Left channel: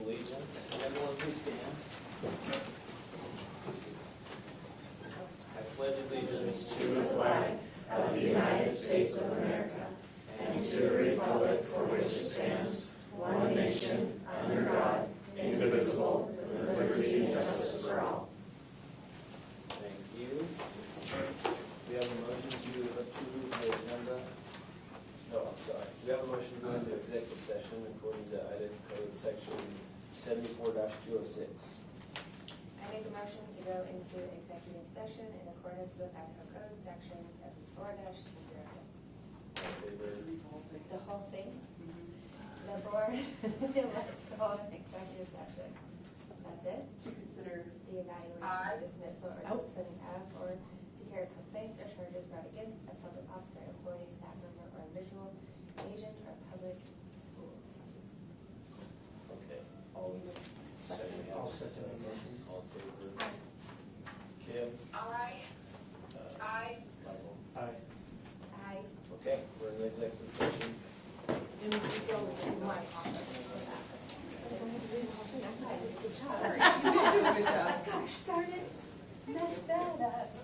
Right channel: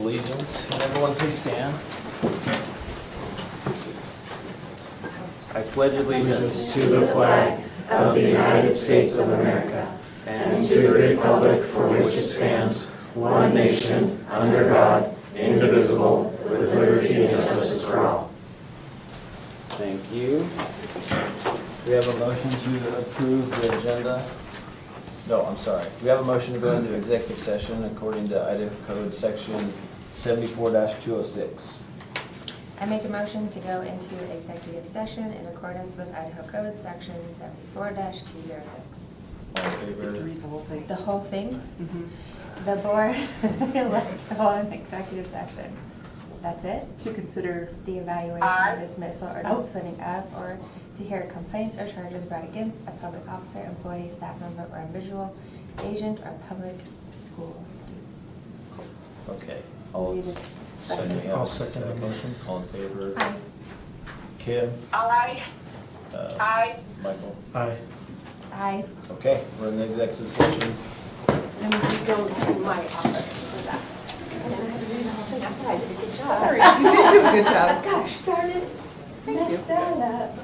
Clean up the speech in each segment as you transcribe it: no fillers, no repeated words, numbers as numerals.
Allegiance, and everyone please stand. I pledge allegiance to the flag of the United States of America and to the republic for which it stands, one nation, under God, indivisible, with liberty and justice for all. Thank you. We have a motion to approve the agenda. No, I'm sorry. We have a motion to go into executive session according to Idaho Code Section 74-206. I make a motion to go into executive session in accordance with Idaho Code Section 74-206. All in favor? Read the whole thing. The whole thing? Mhm. The board elect to hold an executive session. That's it? To consider, The evaluation, dismissal, or Oh. disciplining of, or to hear complaints or charges brought against a public officer, employee, staff member, or individual, agent, or public school student. Okay. All Need a second. second. I'll second the motion. All in favor? Aye. Kim? Aye. Aye. Michael? Aye. Aye. Okay, we're in the executive session. And we go to my office for that. sorry, you did do a good job. Gosh darn it. Thank you. Messed that up.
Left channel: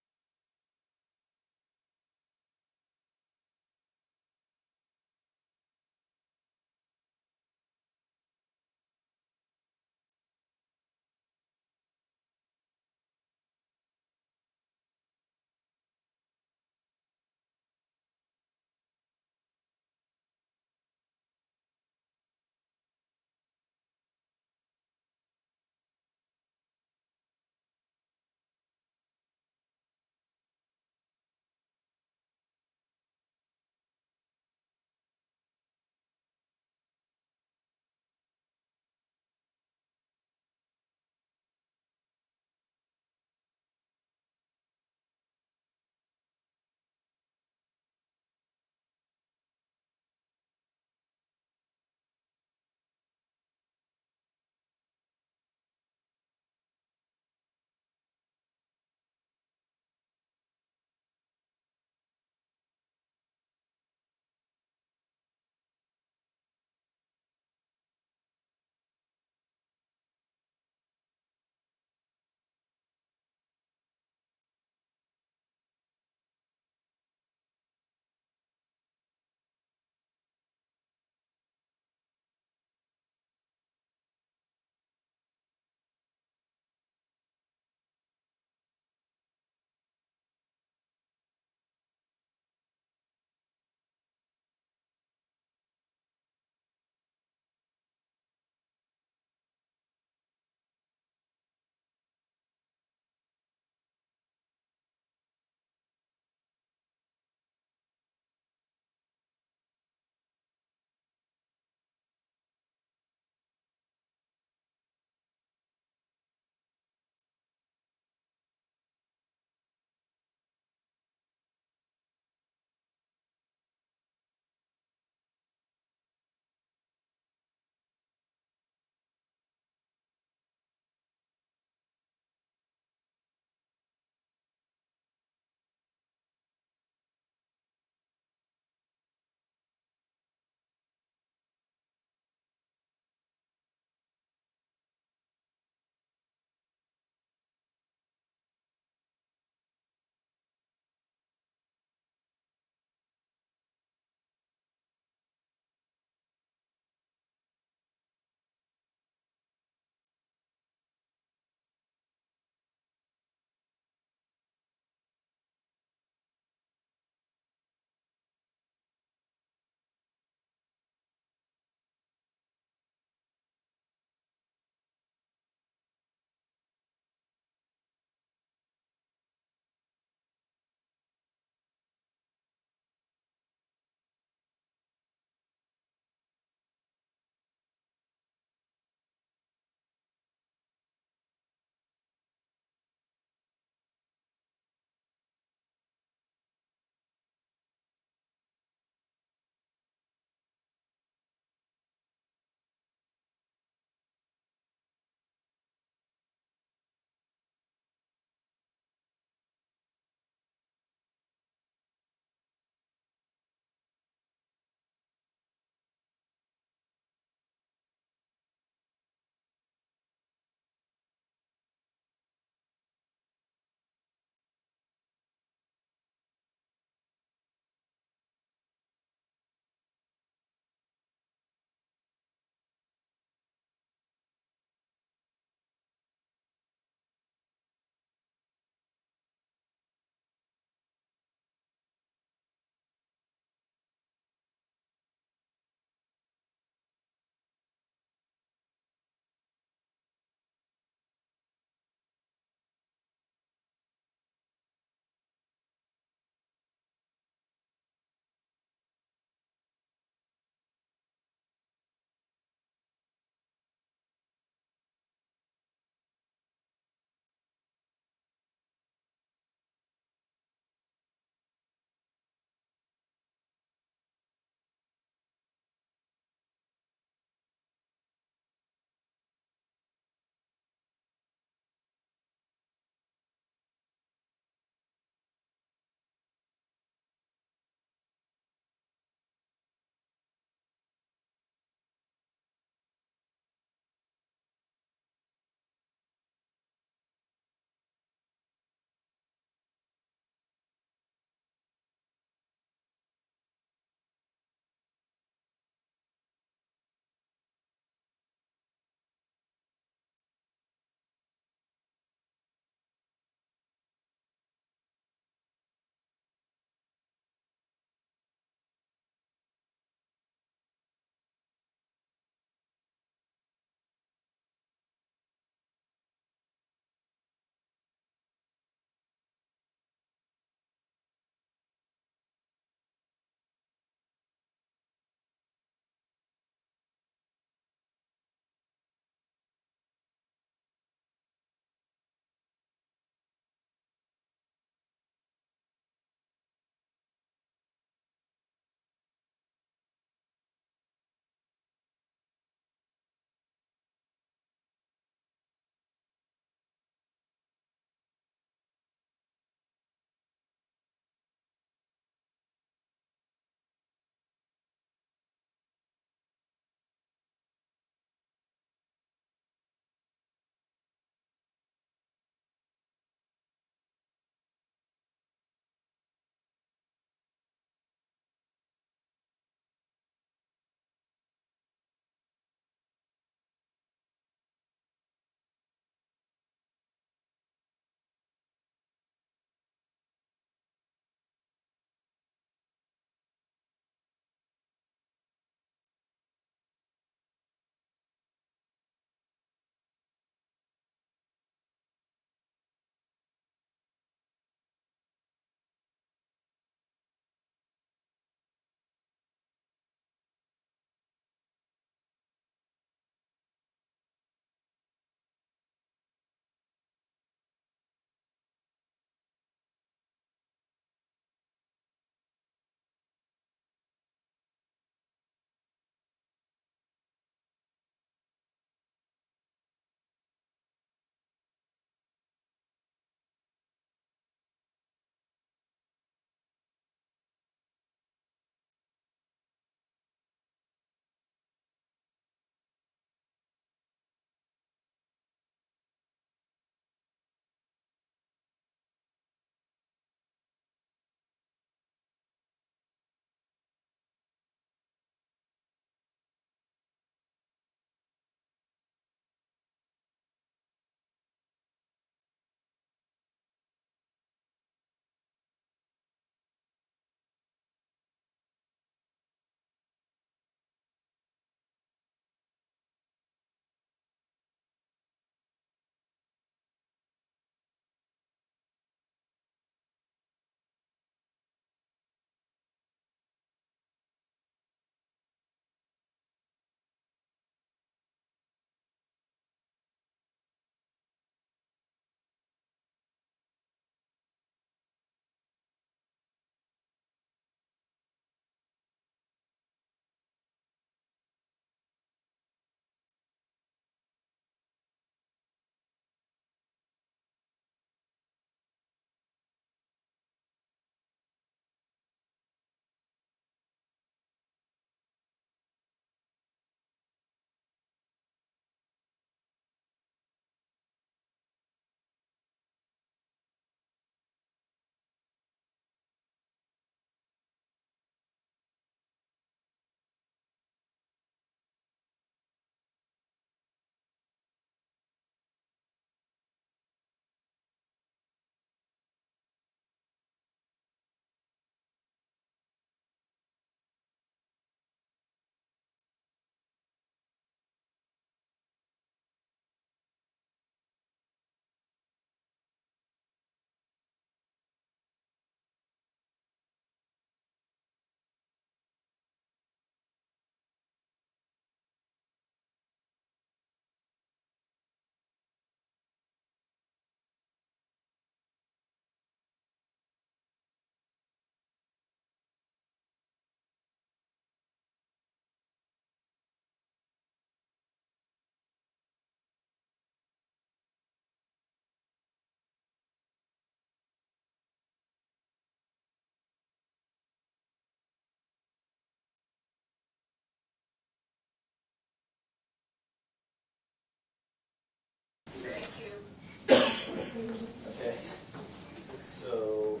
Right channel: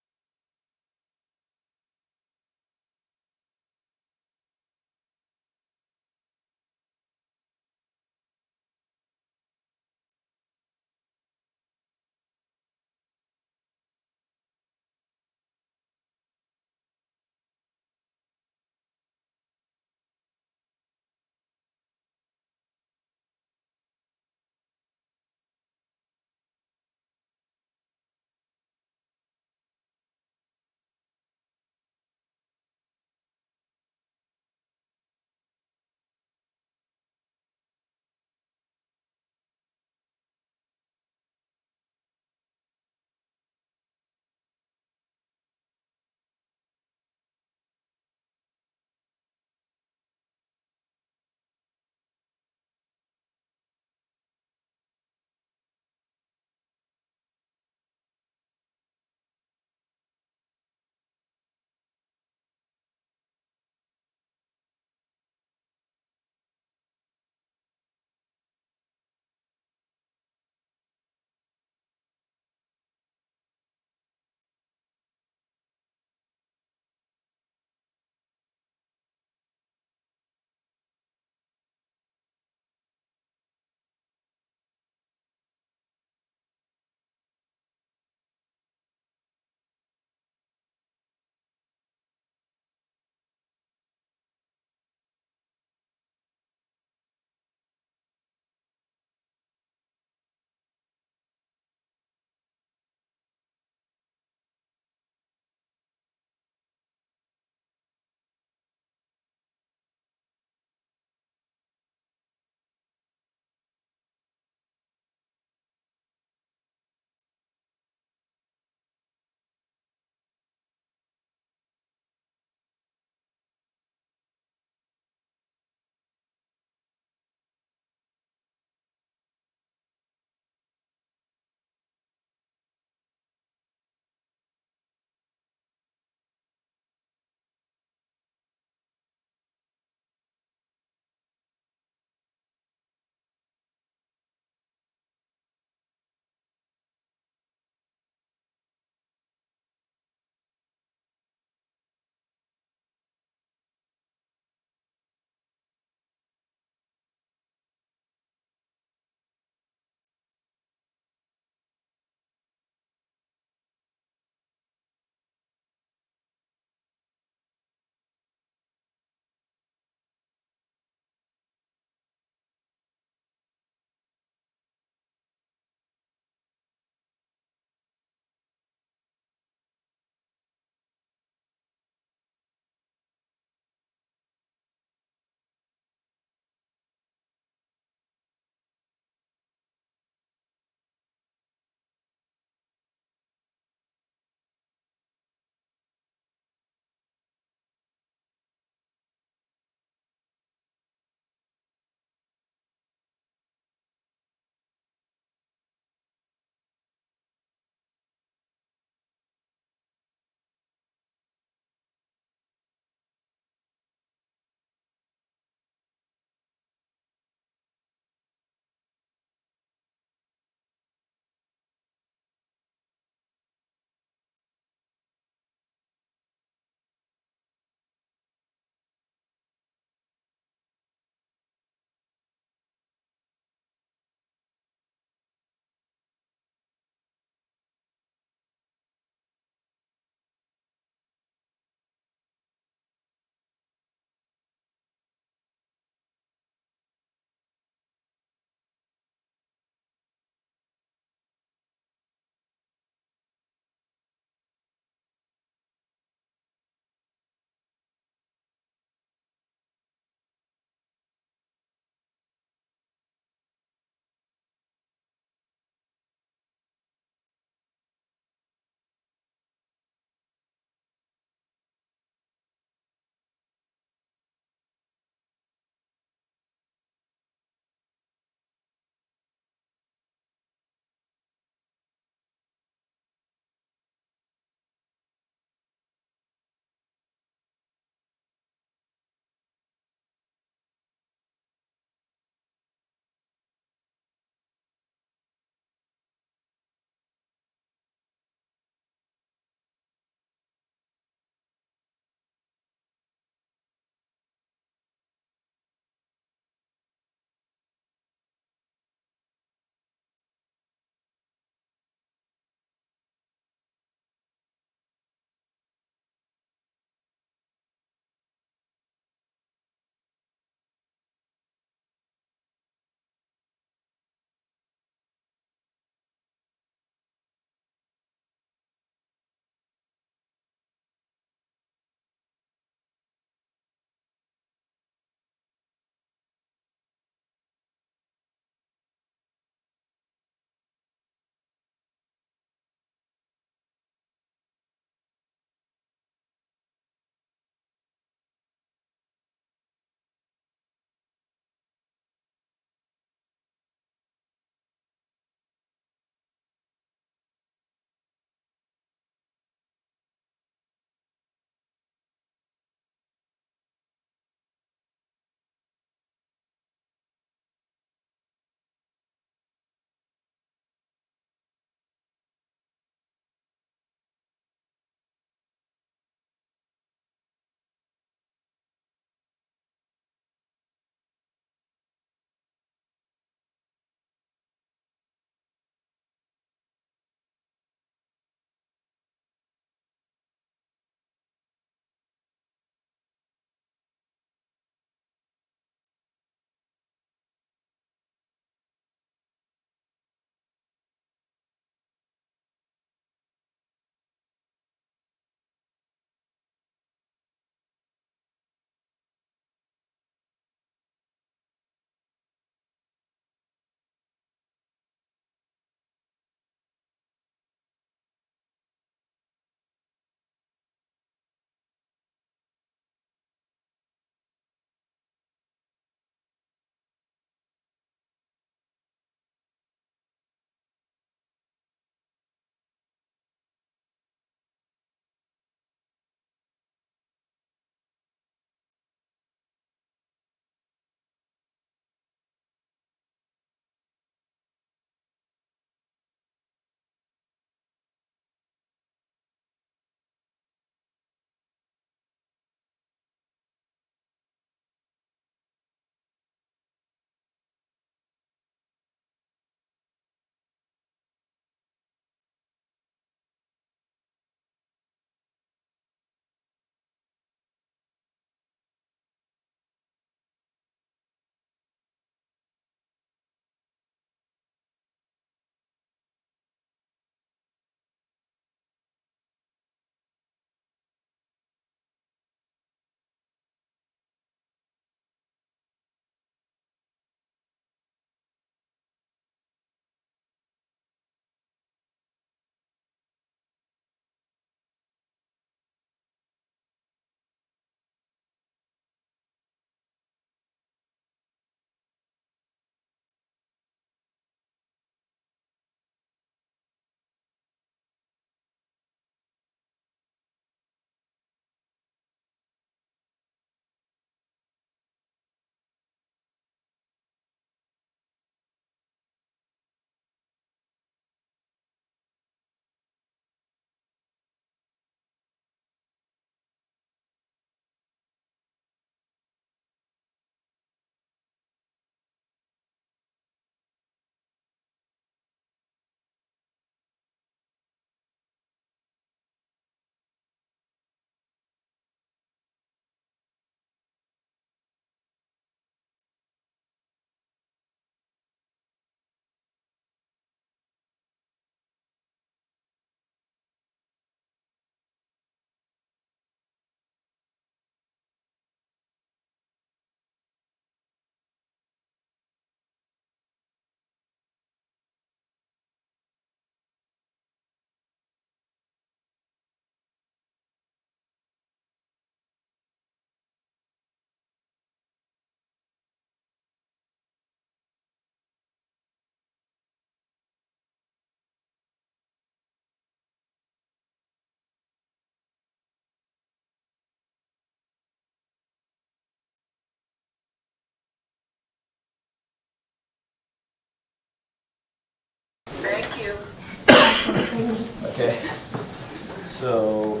So,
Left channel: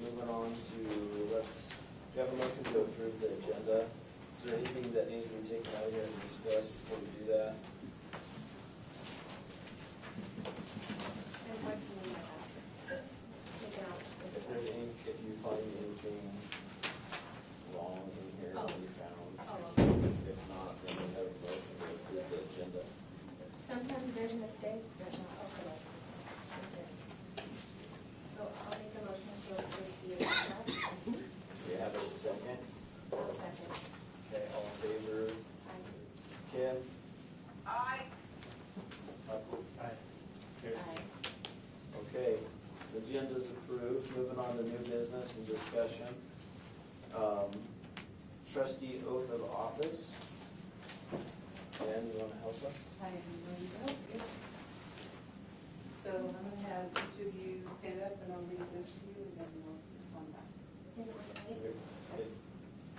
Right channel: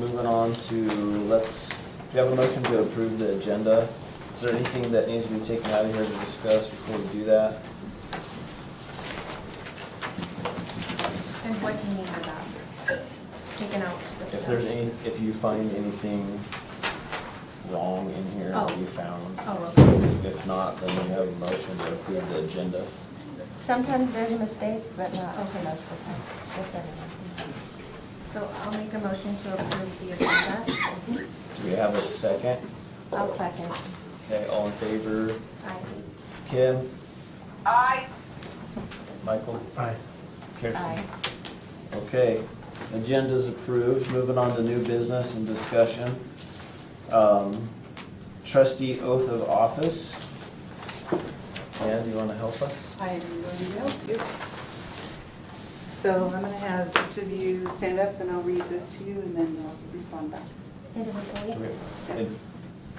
moving on to, do you have a motion to approve the agenda? Is there anything that needs to be taken out of here to discuss before we do that? And what do you need about taken out? the If there's stuff? if you find anything wrong in here that Oh. you found. Oh, okay. If not, then we have a motion to approve the agenda. Sometimes there's a mistake, but not for most of the time. Just every once in a while. So I'll make a motion to approve the agenda. Do we have a second? I'll second. Okay, all in favor? Aye. Kim? Aye. Michael? Aye. Kirsten? Aye. Okay, agenda's approved. Moving on to new business and discussion. Trustee oath of office. Ann, do you want to help us? I am going to help you. So I'm going to have each of you stand up and I'll read this to you and then you'll respond back Individually?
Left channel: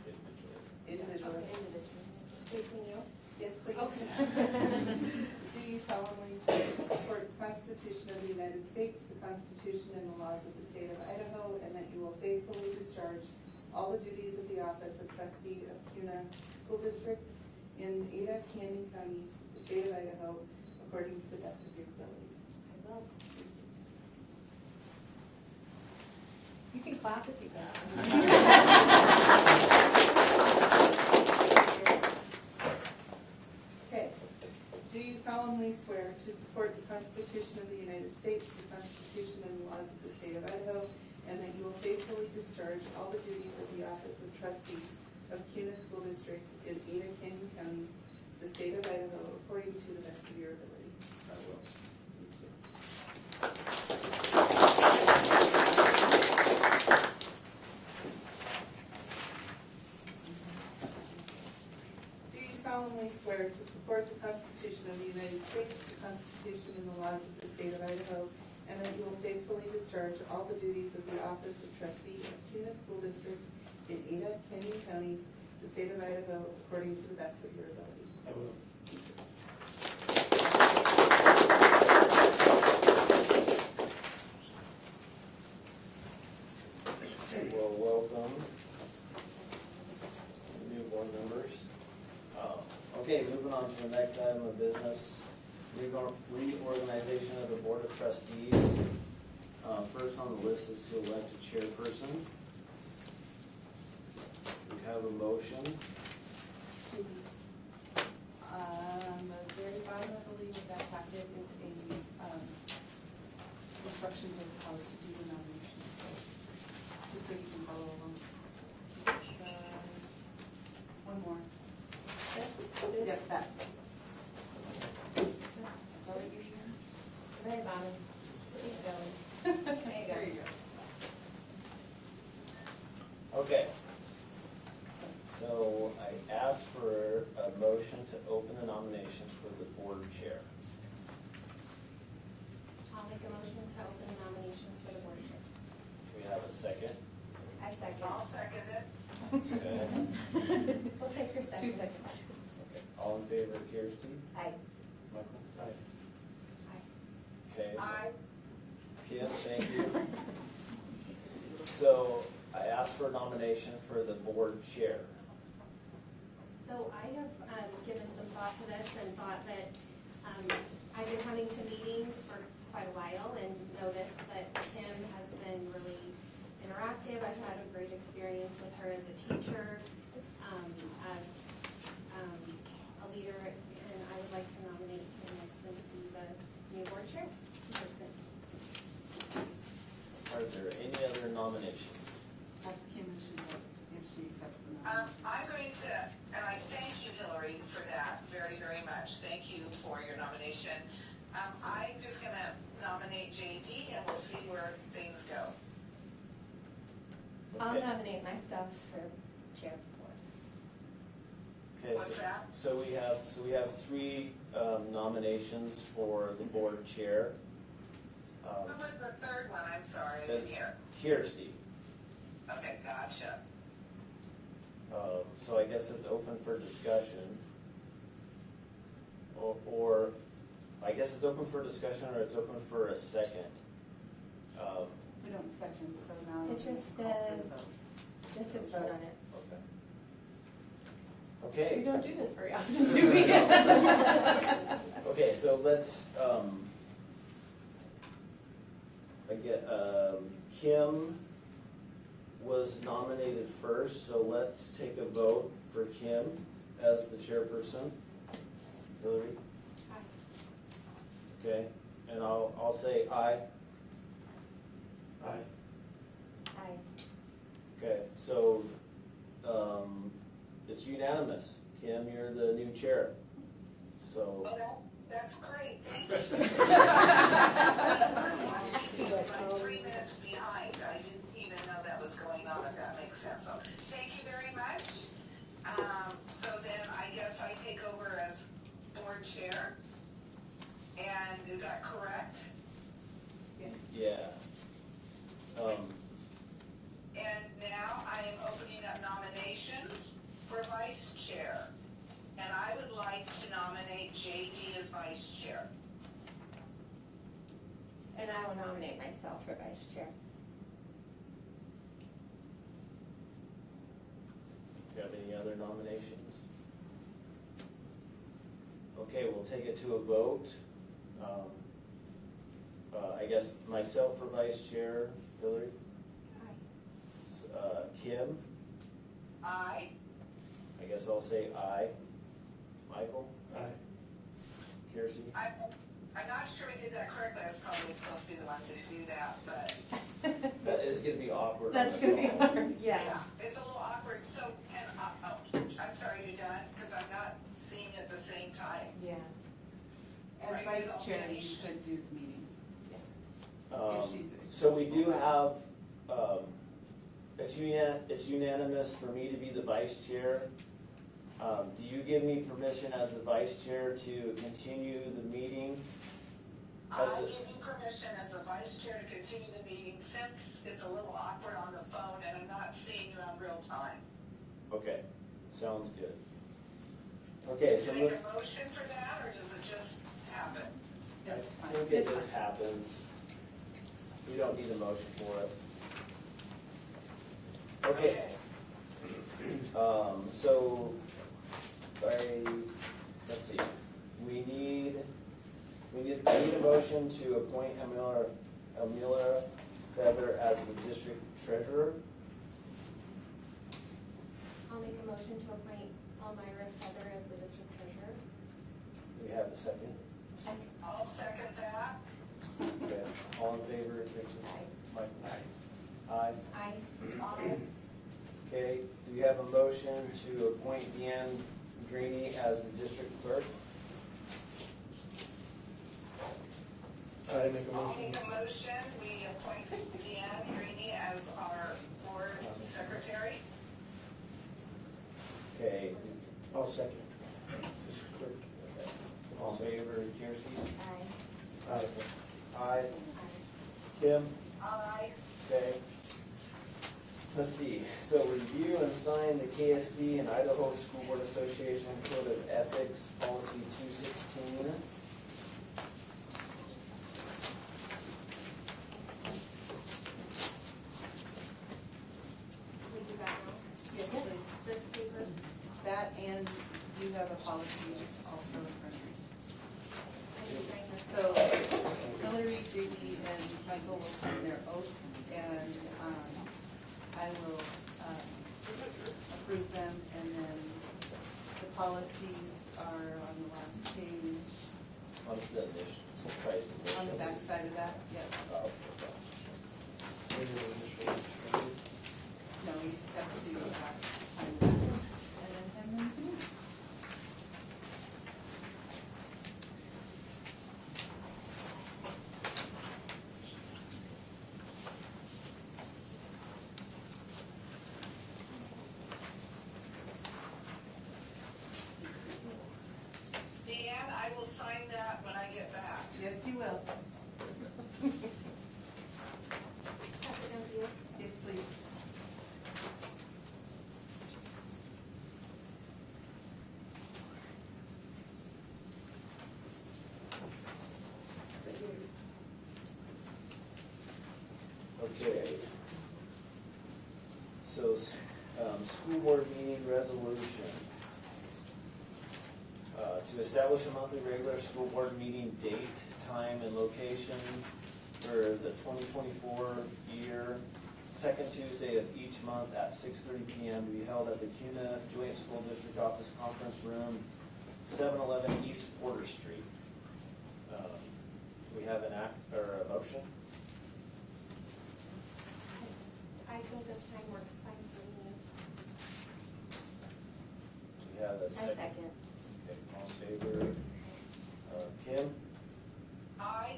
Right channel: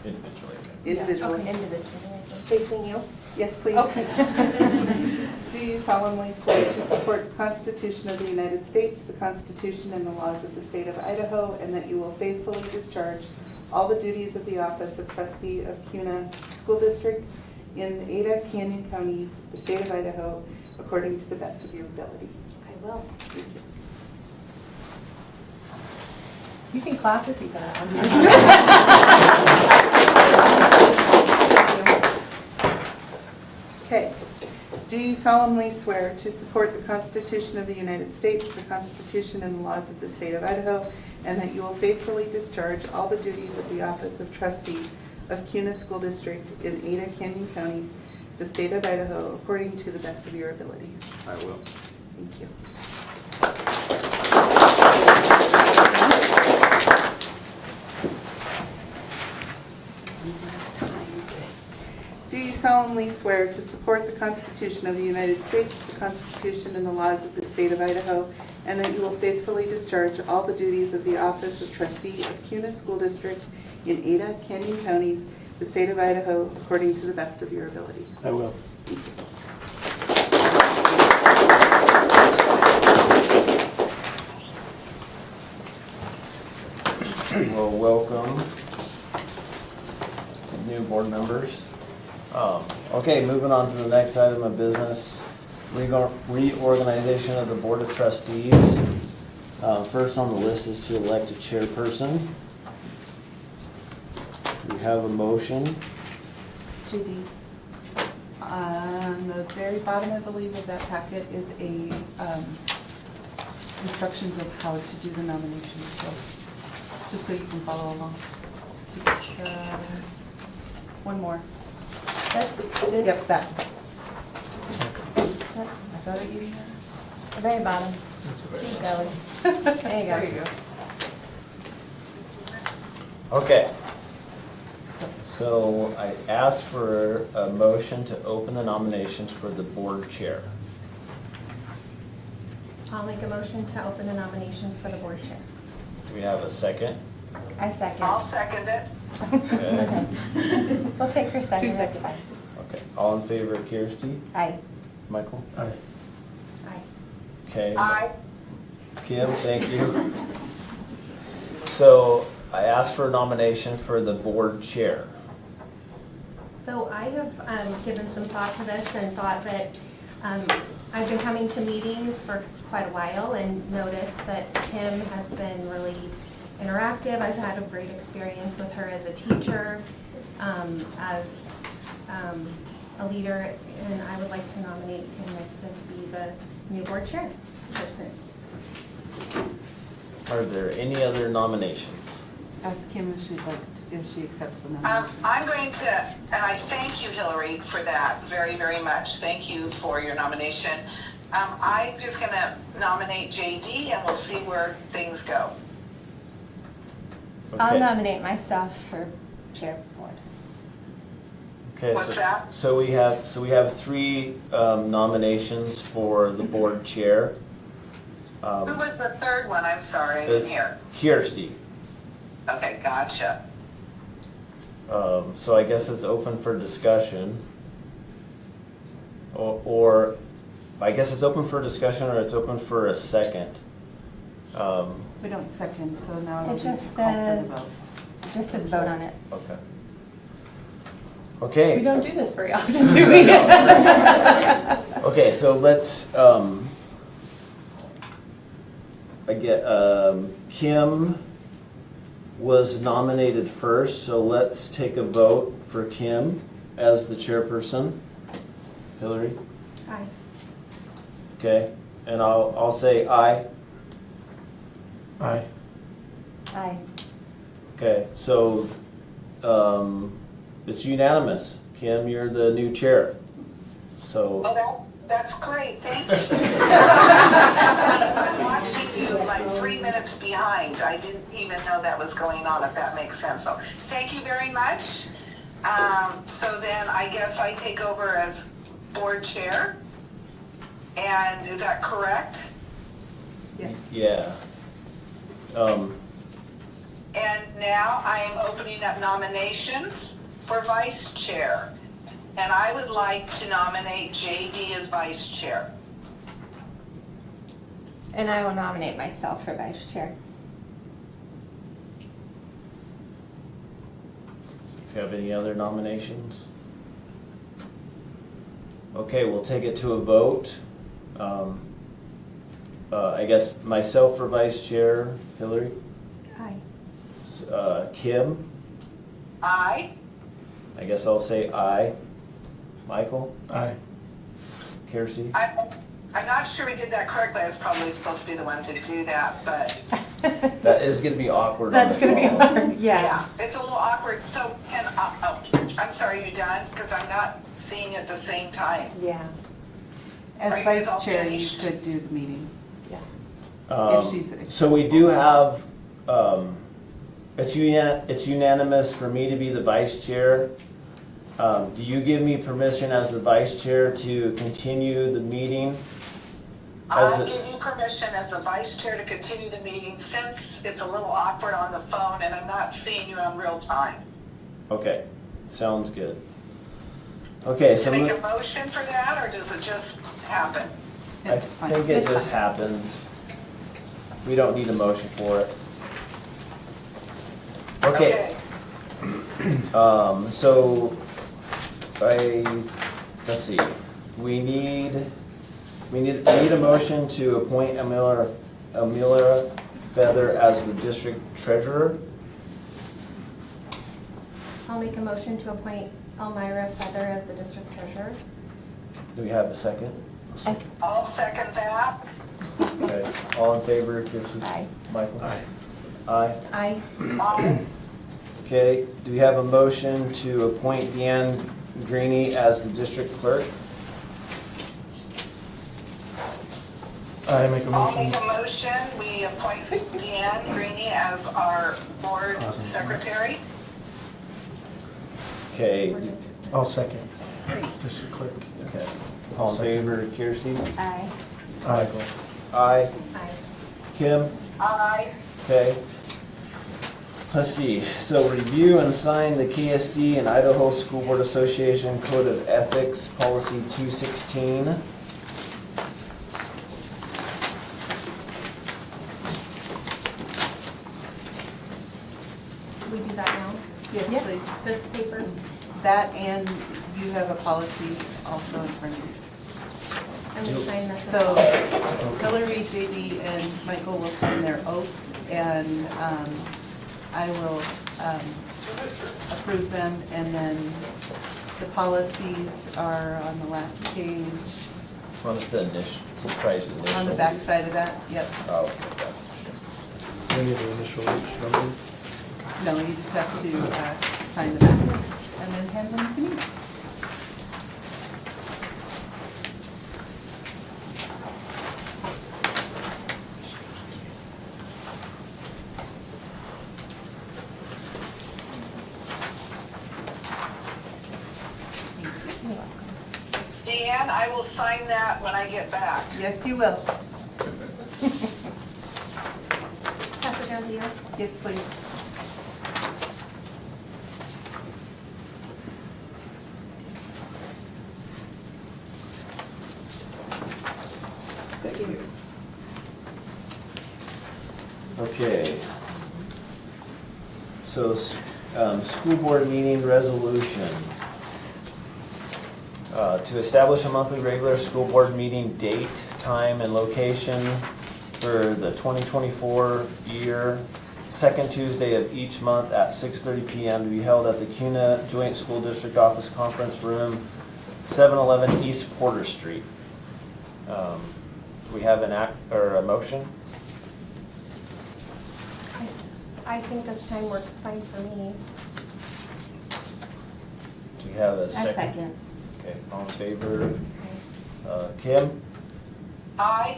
Individually. individually. Okay, individually. Facing you? Yes, please. Okay. Do you solemnly swear to support the Constitution of the United States, the Constitution and the laws of the state of Idaho, and that you will faithfully discharge all the duties of the office of trustee of Kuna School District in Ada, Canyon Counties, the state of Idaho, according to the best of your ability? I will. Thank you. You can clap if you got Okay. Do you solemnly swear to support the Constitution of the United States, the Constitution and the laws of the state of Idaho, and that you will faithfully discharge all the duties of the office of trustee of Kuna School District in Ada, Canyon Counties, the state of Idaho, according to the best of your ability? I will. Thank you. Do you solemnly swear to support the Constitution of the United States, the Constitution and the laws of the state of Idaho, and that you will faithfully discharge all the duties of the office of trustee of Kuna School District in Ada, Canyon Counties, the state of Idaho, according to the best of your ability? I will. Well, welcome, new board members. Okay, moving on to the next item of business, reorganization of the Board of Trustees. First on the list is to elect a chairperson. We have a motion. Judy, on the very bottom, I believe, of that packet is a instructions of how to do the nomination, so, just so you can follow along. One more. This? Yep, that. That- I thought I gave you The very bottom. Keep going. that. There you go. There you go. Okay, So, so I asked for a motion to open the nominations for the board chair. I'll make a motion to open the nominations for the board chair. Do we have a second? I second. I'll second it. Okay. Okay. We'll take her second, 2 that's seconds. fine. Okay, all in favor of Kirsty? Aye. Michael? Aye. Aye. Okay. Aye. Kim, thank you. So I asked for a nomination for the board chair. So I have given some thought to this and thought that I've been coming to meetings for quite a while and noticed that Kim has been really interactive. I've had a great experience with her as a teacher, as a leader, and I would like to nominate Kim Nixon to be the new board chair person. Are there any other nominations? ask Kim if she accepts the nomination. I'm going to, and I thank you, Hillary, for that very, very much. Thank you for your nomination. I'm just going to nominate JD and we'll see where things go. I'll Okay. nominate myself for chair board. Okay, What's that? so we have 3 nominations for the board chair. Who was the third one? I'm sorry, I didn't This hear. Kirsty. Okay, gotcha. So I guess it's open for discussion. Or I guess it's open for discussion or it's open for a second. We don't second, so now It it'll be to just call for the vote. says, just says vote on it. Okay. Okay. We don't do this very often, do we? Okay, so let's, Kim was nominated first, so let's take a vote for Kim as the chairperson. Hillary? Aye. Okay, and I'll say aye. Aye. Aye. Okay, so, it's unanimous. Kim, you're the new chair. So, Oh, that's great, thank you. I was watching you like 3 minutes behind. I didn't even know that was going on, if that makes sense. So, thank you very much. So then I guess I take over as board chair. And is that correct? Yes. yeah. And now I am opening up nominations for vice chair. And I would like to nominate JD as vice chair. And I will nominate myself for vice chair. Do you have any other nominations? Okay, we'll take it to a vote. I guess myself for vice chair, Hillary. Aye. Kim, Aye. I guess I'll say aye. Michael, Aye. Kiersey, I'm not sure we did that correctly. I was probably supposed to be the one to do that, but that is gonna be awkward on That's the gonna be phone. hard, yeah. yeah, it's a little awkward. So, and, I'm sorry, you done? Because I'm not seeing it at the same time. Yeah, As Are you guys all vice chair, you finished? could do the meeting. yeah. If she's- So we do have, it's unanimous for me to be the vice chair. Do you give me permission as the vice chair to continue the meeting? As I it's- give you permission as the vice chair to continue the meeting since it's a little awkward on the phone and I'm not seeing you in real time. Okay, sounds good. Okay, so To make a motion for that, or does it just happen? I It's fine. think it It's just fine. happens. We don't need a motion for it. Okay, so let's see, we need a motion to appoint Amelia Feather as the district treasurer. I'll make a motion to appoint Elmira Feather as the district treasurer. Do we have a second? I'll second that. Okay, all in favor, Kirsten? Aye. Michael? Aye. Aye. Aye. Okay, do we have a motion to appoint Deanne Greeny as the district clerk? I make a I'll motion. make a motion, we appoint Deanne Greeny as our board secretary. Okay, Or district. I'll second. Mr. Clerk. okay, all in favor, Kirsty? Aye. Aye. Aye. Aye. Kim? Aye. Okay. Let's see, so review and sign the KSD and Idaho School Board Association Code of Ethics, Policy 216. Do we do that now? Yes, Yeah. please. This paper? That and you have a policy also in front of you. And we sign this. So Hillary, JD, and Michael will sign their oath, and I will approve them, and then the policies are on the last page, Want us to initial, try to initial? on the back side of that, yep. Oh, okay. We need the initial number. No, you just have to sign the back, and then hand them to me. Deanne, I will sign that when I get back. Yes, you will. Pass it down to you. Yes, please. Thank you. Okay. So, school board meeting resolution. To establish a monthly regular school board meeting date, time, and location for the 2024 year, second Tuesday of each month at 6:30 PM to be held at the Kuna Joint School District Office Conference Room, 711 East Porter Street. Do we have an act, or a motion? I think this time works fine for me. Do we have a second? Okay, all in favor? Kim? Aye.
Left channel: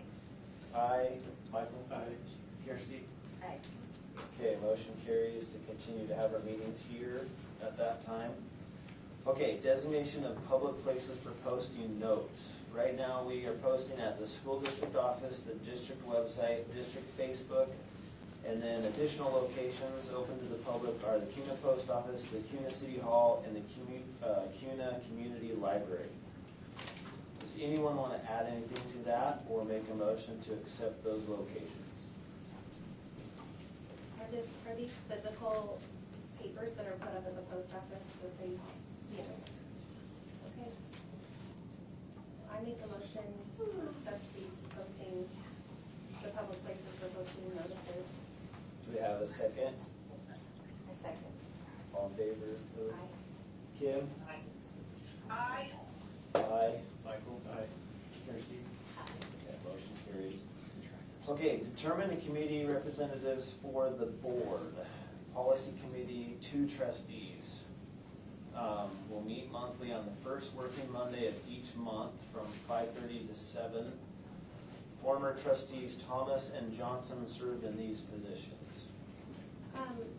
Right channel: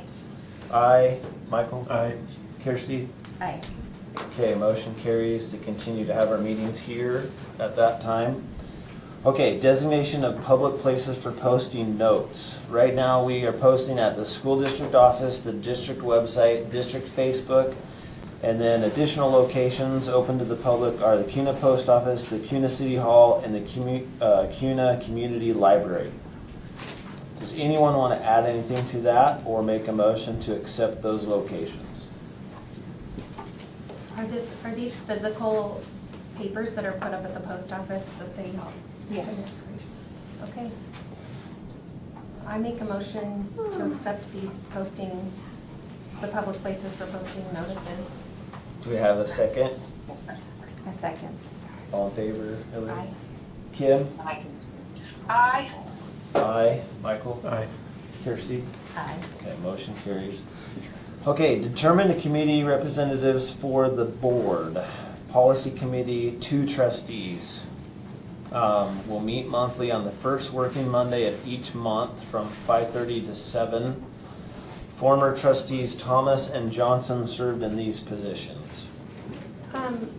Aye. Michael? Aye. Kirsty? Aye. Okay, motion carries to continue to have our meetings here at that time. Okay, designation of public places for posting notes. Right now, we are posting at the school district office, the district website, district Facebook, and then additional locations open to the public are the Kuna Post Office, the Kuna City Hall, and the Kuna Community Library. Does anyone want to add anything to that or make a motion to accept those locations? Are these physical papers that are put up at the post office, the city hall? Yes. Okay. I make a motion to accept these posting, the public places for posting notices. Do we have a second? A second. All in favor, Hillary? Aye. Kim? Aye. Aye. Aye. Michael? Aye. Kirsty? Aye. Okay, motion carries. Okay, determine the committee representatives for the board. Policy committee, 2 trustees. We'll meet monthly on the first working Monday of each month from 5:30 to 7. Former trustees Thomas and Johnson served in these positions.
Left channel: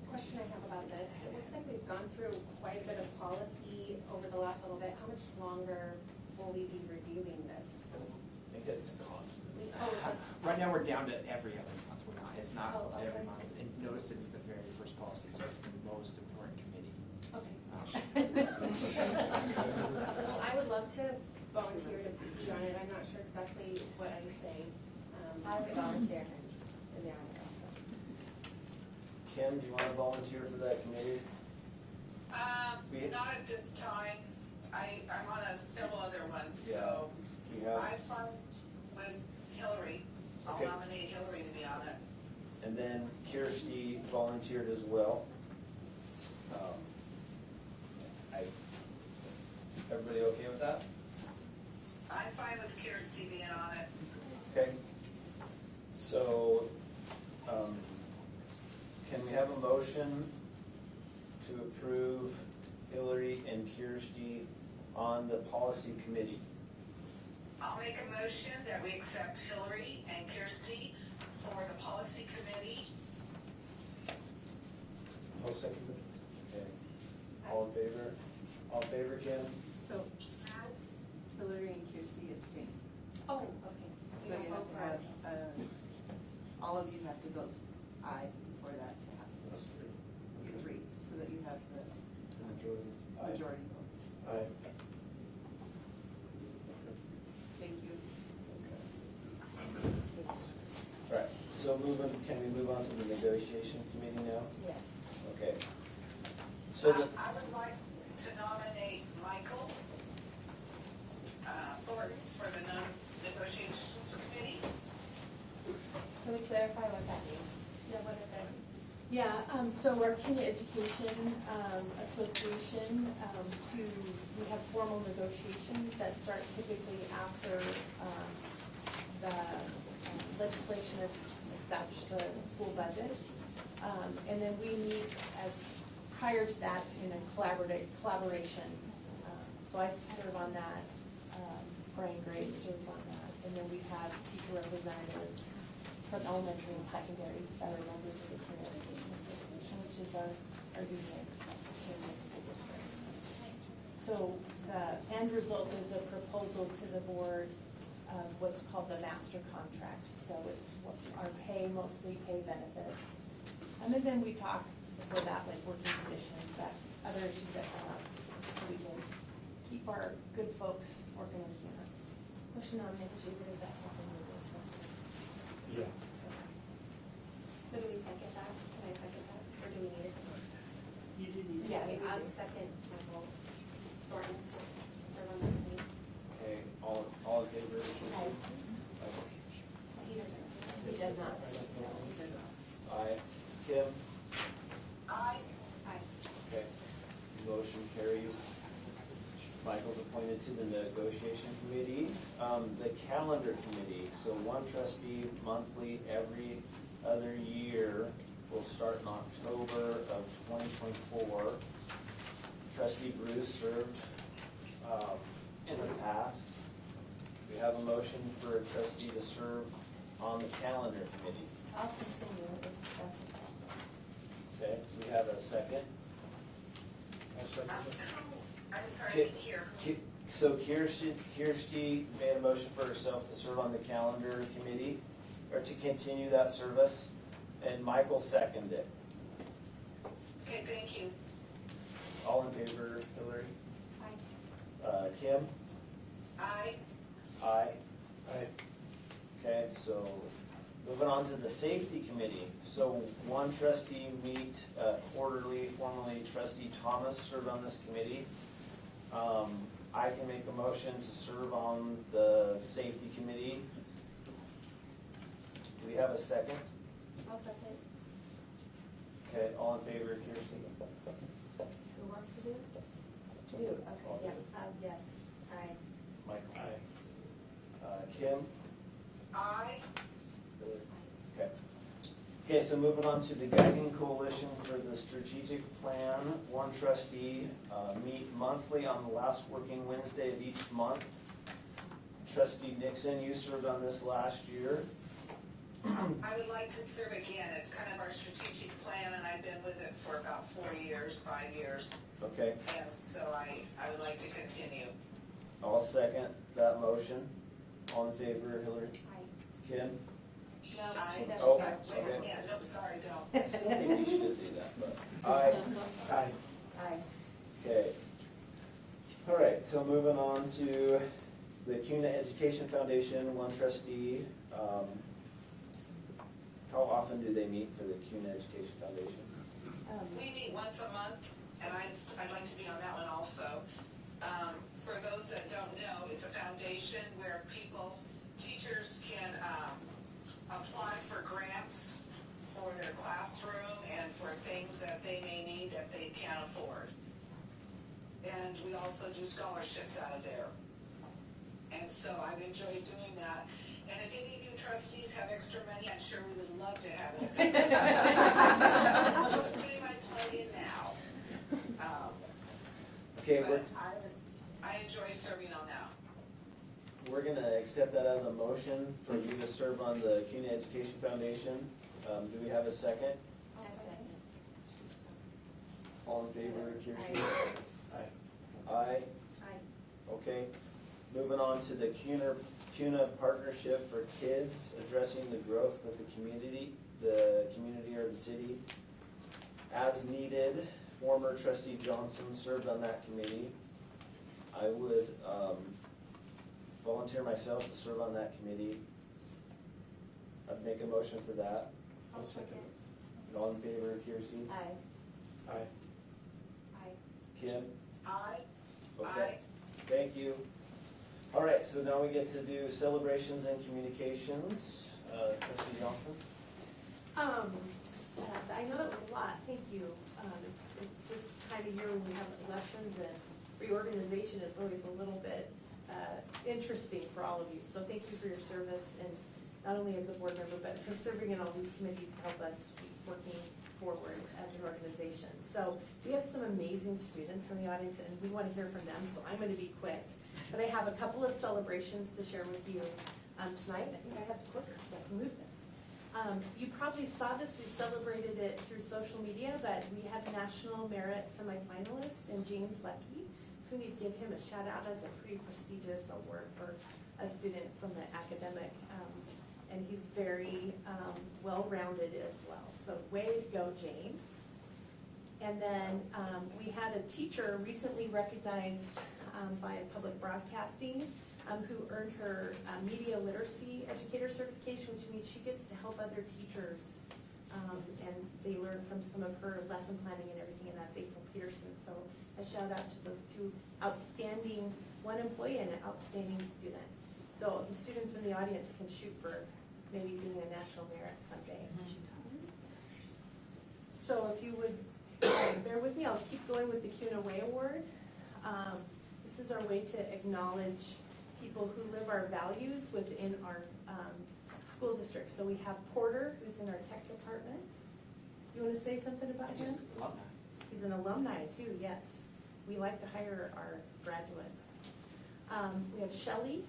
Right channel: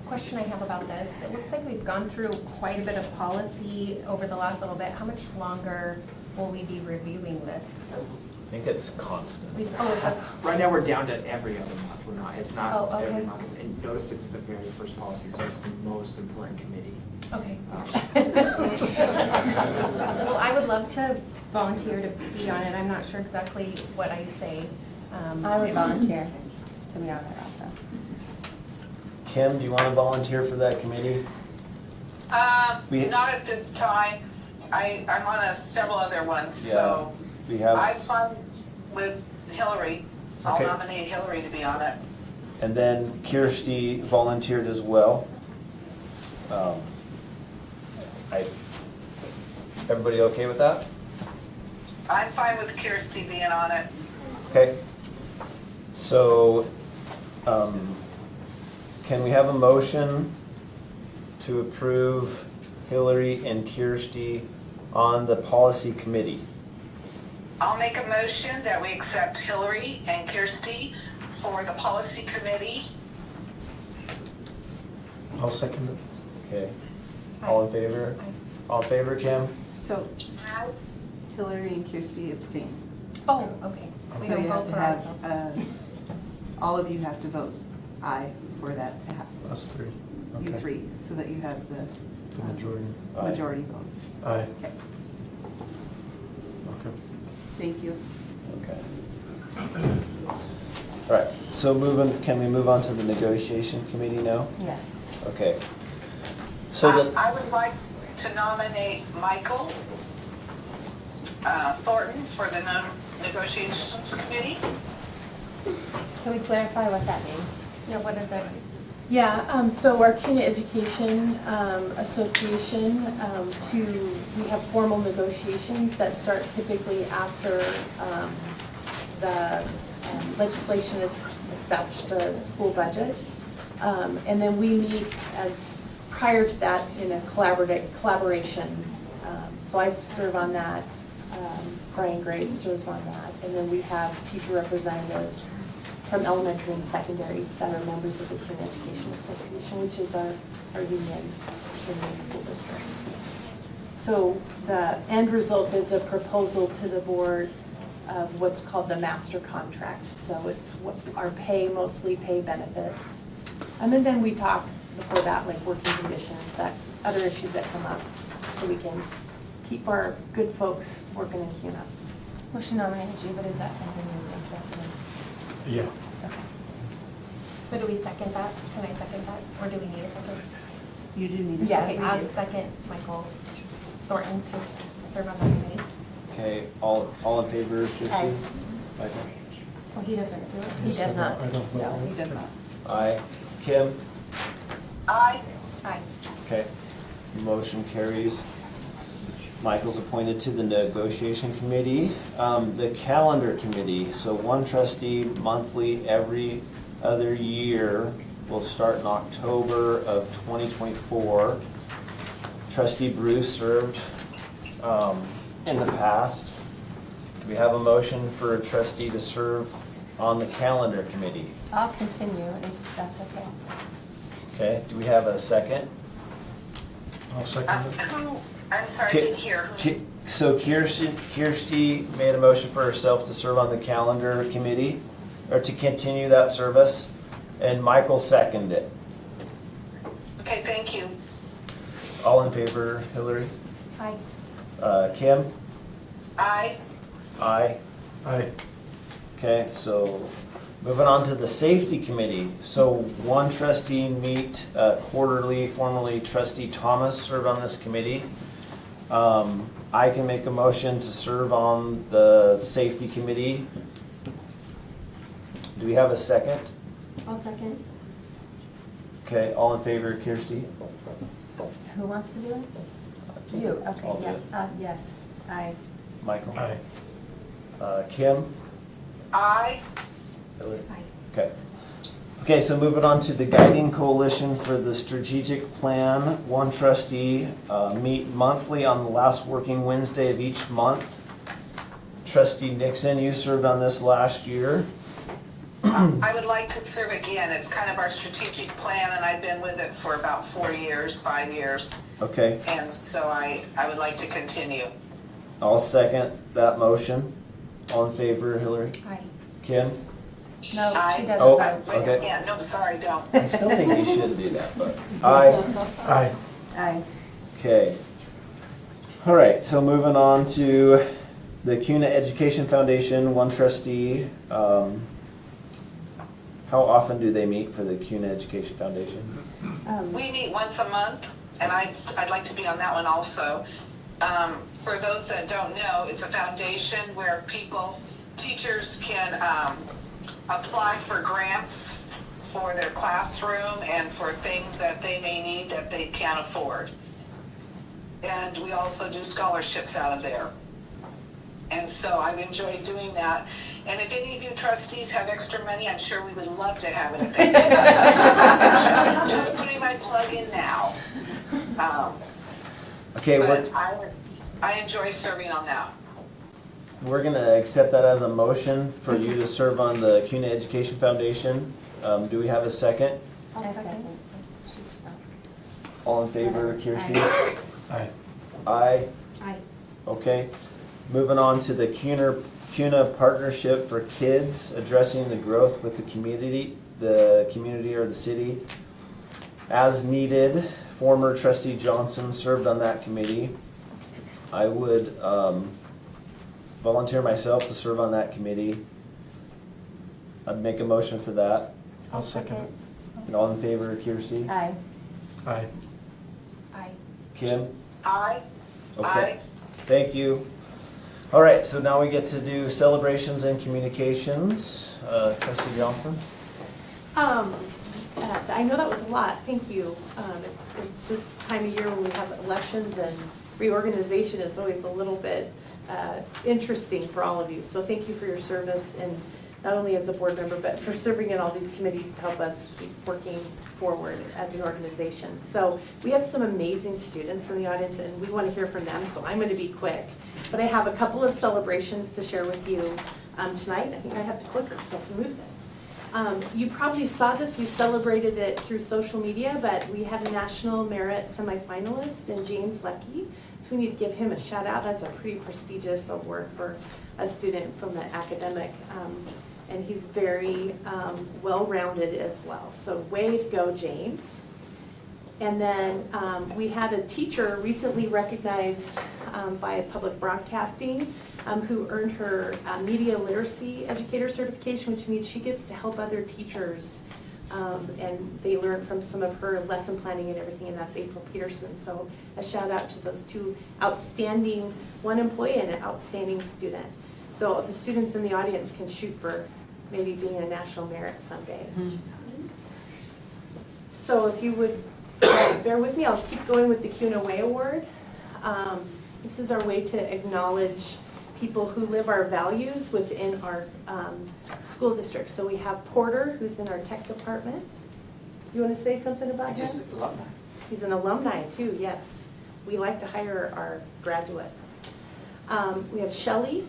Question I have about this, it looks like we've gone through quite a bit of policy over the last little bit. How much longer will we be reviewing this? I think it's constant. It's a, Right now, we're down to every other month. We're not, it's not Oh, okay. every month. And notice it's the very first policy, so it's the most important committee. okay. Well, I would love to volunteer to be on it. I'm not sure exactly what I say. I would volunteer to be on it also. Kim, do you want to volunteer for that committee? We- Not at this time. I'm on several other ones, so We have, I'm fine with Hillary. I'll Okay. nominate Hillary to be on it. and then Kirsty volunteered as well. Everybody okay with that? I'm fine with Kirsty being on it. Okay. So, can we have a motion to approve Hillary and Kirsty on the policy committee? I'll make a motion that we accept Hillary and Kirsty for the policy committee. I'll second it. Okay. All in favor? All in favor, Kim? So Hillary and Kirsty abstain. Oh, okay. We So don't you have vote to for have, ourselves. all of you have to vote aye for that to happen. Us 3. You Okay. 3, so that you have the The majority. Aye. majority vote. Aye. Okay, Okay. thank you. Okay. All right, so can we move on to the negotiation committee now? Yes. Okay. So I would like to nominate Michael Thornton for the negotiations committee. Can we clarify what that means? Yeah, what is it? Yeah, so our Kuna Education Association, we have formal negotiations that start typically after the legislation has established a school budget. And then we meet prior to that in a collaboration. So I serve on that, Brian Graves serves on that, and then we have teacher representatives from elementary and secondary that are members of the Kuna Education Association, which is our union in the school district. So the end result is a proposal to the board of what's called the master contract. So it's our pay, mostly pay benefits. And then we talk before that, like working conditions, that other issues that come up, so we can keep our good folks working in Kuna. Well, she nominated you, but is that something you're interested in? Yeah. Okay. So do we second that? Can I second that? Or do we need a second? You do need a Yeah, second. I'll second Michael Thornton to serve on that committee. Okay, all in favor, Kirsty? Aye. Michael? Well, he doesn't do it. He does not. No, he did not. Aye. Kim? Aye. Aye. Okay, motion carries. Michael's appointed to the negotiation committee. The calendar committee, so one trustee monthly every other year will start in October of 2024. Trustee Bruce served in the past. We have a motion for a trustee to serve on the calendar committee. I'll continue if that's okay. Okay, do we have a second? I'll second it. I'm sorry, I didn't hear. So Kirsty made a motion for herself to serve on the calendar committee, or to continue that service, and Michael seconded it. Okay, thank you. All in favor, Hillary? Aye. Kim? Aye. Aye. Aye. Okay, so moving on to the safety committee. So one trustee meet quarterly, formerly trustee Thomas served on this committee. I can make a motion to serve on the safety committee. Do we have a second? I'll second. Okay, all in favor, Kirsty? Who wants to do it? You, okay, I'll do yeah, it. yes, aye. Michael? Aye. Kim? Aye. Hillary? Aye. Okay. Okay, so moving on to the guiding coalition for the strategic plan. One trustee meet monthly on the last working Wednesday of each month. Trustee Nixon, you served on this last year. I would like to serve again. It's kind of our strategic plan, and I've been with it for about 4 years, 5 years. Okay, And so I would like to continue. I'll second that motion. All in favor, Hillary? Aye. Kim? No, Aye. she doesn't Oh. vote. Wait, Okay. yeah, no, sorry, don't. I still think you should do that, but. Aye. Aye. Aye. Okay. All right, so moving on to the Kuna Education Foundation, one trustee. How often do they meet for the Kuna Education Foundation? We meet once a month, and I'd like to be on that one also. For those that don't know, it's a foundation where teachers can apply for grants for their classroom and for things that they may need that they can't afford. And we also do scholarships out of there. And so I've enjoyed doing that. And if any of you trustees have extra money, I'm sure we would love to have it if they do. Just putting my plug in now. Okay, But I enjoy serving on that. we're gonna accept that as a motion for you to serve on the Kuna Education Foundation. Do we have a second? I'll second. All in favor, Kirsty? Aye. Aye. Aye. Okay. Moving on to the Kuna Partnership for Kids, addressing the growth with the community or the city. As needed, former trustee Johnson served on that committee. I would volunteer myself to serve on that committee. I'd make a motion for that. I'll second it. All in favor, Kirsty? Aye. Aye. Aye. Kim? Aye. Okay. Aye. Thank you. All right, so now we get to do celebrations and communications. Trustee Johnson? I know that was a lot, thank you. It's this time of year when we have elections and reorganization is always a little bit interesting for all of you. So thank you for your service, and not only as a board member, but for serving in all these committees to help us keep working forward as an organization. So we have some amazing students in the audience, and we want to hear from them, so I'm going to be quick. But I have a couple of celebrations to share with you tonight. I think I have the clicker, so I can move this. You probably saw this, we celebrated it through social media, but we had a National Merit semifinalist in James Leckie. So we need to give him a shout out. That's a pretty prestigious award for a student from the academic. And he's very well-rounded as well. So way to go, James. And then we had a teacher recently recognized by Public Broadcasting who earned her media literacy educator certification, which means she gets to help other teachers And they learned from some of her lesson planning and everything, and that's April Peterson. So a shout out to those two outstanding, one employee and an outstanding student. So the students in the audience can shoot for maybe being a national merit someday. So if you would bear with me, I'll keep going with the Kuna Way Award. This is our way to acknowledge people who live our values within our school district. So we have Porter, who's in our tech department. You want to say something about him? Just alumni. He's an alumni too, yes. We like to hire our graduates. We have Shelley,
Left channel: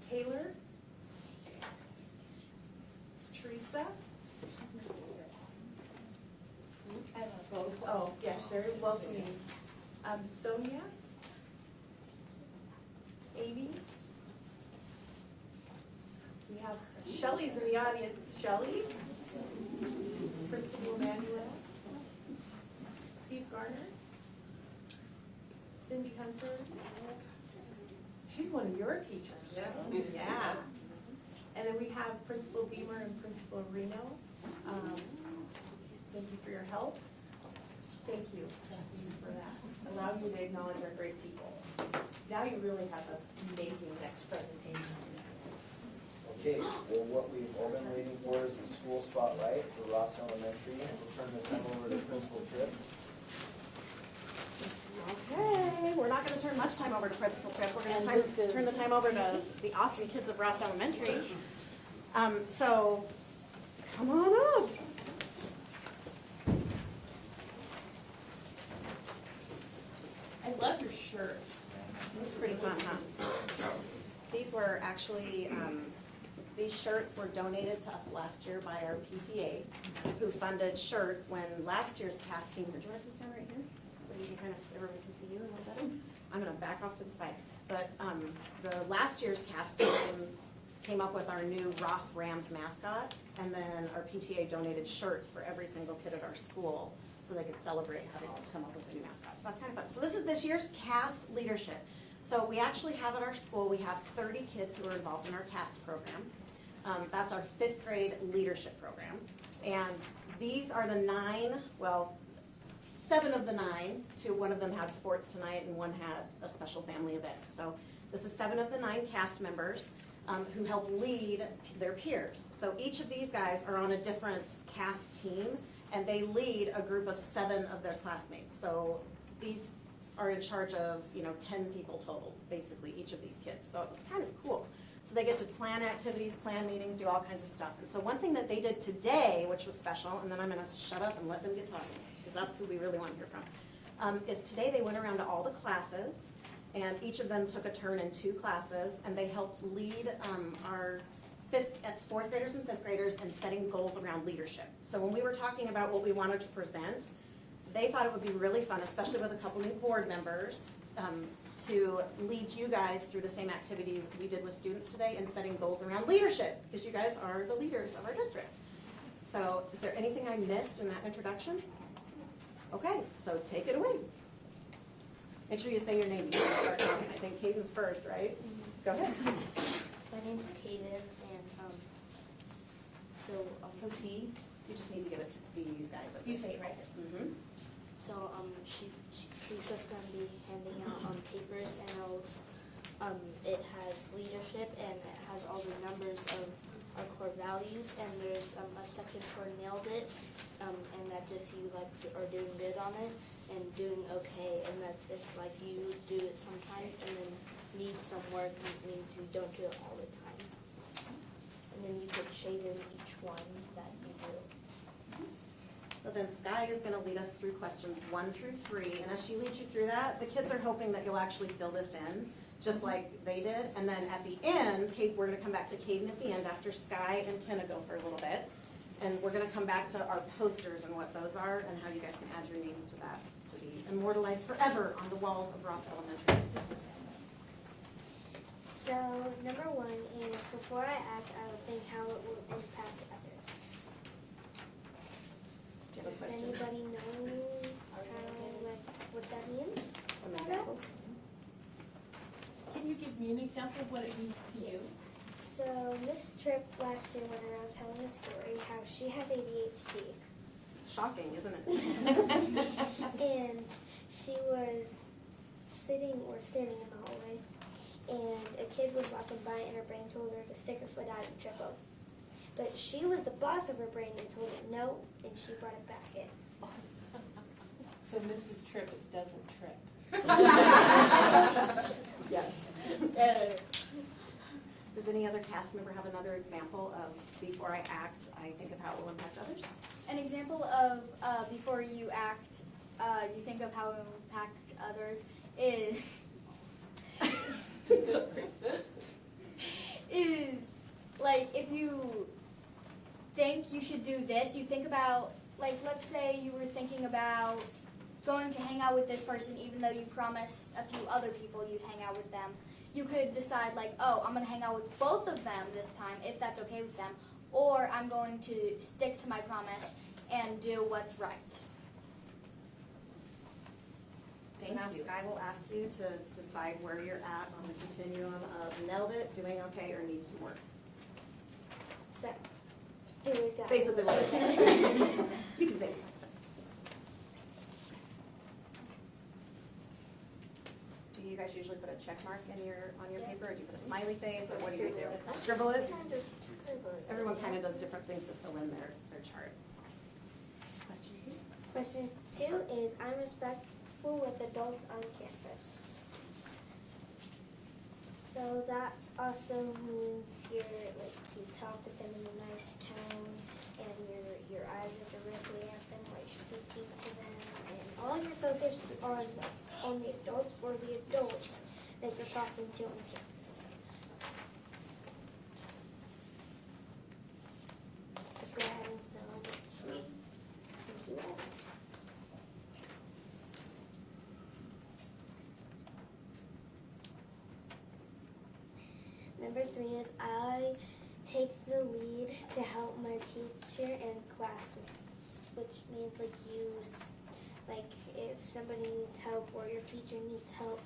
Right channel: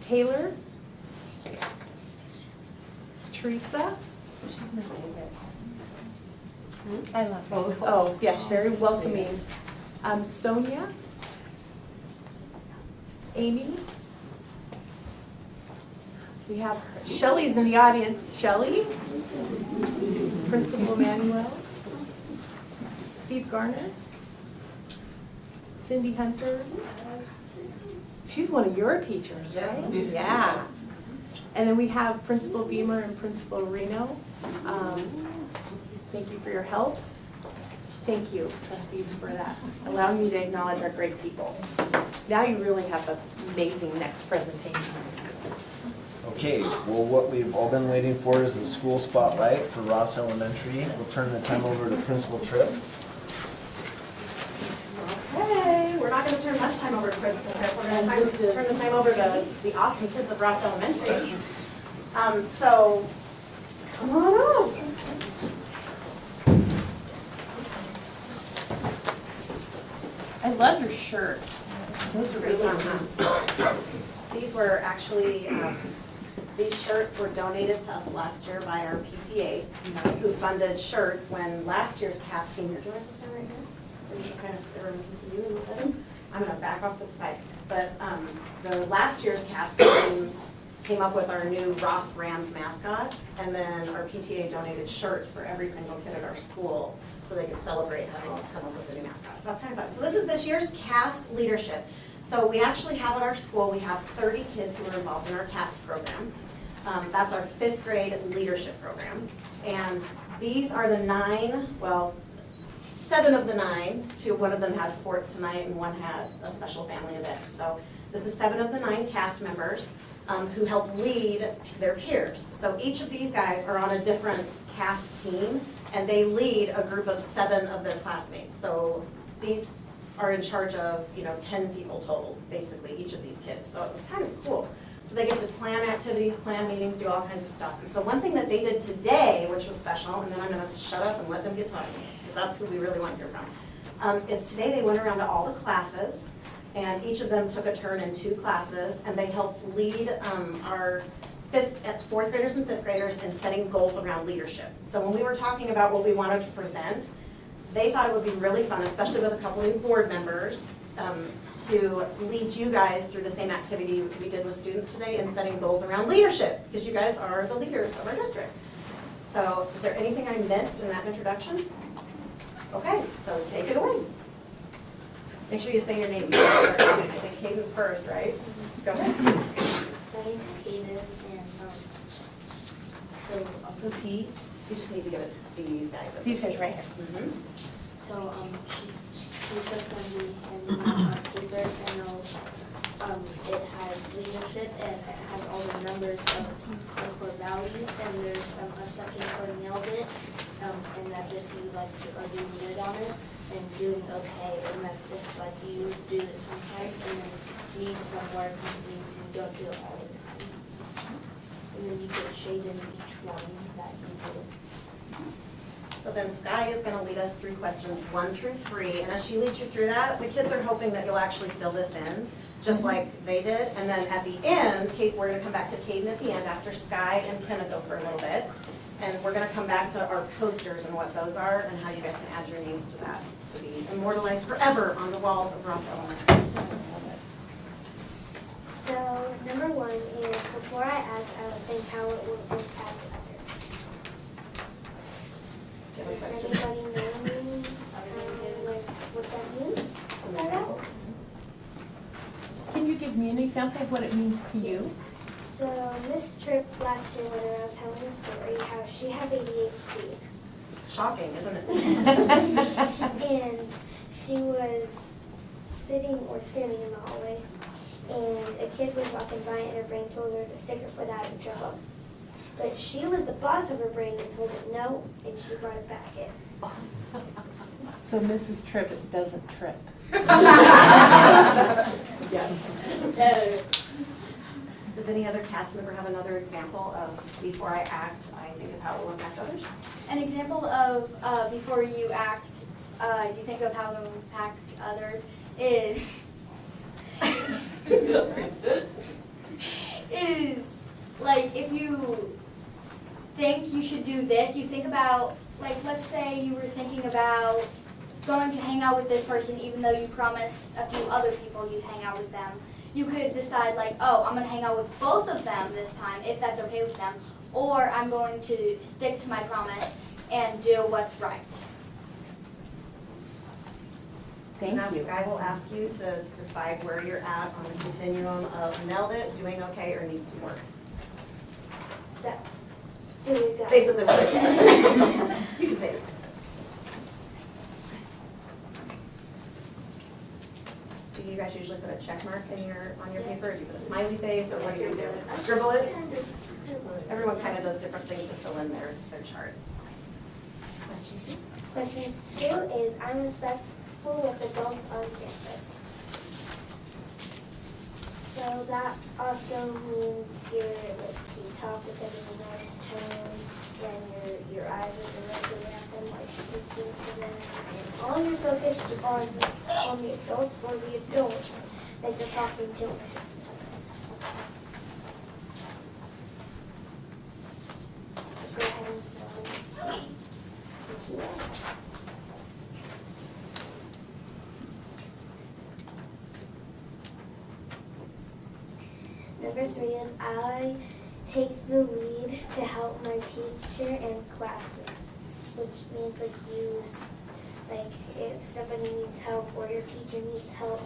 Taylor, Teresa. She's my favorite. I love her. Oh, yeah, very welcoming. Sonia, Amy. We have Shelley's in the audience. Shelley, Principal Manuel, Steve Garner, Cindy Hunter. She's one of your teachers, right? Yeah. And then we have Principal Beamer and Principal Reno. Thank you for your help. Thank you, trustees, for that, allowing me to acknowledge our great people. Now you really have an amazing next presentation. Okay, well, what we've all been waiting for is the school spotlight for Ross Elementary. We'll turn the time over to Principal Tripp. Okay, we're not gonna turn much time over to Principal Tripp. We're gonna turn the time over to the awesome kids of Ross Elementary. So, come on up. I love your shirts. Those are really nice. These were actually, these shirts were donated to us last year by our PTA, who funded shirts when last year's casting, do you want to stand right here? And you can kind of, everyone can see you a little better. I'm gonna back off to the side. But the last year's casting came up with our new Ross Rams mascot, and then our PTA donated shirts for every single kid at our school so they could celebrate having come up with a new mascot. So that's kind of fun. So this is this year's cast leadership. So we actually have at our school, we have 30 kids who are involved in our cast program. That's our 5th grade leadership program. And these are the 9, well, 7 of the 9, 2, one of them had sports tonight and one had a special family event. So this is 7 of the 9 cast members who help lead their peers. So each of these guys are on a different cast team, and they lead a group of 7 of their classmates. So these are in charge of, 10 people total, basically, each of these kids. So it's kind of cool. So they get to plan activities, plan meetings, do all kinds of stuff. And so one thing that they did today, which was special, and then I'm gonna shut up and let them get talking, because that's who we really want to hear from, is today they went around to all the classes, and each of them took a turn in 2 classes, and they helped lead our 4th graders and 5th graders in setting goals around leadership. So when we were talking about what we wanted to present, they thought it would be really fun, especially with a couple new board members, to lead you guys through the same activity we did with students today in setting goals around leadership, because you guys are the leaders of our district. So is there anything I missed in that introduction? Okay, so take it away. Make sure you say your name. I think Caden's first, right? Go ahead. My name's Caden, and so Also T, you just need to give it to these guys. These guys right here. Mhm. so she's just gonna be handing out papers, and it has leadership, and it has all the numbers of the core values, and there's a section for nailed it, and that's if you are doing good on it and doing okay, and that's if you do it sometimes and then need some work and things and don't do it all the time. And then you get shaded each one that you did. So then Sky is gonna lead us through questions 1 through 3, and as she leads you through that, the kids are hoping that you'll actually fill this in, just like they did. And then at the end, we're gonna come back to Caden at the end after Sky and Kenna go for a little bit. And we're gonna come back to our posters and what those are and how you guys can add your names to that to be immortalized forever on the walls of Ross Elementary. So, number 1 is before I act, I would think how it would impact others. Do you have a Does question? anybody know me? What that means? Some examples? Can you give me an example of what it means to you? So, Miss Tripp last year when I was telling the story how she has ADHD. Shocking, isn't it? And she was sitting or standing in the hallway, and a kid was walking by and her brain told her to stick her foot out and jump up. But she was the boss of her brain and told it no, and she brought it back in. So Mrs. Tripp doesn't trip. Yes. Does any other cast member have another example of before I act, I think of how it will impact others? An example of before you act, you think of how it will impact others is is like if you think you should do this, you think about, like, let's say you were thinking about going to hang out with this person even though you promised a few other people you'd hang out with them. You could decide, like, oh, I'm going to hang out with both of them this time, if that's okay with them, or I'm going to stick to my promise and do what's right. Thank Now you. Sky will ask you to decide where you're at on the continuum of nailed it, doing okay, or need some work. So, do we got? Basically what it is. You can say it. Do you guys usually put a check mark on your paper, or do you put a smiley face, or what do you do? Scribble it? Everyone kind of does different things to fill in their chart. Question two? Question 2 is, I'm respectful with adults on campus. So that also means you talk with them in a nice tone, and your eyes are directly at them, like speaking to them. And all your focus is on the adults or the adults that you're talking to. Go ahead and fill in. Thank you. Number 3 is I take the lead to help my teacher and classmates, which means like if somebody needs help or your teacher needs help,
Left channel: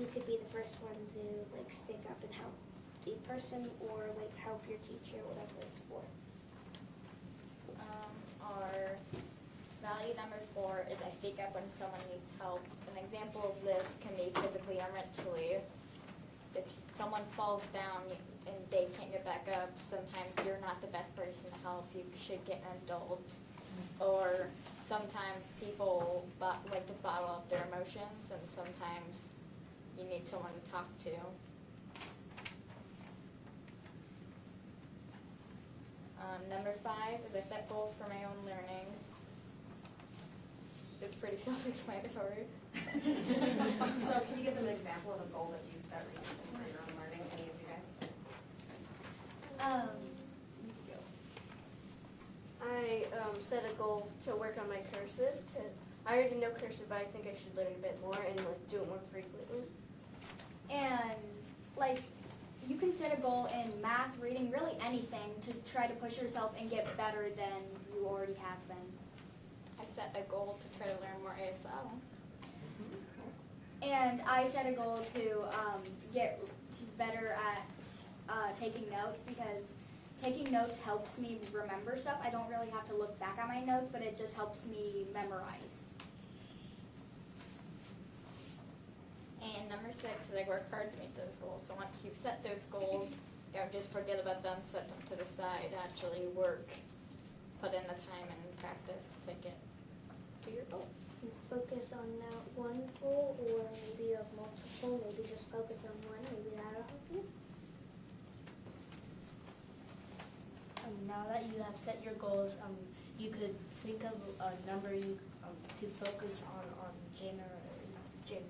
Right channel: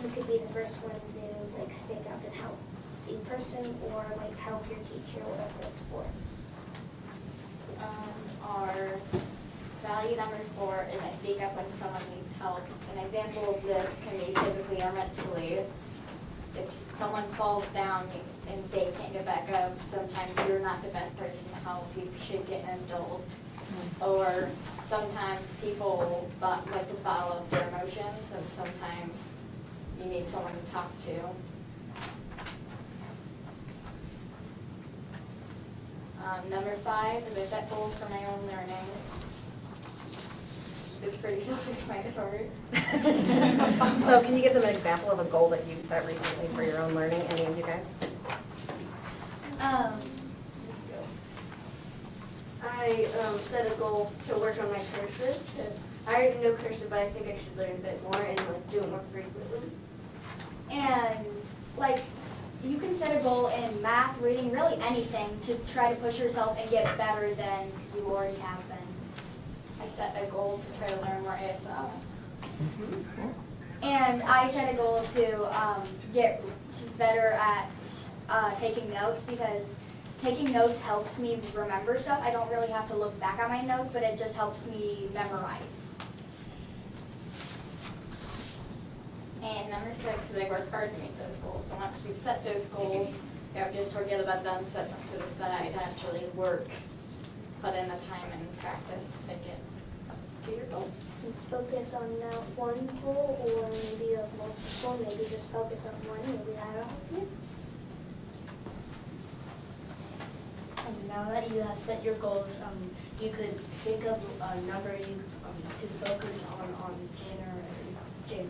you could be the first one to like stick up and help the person or like help your teacher, whatever it's for. Our value number 4 is I speak up when someone needs help. An example of this can be physically or mentally. If someone falls down and they can't get back up, sometimes you're not the best person to help. You should get an adult. Or sometimes people like to bottle up their emotions, and sometimes you need someone to talk to. Number 5 is I set goals for my own learning. It's pretty self-explanatory. So can you give them an example of a goal that you set recently for your own learning, any of you guys? I set a goal to work on my cursive. I already know cursive, but I think I should learn a bit more and like do it more frequently. And like you can set a goal in math, reading, really anything to try to push yourself and get better than you already have been. I set a goal to try to learn more ASL. And I set a goal to get better at taking notes, because taking notes helps me remember stuff. I don't really have to look back at my notes, but it just helps me memorize. And number 6 is I work hard to meet those goals. So once you've set those goals, don't just forget about them, set them to the side, actually work, put in the time and practice to get to your goal. Focus on not one goal or maybe of multiple, maybe just focus on one, maybe that'll help you. Now that you have set your goals, you could think of a number to focus on January.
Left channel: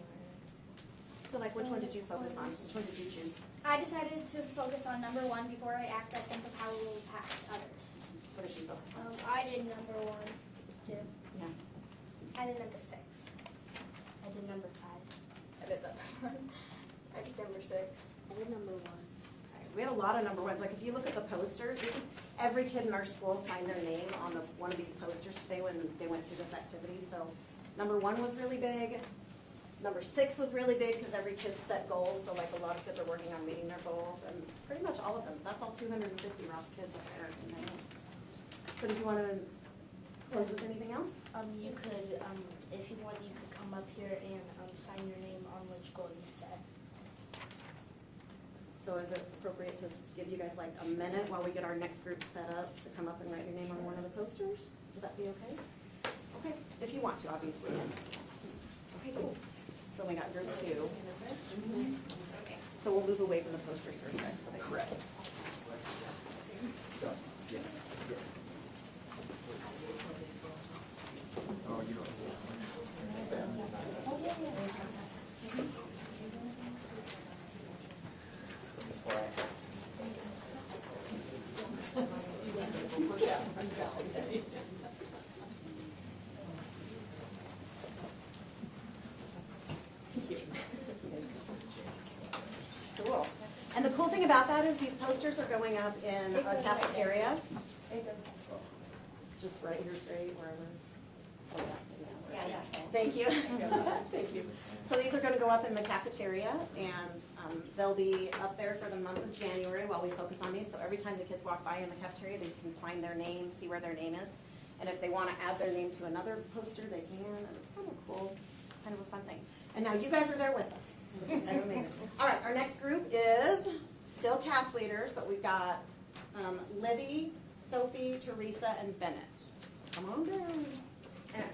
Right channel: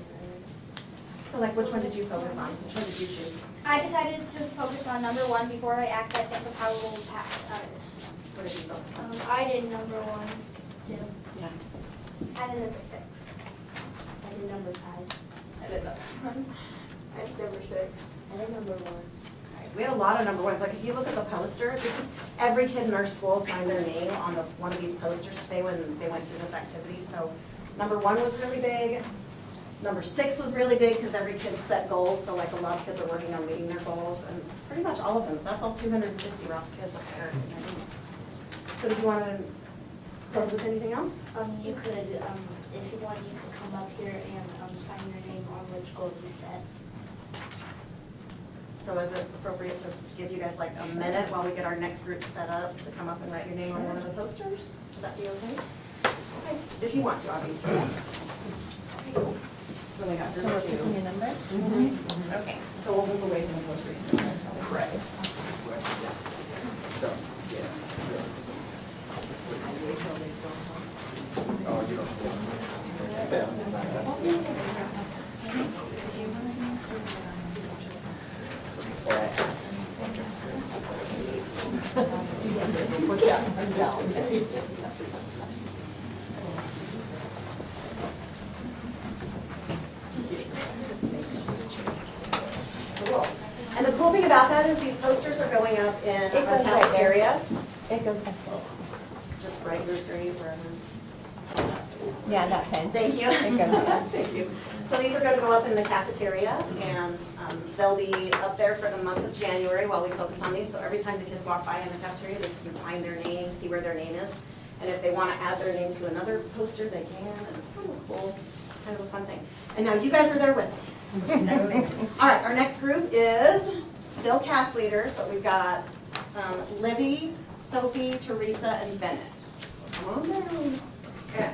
So like which one did you focus on? Which one did you choose? I decided to focus on number 1 before I act. I think of how it will impact others. What did you focus on? I did number 1, too. Yeah. I did number 6. I did number 5. I did that one. I did number 6. I did number 1. We had a lot of number 1s. Like if you look at the poster, this is every kid in our school signed their name on one of these posters today when they went through this activity. So number 1 was really big. Number 6 was really big because every kid set goals, so like a lot of kids are working on meeting their goals, and pretty much all of them. That's all 250 Ross kids up there. So do you want to close with anything else? You could, if you want, you could come up here and sign your name on which goal you set. So is it appropriate to give you guys like a minute while we get our next group set up to come up and write your name on one of the posters? Would that be okay? Okay, if you want to, obviously. Okay, cool. So we got So group we're picking 2. a number? Okay, so we'll move away from the illustration. Correct. So, yes. Oh, you don't. Cool. And the cool thing about that is these posters are going up in It our goes right there. cafeteria. It goes back. Just write yours grade wherever. Yeah, that pen. Thank you. It goes up. Thank you. So these are going to go up in the cafeteria, and they'll be up there for the month of January while we focus on these. So every time the kids walk by in the cafeteria, they can find their name, see where their name is. And if they want to add their name to another poster, they can, and it's kind of a cool, kind of a fun thing. And now you guys are there with us. All right, our next group is still cast leaders, but we've got Libby, Sophie, Teresa, and Bennett. So come on down. Yeah.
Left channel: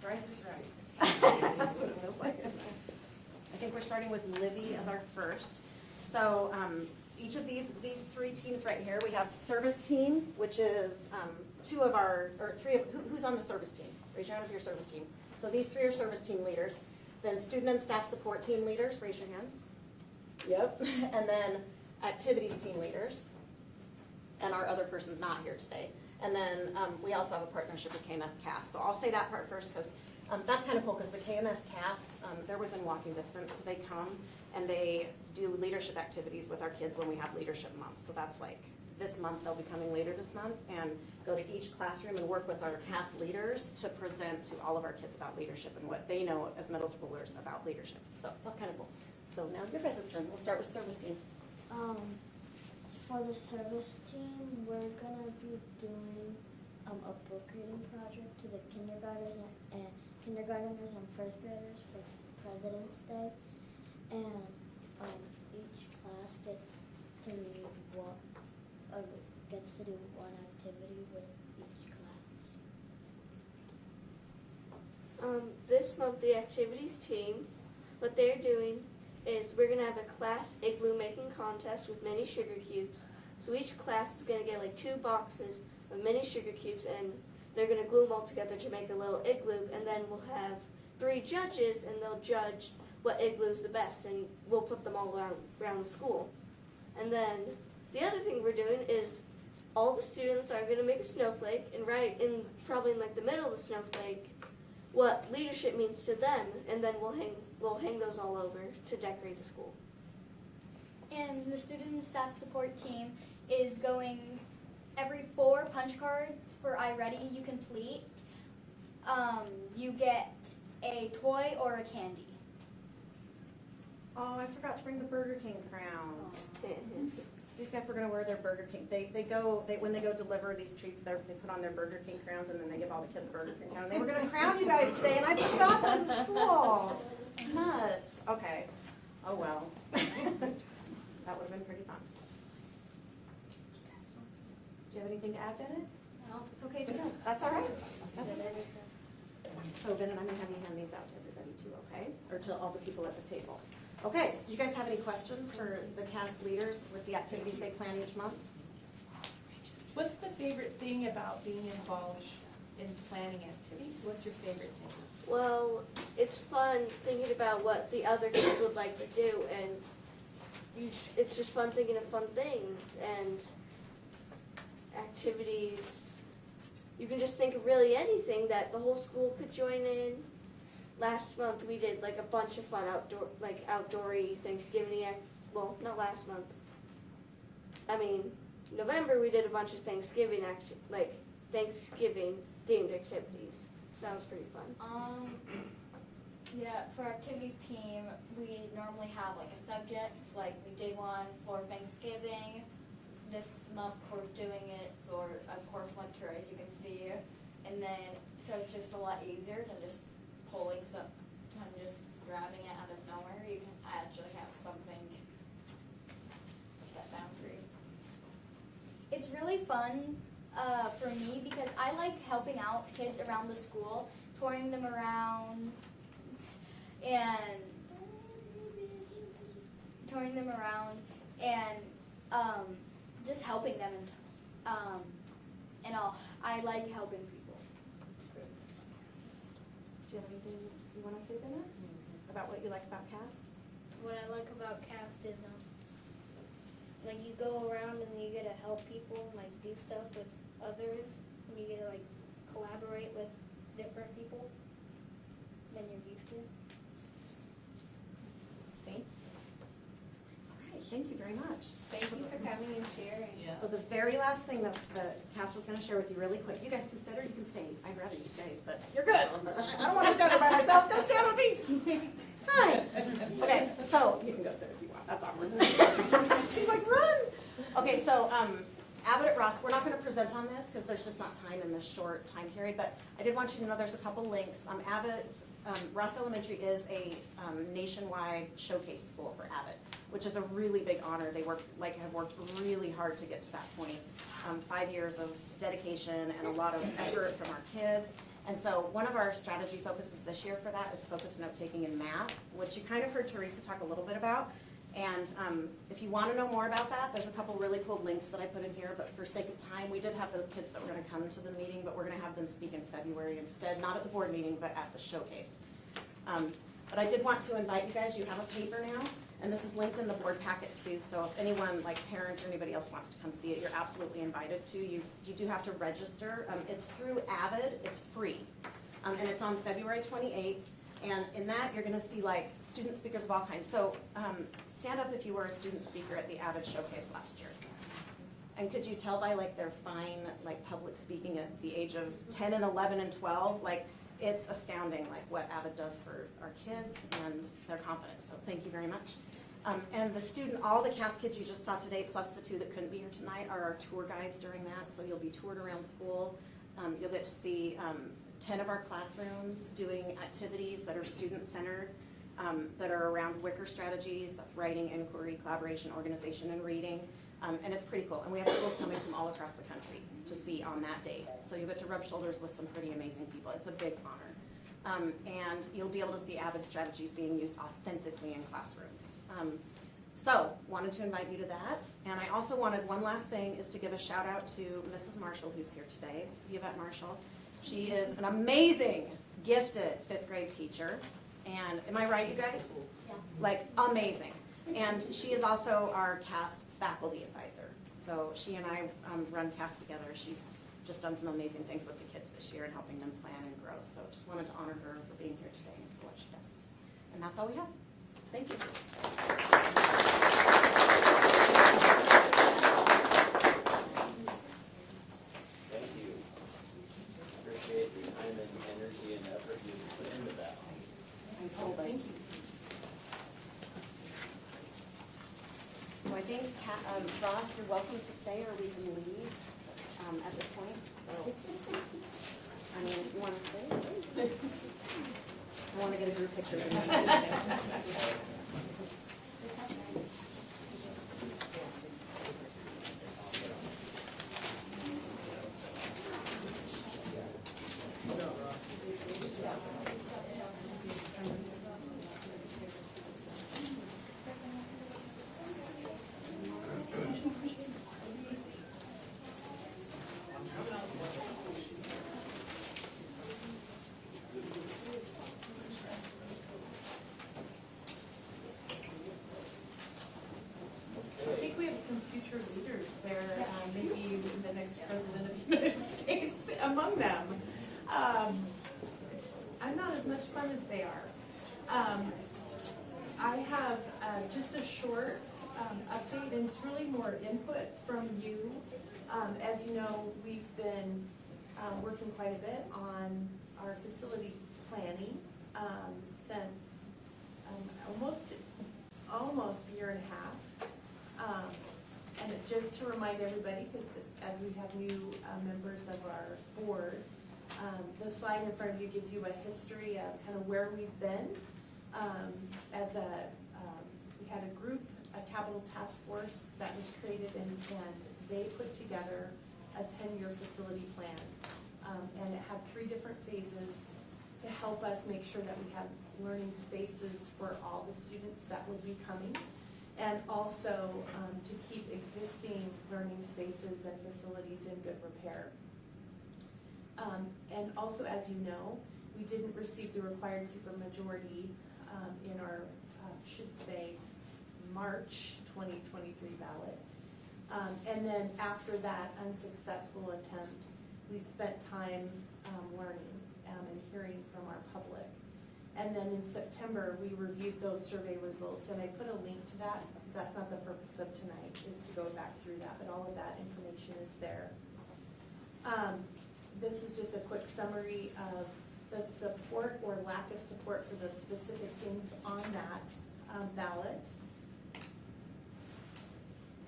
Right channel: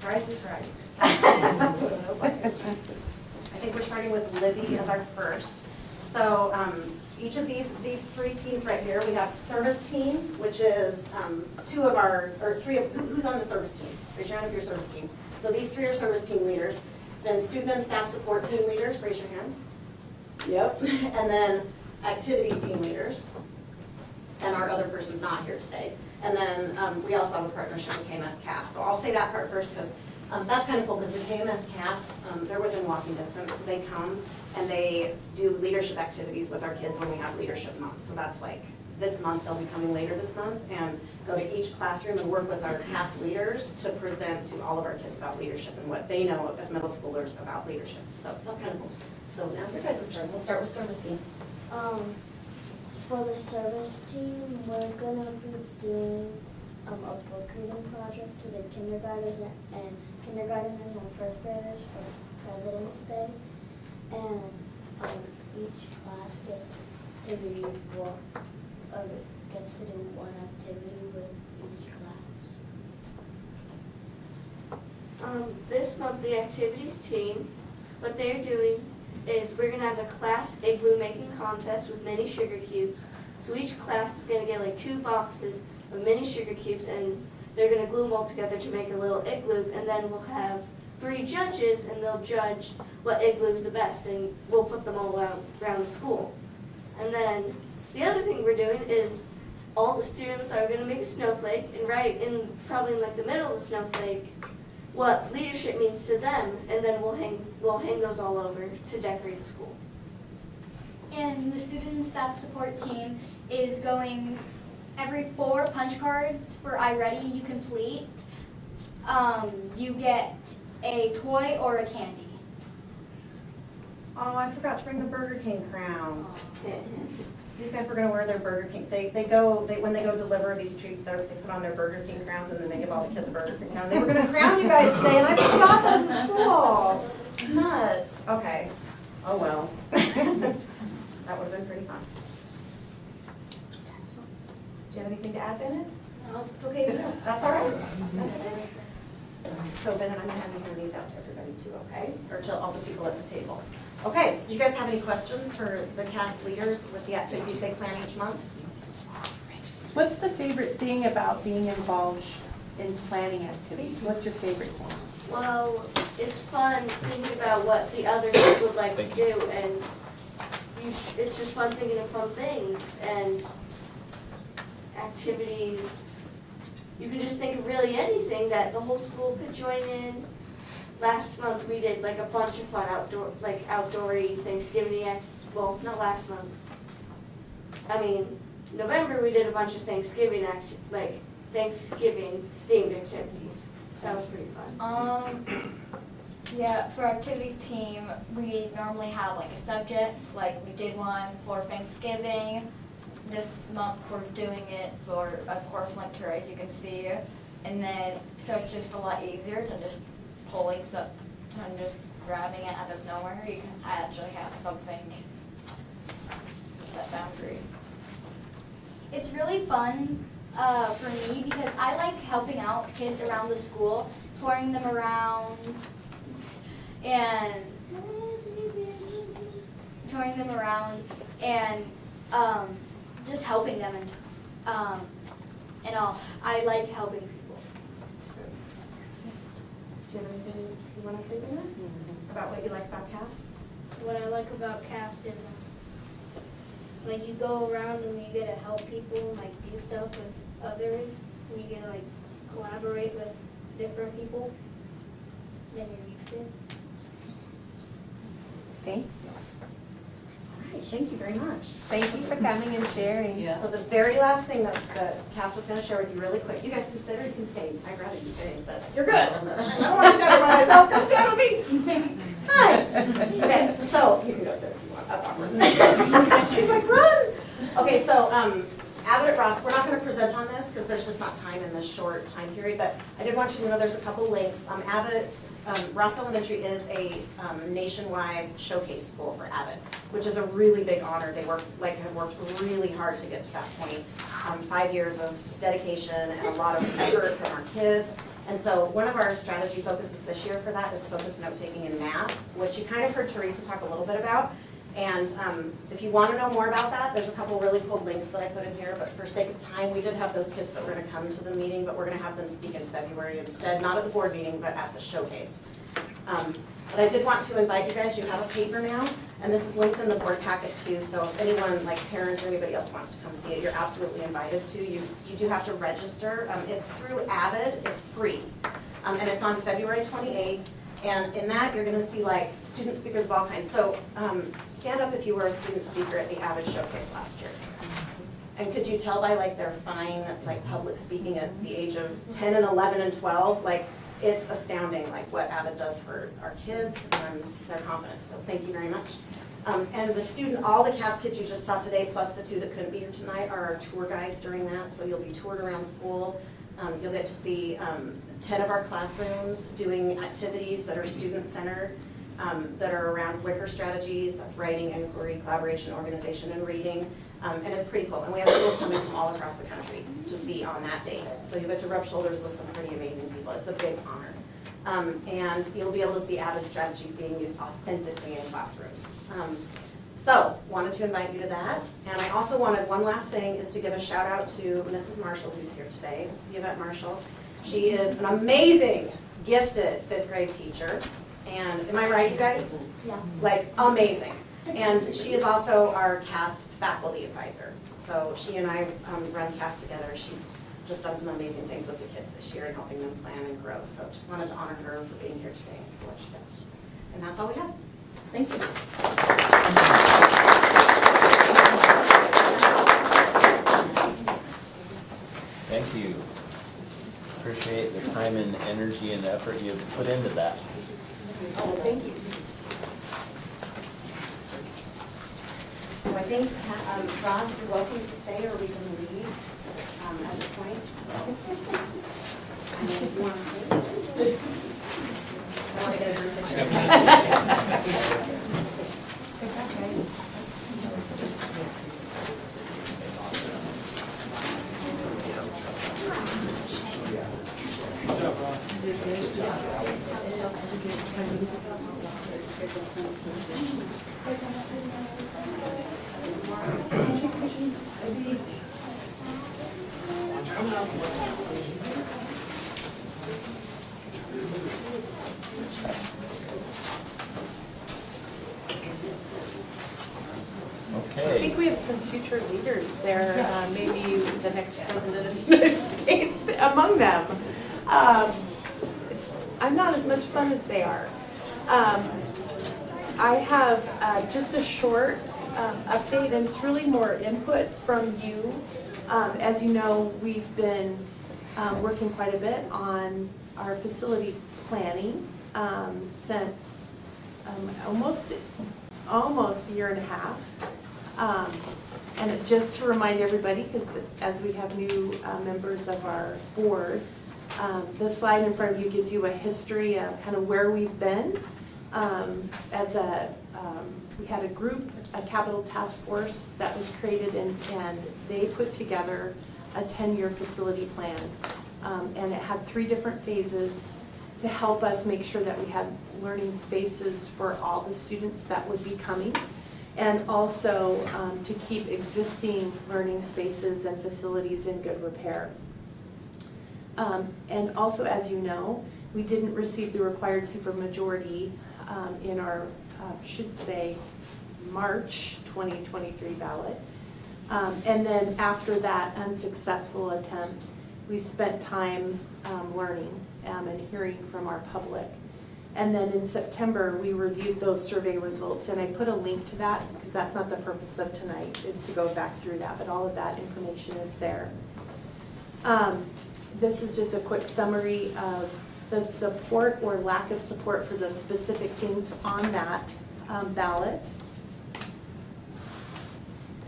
Price is right. That's what it feels like. I think we're starting with Libby as our first. So each of these 3 teams right here, we have service team, which is 2 of our, or 3 of, who's on the service team? Raise your hand if you're service team. So these 3 are service team leaders. Then student and staff support team leaders, raise your hands. Yep. And then activities team leaders. And our other person's not here today. And then we also have a partnership with KMS Cast. So I'll say that part first because that's kind of cool because the KMS Cast, they're within walking distance. So they come and they do leadership activities with our kids when we have leadership months. So that's like this month, they'll be coming later this month and go to each classroom and work with our cast leaders to present to all of our kids about leadership and what they know as middle schoolers about leadership. So that's kind of cool. So now your guys' turn. We'll start with service team. For the service team, we're gonna be doing a book reading project to the kindergartners and first graders for President's Day. And each class gets to do one activity with each class. This month, the activities team, what they're doing is we're gonna have a class igloo making contest with mini sugar cubes. So each class is gonna get like 2 boxes of mini sugar cubes and they're gonna glue them all together to make a little igloo, and then we'll have 3 judges and they'll judge what igloo's the best, and we'll put them all around the school. And then the other thing we're doing is all the students are gonna make a snowflake, and right in probably in like the middle of the snowflake, what leadership means to them, and then we'll hang those all over to decorate the school. And the student and staff support team is going every 4 punch cards for iReady you complete. You get a toy or a candy. Oh, I forgot to bring the Burger King crowns. These guys were gonna wear their Burger King. When they go deliver these treats, they put on their Burger King crowns and then they give all the kids a Burger King crown. They were gonna crown you guys today and I forgot those in school. Nuts. Okay. Oh well. That would've been pretty fun. Do you have anything to add, Bennett? No. It's okay, you don't. That's all right. That's okay. So Bennett, I'm gonna have you hand these out to everybody too, okay? Or to all the people at the table. Okay, so do you guys have any questions for the cast leaders with the activities they plan each month? What's the favorite thing about being involved in planning activities? What's your favorite thing? Well, it's fun thinking about what the others would like to do, and it's just fun thinking of fun things and activities. You can just think of really anything that the whole school could join in. Last month we did like a bunch of fun outdoory Thanksgiving well, not last month. I mean, November we did a bunch of Thanksgiving themed activities. So that was pretty fun. Yeah, for activities team, we normally have like a subject, like we did one for Thanksgiving. This month we're doing it for, of course, winter, as you can see. And then, so it's just a lot easier than just pulling some, and just grabbing it out of nowhere. You can actually have something set boundary. It's really fun for me because I like helping out kids around the school, touring them around and just helping them and all. I like helping people. Do you have anything you want to say, Brenda? About what you like about CAST? What I like about CAST is like you go around and you get to help people and like do stuff with others, and you get to like collaborate with different people than you're used to. Thank you. All right, thank you very much. Thank you for coming and sharing. So the very last thing that Cass was going to share with you really quick, you guys consider, you can stay. I'd rather you stay, but you're good. I don't want to stand by myself. Go stand with me. Hi. Okay, so you can go sit if you want. That's awkward. She's like, run. Okay, so Abbott at Ross, we're not going to present on this because there's just not time in this short time period, but I did want you to know there's a couple links. Ross Elementary is a nationwide showcase school for Abbott, which is a really big honor. They have worked really hard to get to that point. 5 years of dedication and a lot of effort from our kids. And so one of our strategy focuses this year for that is focus note-taking in math, which you kind of heard Teresa talk a little bit about. And if you want to know more about that, there's a couple really cool links that I put in here, but for sake of time, we did have those kids that were going to come to the meeting, but we're going to have them speak in February instead, not at the board meeting, but at the showcase. But I did want to invite you guys, you have a paper now, and this is linked in the board packet too, so if anyone, like parents or anybody else wants to come see it, you're absolutely invited to. You do have to register. It's through Avid, it's free, and it's on February 28th. And in that, you're going to see like student speakers of all kinds. So stand up if you were a student speaker at the Avid Showcase last year. And could you tell by like their fine like public speaking at the age of 10 and 11 and 12, like it's astounding like what Avid does for our kids and their confidence. So thank you very much. And all the CAST kids you just saw today, plus the 2 that couldn't be here tonight, are our tour guides during that. So you'll be toured around school. You'll get to see 10 of our classrooms doing activities that are student-centered, that are around Wicker strategies. That's writing, inquiry, collaboration, organization, and reading. And it's pretty cool. And we have schools coming from all across the country to see on that day. So you get to rub shoulders with some pretty amazing people. It's a big honor. And you'll be able to see Avid strategies being used authentically in classrooms. So, wanted to invite you to that. And I also wanted, one last thing, is to give a shout out to Mrs. Marshall, who's here today. Mrs. Yvette Marshall. She is an amazing, gifted 5th grade teacher. And am I right, you guys? Yeah. Like, amazing. And she is also our CAST faculty advisor. So she and I run CAST together. She's just done some amazing things with the kids this year and helping them plan and grow. So just wanted to honor her for being here today and for what she does. And that's all we have. Thank you. Thank you. Appreciate the time and energy and effort you've put into that. Thank you. So I think, Ross, you're welcome to stay or we can leave at this point. So, if you want to stay. I want to get a group picture. Good job, guys. I think we have some future leaders there, maybe the next president of the United States among them. I'm not as much fun as they are. I have just a short update, and it's really more input from you. As you know, we've been working quite a bit on our facility planning, since almost a year and a half. And just to remind everybody, because as we have new members of our board, the slide in front of you gives you a history of kind of where we've been. We had a group, a capital task force that was created, and they put together a 10-year facility plan. And it had 3 different phases to help us make sure that we had learning spaces for all the students that would be coming, and also to keep existing learning spaces and facilities in good repair. And also, as you know, we didn't receive the required supermajority in our, should say, March 2023 ballot. And then after that unsuccessful attempt, we spent time learning and hearing from our public. And then in September, we reviewed those survey results, and I put a link to that because that's not the purpose of tonight, is to go back through that, but all of that information is there. This is just a quick summary of the support or lack of support for the specific things on that ballot.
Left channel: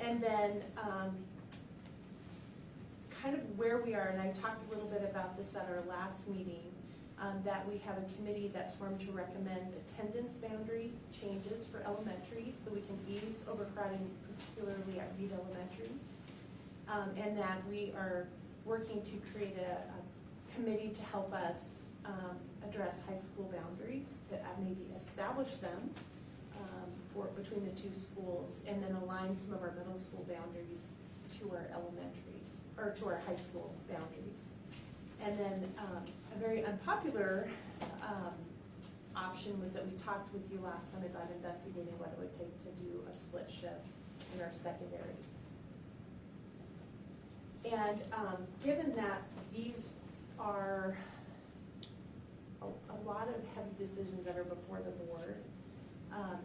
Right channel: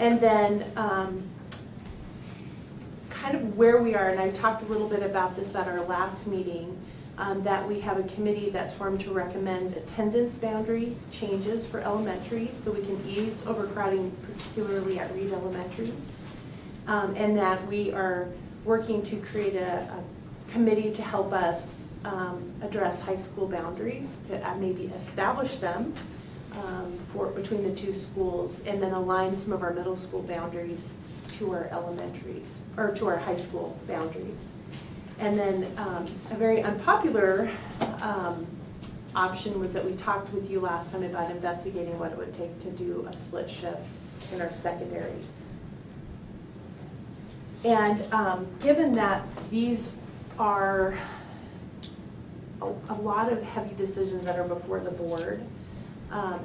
And then kind of where we are, and I talked a little bit about this at our last meeting, that we have a committee that's formed to recommend attendance boundary changes for elementary so we can ease overcrowding, particularly at Reed Elementary. And that we are working to create a committee to help us address high school boundaries, to maybe establish them between the 2 schools, and then align some of our middle school boundaries to our elementaries, or to our high school boundaries. And then a very unpopular option was that we talked with you last time about investigating what it would take to do a split shift in our secondary. And given that these are a lot of heavy decisions that are before the board,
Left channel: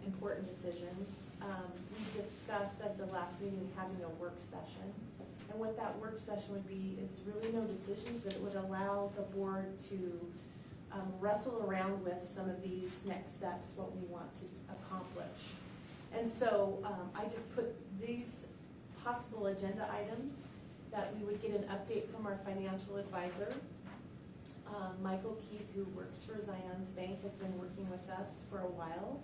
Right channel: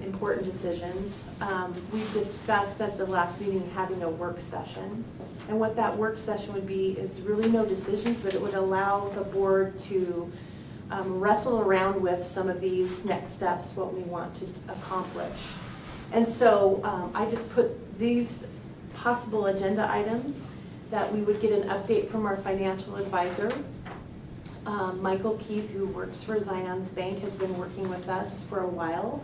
important decisions, we discussed at the last meeting having a work session. And what that work session would be is really no decisions, but it would allow the board to wrestle around with some of these next steps, what we want to accomplish. And so I just put these possible agenda items that we would get an update from our financial advisor. Michael Keith, who works for Zion's Bank, has been working with us for a while.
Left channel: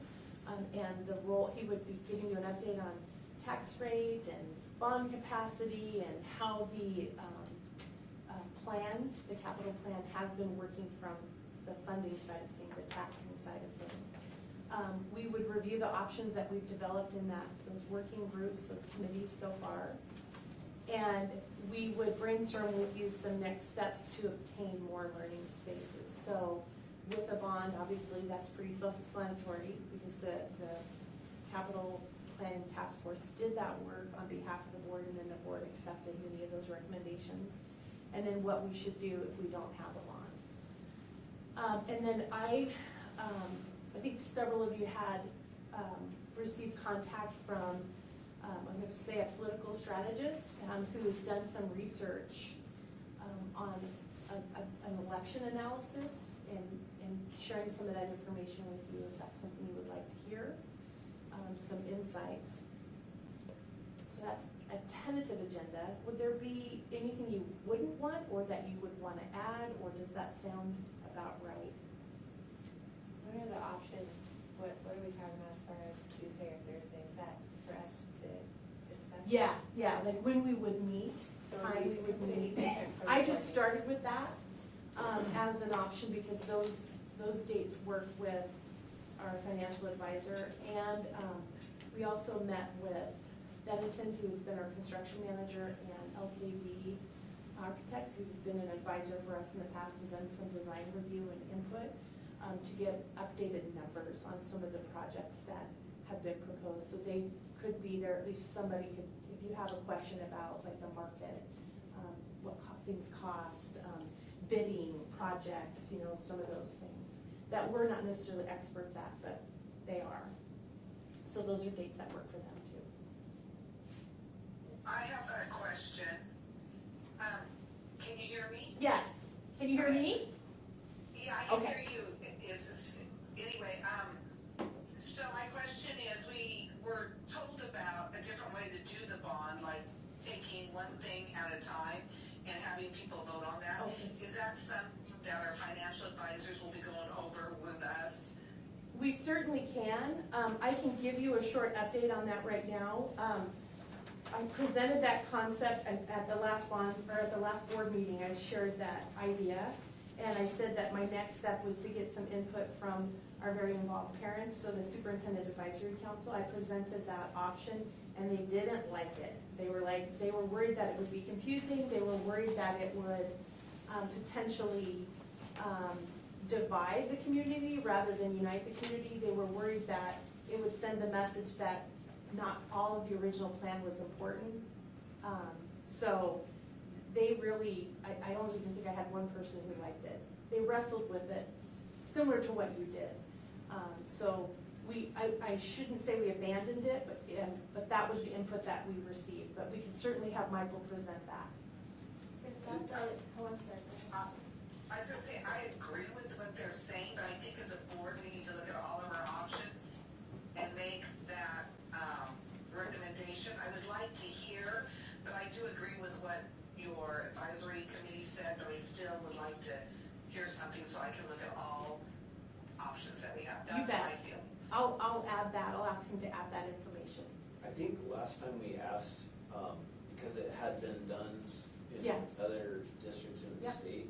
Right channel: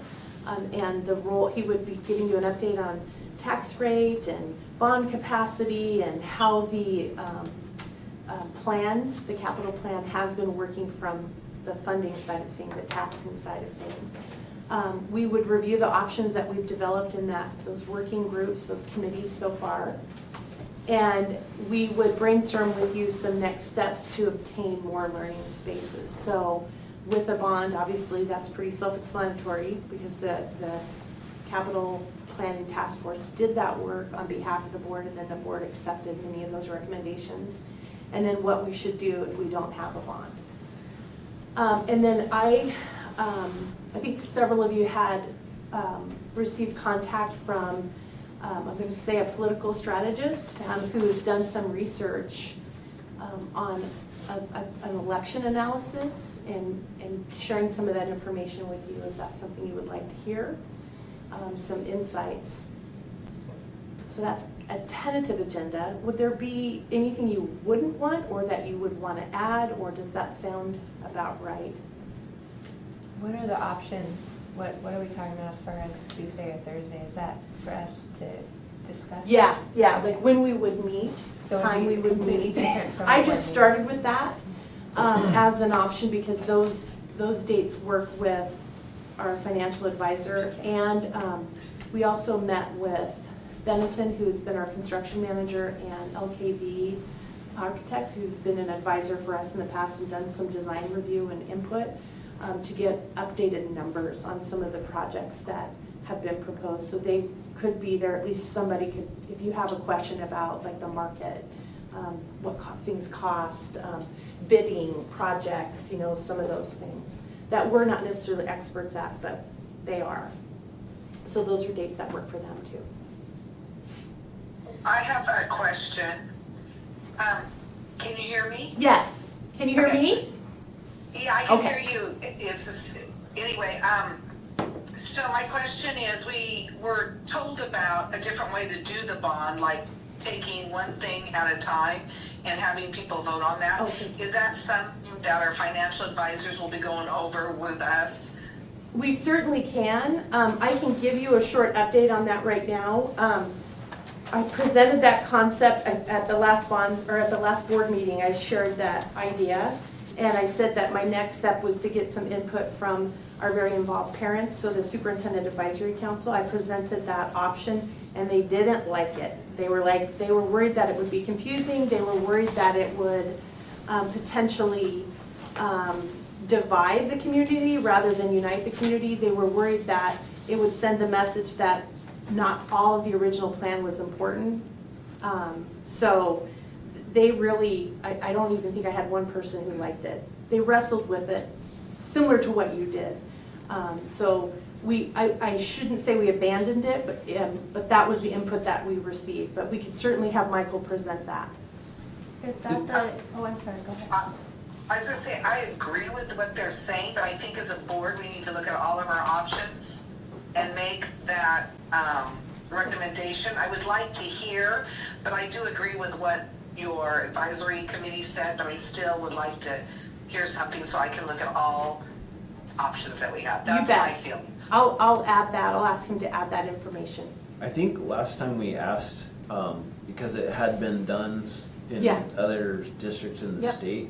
And the role, he would be giving you an update on tax rate and bond capacity and how the plan, the capital plan, has been working from the funding side of things, the taxing side of things. We would review the options that we've developed in those working groups, those committees so far. And we would brainstorm with you some next steps to obtain more learning spaces. So with a bond, obviously that's pretty self-explanatory because the capital planning task force did that work on behalf of the board, and then the board accepted many of those recommendations. And then what we should do if we don't have a bond. And then I think several of you had received contact from, I'm going to say, a political strategist who has done some research on an election analysis and sharing some of that information with you if that's something you would like to hear, some insights. So that's a tentative agenda. Would there be anything you wouldn't want or that you would want to add, or does that sound about right? What are the options? What are we talking about as far as Tuesday or Thursday? Is that for us to discuss? Yeah, yeah, Okay. like when we would meet, So time we would completely meet. different from I the just board started with that as an option because those dates work with our financial advisor. And we also met with Benetton, who's been our construction manager, and LKV Architects, who've been an advisor for us in the past and done some design review and input to get updated numbers on some of the projects that have been proposed. So they could be there, at least somebody could, if you have a question about like the market, what things cost, bidding projects, you know, some of those things that we're not necessarily experts at, but they are. So those are dates that work for them too. I have a question. Can you hear me? Yes. Can you hear Okay. me? Yeah, I can Okay. hear you. It's just, anyway, so my question is, we were told about a different way to do the bond, like taking one thing at a time and having people vote on that. Okay. Is that something that our financial advisors will be going over with us? We certainly can. I can give you a short update on that right now. I presented that concept at the last bond, or at the last board meeting. I shared that idea, and I said that my next step was to get some input from our very involved parents, so the Superintendent Advisory Council. I presented that option, and they didn't like it. They were worried that it would be confusing. They were worried that it would potentially divide the community rather than unite the community. They were worried that it would send the message that not all of the original plan was important. So they really, I don't even think I had one person who liked it. They wrestled with it, similar to what you did. So I shouldn't say we abandoned it, but that was the input that we received. But we could certainly have Michael present that. Is that the, oh, I'm sorry, go ahead. I was gonna say, I agree with what they're saying, but I think as a board, we need to look at all of our options and make that recommendation. I would like to hear, but I do agree with what your advisory committee said, but I still would like to hear something so I can look at all options that we have. That's my feelings. I'll add that. I'll ask him to add that information. I think last time we asked, because it had been done in Yeah. other districts in the Yep. state,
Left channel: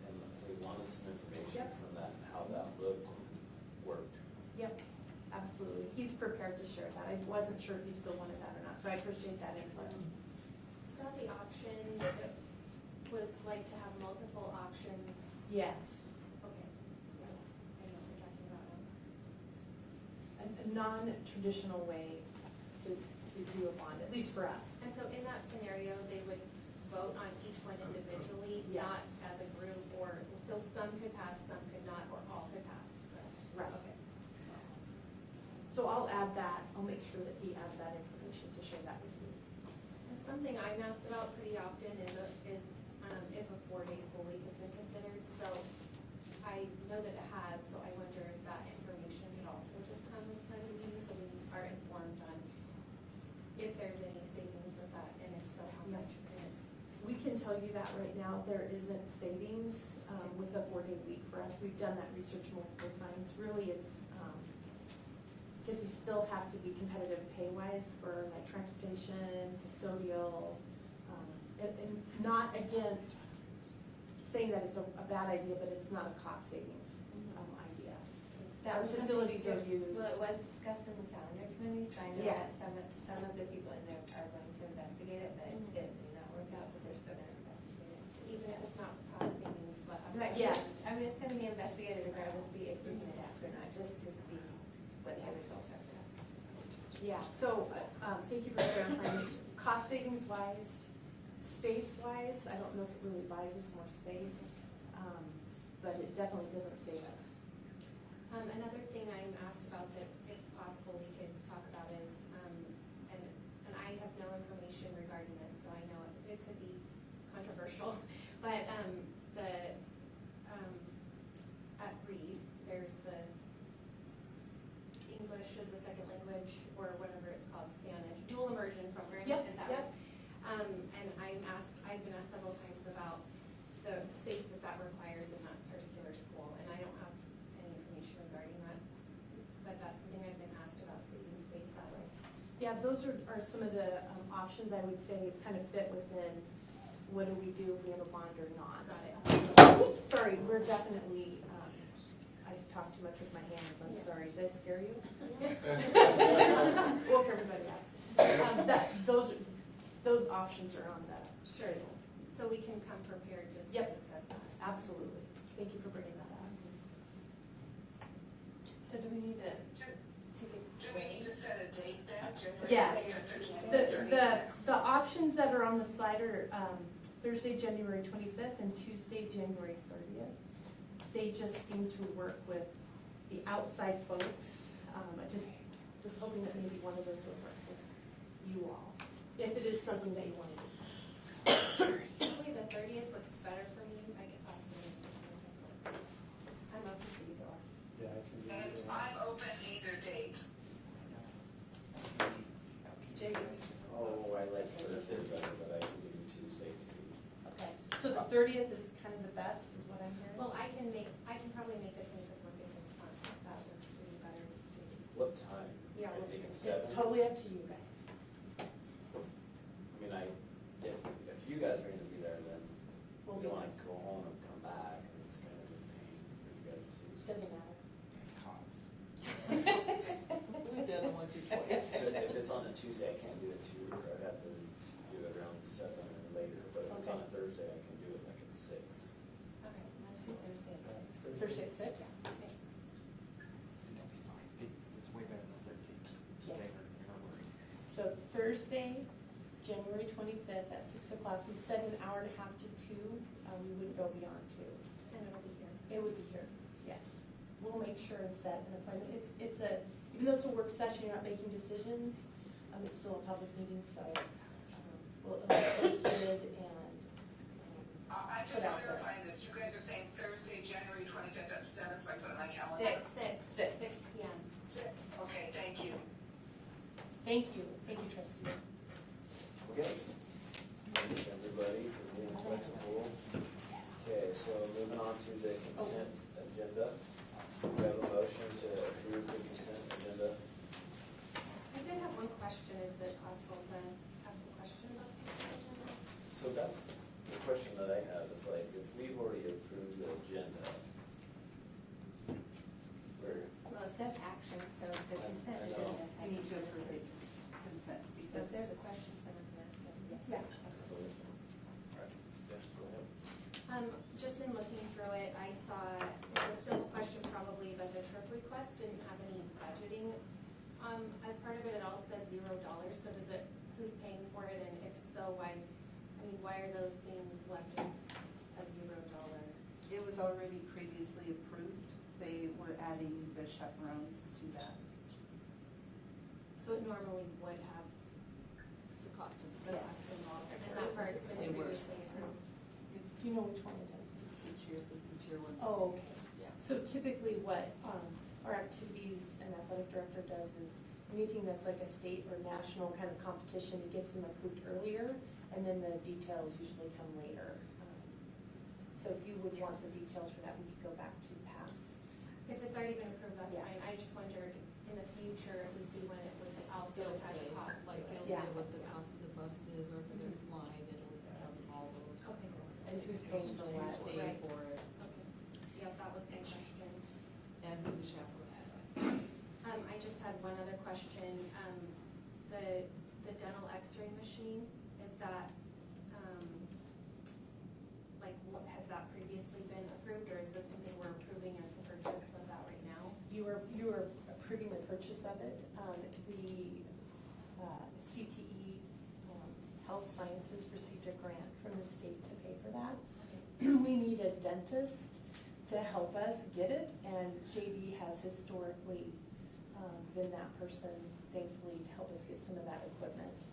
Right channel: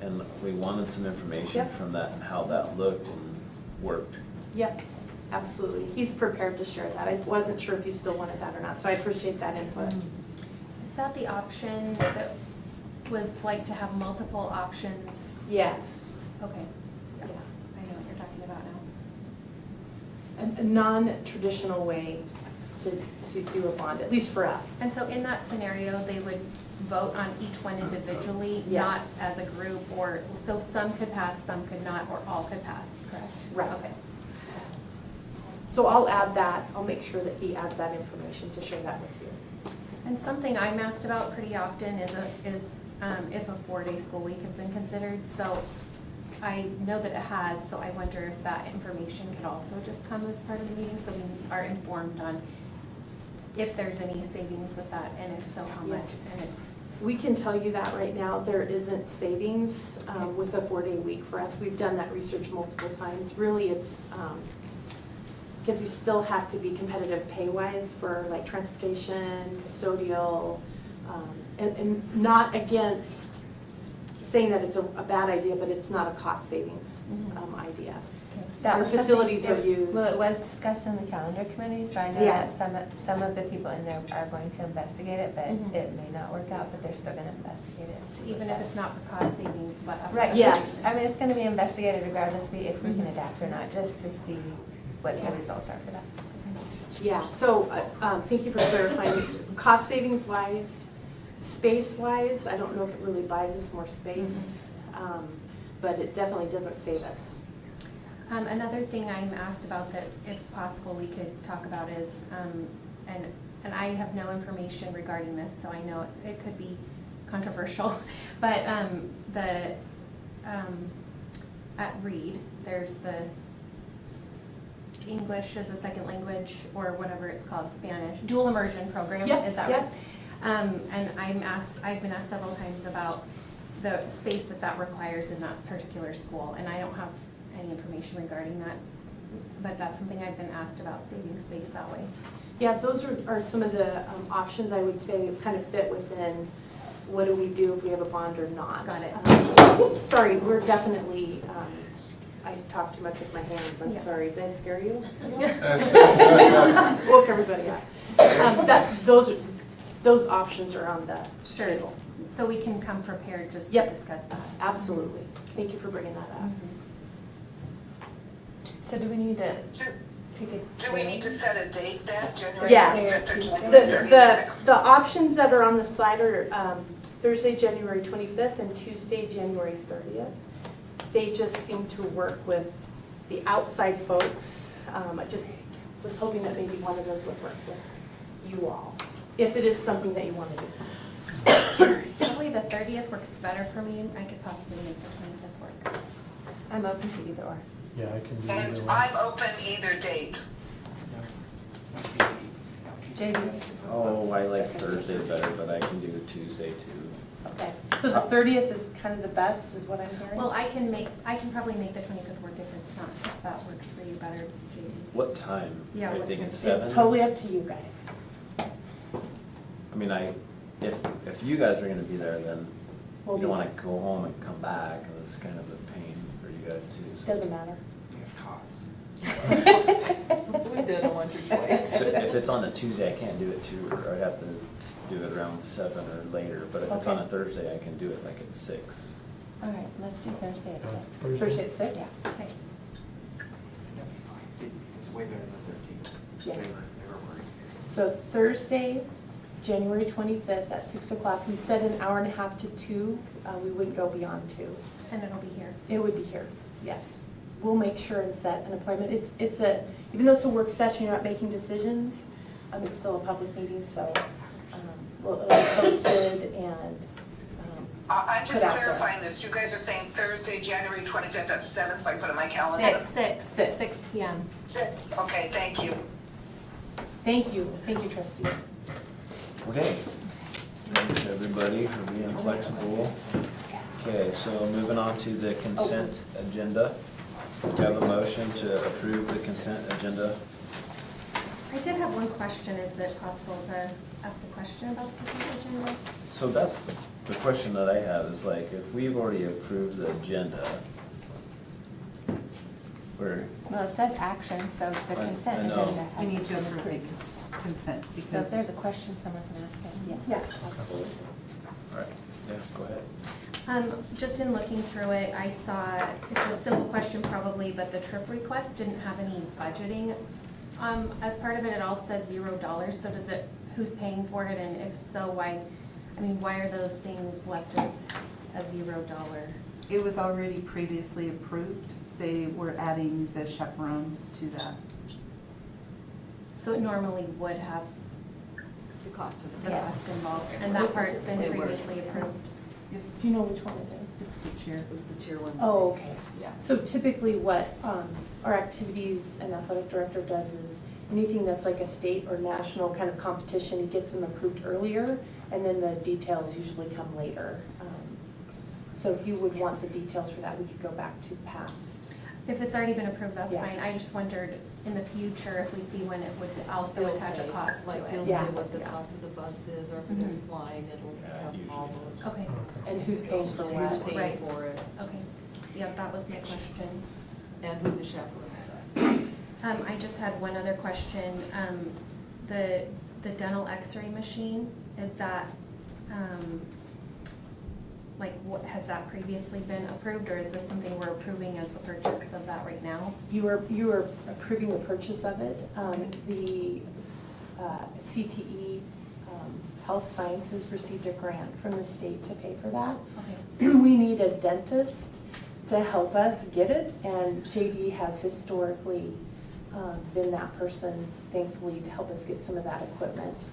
and we wanted some information Yep. from that and how that looked and worked. Yep, absolutely. He's prepared to share that. I wasn't sure if you still wanted that or not, so I appreciate that input. Is that the option that was like to have multiple options? Yes. Okay, Yeah. I know what you're talking about now. A non-traditional way to do a bond, at least for us. And so in that scenario, they would vote on each one individually, not Yes. as a group, or, so some could pass, some could not, or all could pass, correct? Right. Okay. So I'll add that. I'll make sure that he adds that information to share that with you. And something I'm asked about pretty often is if a 4-day school week has been considered. So I know that it has, so I wonder if that information could also just come as part of the meeting, so we are informed on if there's any savings with that, and if so, how Yeah. much, and it's. We can tell you that right now, there isn't savings with a 4-day week for us. We've done that research multiple times. Really, it's because we still have to be competitive pay-wise for like transportation, custodial, and not against saying that it's a bad idea, but it's not a cost savings idea. That Our was something- facilities are used. Well, it was discussed in the calendar committee, so I know Yeah. that some of the people in there are going to investigate it, but Mhm. it may not work out, but they're still gonna investigate it. and see Even what if it's not for cost savings, but. Right, Yes. I mean, it's gonna be investigated regardless if we can Mhm. adapt or not, just to see what Yeah. the results are for that. Yeah, so, thank you for clarifying. Cost savings wise, space wise, I don't know if it really buys us more space, but it definitely doesn't save us. Another thing I'm asked about that, if possible, we could talk about is, and I have no information regarding this, so I know it could be controversial, but at Reed, there's the English as a second language, or whatever it's called, Spanish, dual immersion program, Yep, is that yep. right? And I've been asked several times about the space that requires in that particular school, and I don't have any information regarding that, but that's something I've been asked about, saving space that way. Yeah, those are some of the options I would say kind of fit within what do we do if we have a bond or not. Got it. Sorry, we're definitely, I talk too much with my hands, I'm Yeah. sorry. Did I scare you? Woke everybody up. Those options are on the Sure. table. So we can come prepared just to Yep. discuss that. Absolutely. Thank you for bringing that up. So do we need to pick a Do we need to set a date then, January Yes. 5th or January The 36th? the options that are on the slide are Thursday, January 25th, and Tuesday, January 30th. They just seem to work with the outside folks. I just was hoping that maybe one of those would work with you all, if it is something that you want to do. Probably the 30th works better for me. I could possibly make the 25th work. I'm open to either or. Yeah, I can do And either one. I'm open either date. JD? Oh, I like Thursday better, but I can do Tuesday too. Okay, so the 30th is kind of the best, is what I'm hearing? Well, I can probably make the 25th work if it's not, if that works for you better, JD. What time? Yeah, Are you what thinking time? seven? It's totally up to you guys. I mean, if you guys are gonna be there, then We'll you don't be wanna go home and come back, and it's kind of a pain for you guys too. so. Doesn't matter. We have tots. We've done it once or twice. So if it's on a Tuesday, I can't do it too, or I'd have to do it around 7 or later, but if it's on a Okay. Thursday, I can do it like at 6. All right, let's do Thursday at 6. Thursday at 6? Yeah. Okay. That'd be fine. It's way better than 13. Yeah. They were worried. So Thursday, January 25th at 6 o'clock. We said an hour and a half to 2. We wouldn't go beyond 2. And it'll be here. It would be here, yes. We'll make sure and set an appointment. It's a, even though it's a work session, you're not making decisions, it's still a public meeting, so it'll be posted and I'm just put out there. clarifying this. You guys are saying Thursday, January 25th at 7, so I put it in my calendar? 6 PM. 6, okay, thank you. Thank you, trustees. Okay. Thanks, everybody, for being flexible. Okay, so moving on to the consent agenda. We have a motion to approve the consent agenda. I did have one question. Is it possible to ask a question about the consent agenda? So that's the question that I have, is like, if we've already approved the agenda, we're, Well, it says action, so the I consent know. agenda has We need to to be approve the approved. consent So if because there's a question, someone can ask it, yes. Yeah, absolutely. all right, yeah, go ahead. Just in looking through it, I saw, it's a simple question probably, but the trip request didn't have any budgeting. As part of it, it all said $0, so does it, who's paying for it, and if so, why are those things left as $0? it was already previously approved. They were adding the chaperones to that. So it normally would have The cost of the the. Yeah. cost involved, and that part's been It was. previously approved. It's, Do you know which one it is? it's the chair. It's the tier 1. Oh, okay. Yeah. So typically what our activities and athletic director does is anything that's like a state or national kind of competition, he gets them approved earlier, and then the details usually come later. So if you would want the details for that, we could go back to past. If it's already been approved, that's Yeah. fine. I just wondered in the future if we see when it would also It'll attach a say, cost to like, it. it'll Yeah. say what the Yeah. cost of the bus is, or if they're Mhm. flying, it'll Yeah, have usually all does. those. Okay, And who's paying for Who's what? paying Right. for it, okay. Yeah, that was my question. and who the chaperone. I just had one other question. The dental x-ray machine, is that, has that previously been approved, or is this something we're approving as the purchase of that right now? You are approving the purchase of it. The CTE Health Sciences received a grant from the state to pay for that. Okay. We need a dentist to help us get it, and JD has historically been that person, thankfully, to help us get some of that equipment.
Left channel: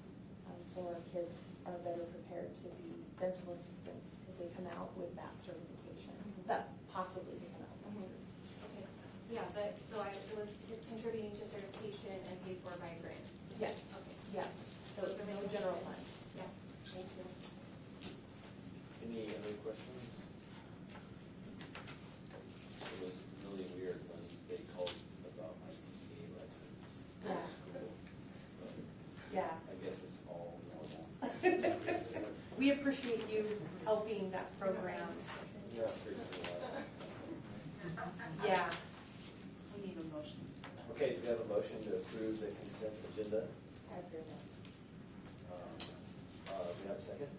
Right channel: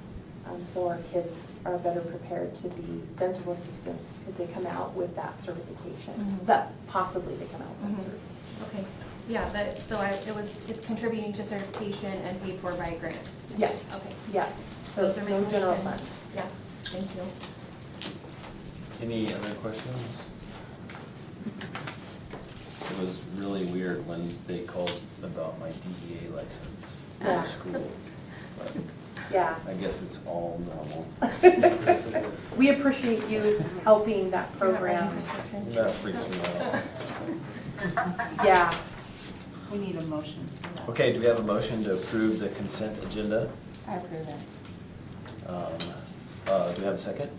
So our kids are better prepared to be dental assistants, because they come out with that certification. Mhm. That possibly they come out with that Mhm. certification. Okay, yeah, it's contributing to certification and paid for by a grant. Yes. Okay. Yeah, so Those are my no general questions. fund. Yeah, thank you. Any other questions? It was really weird when they called about my DEA license in Yeah. school, but Yeah. I guess it's all normal. We appreciate you helping that You're not program. writing prescriptions? That freaks me out. Yeah. We need a motion for that. Okay, do we have a motion to approve the consent agenda? I approve it. Do we have a second?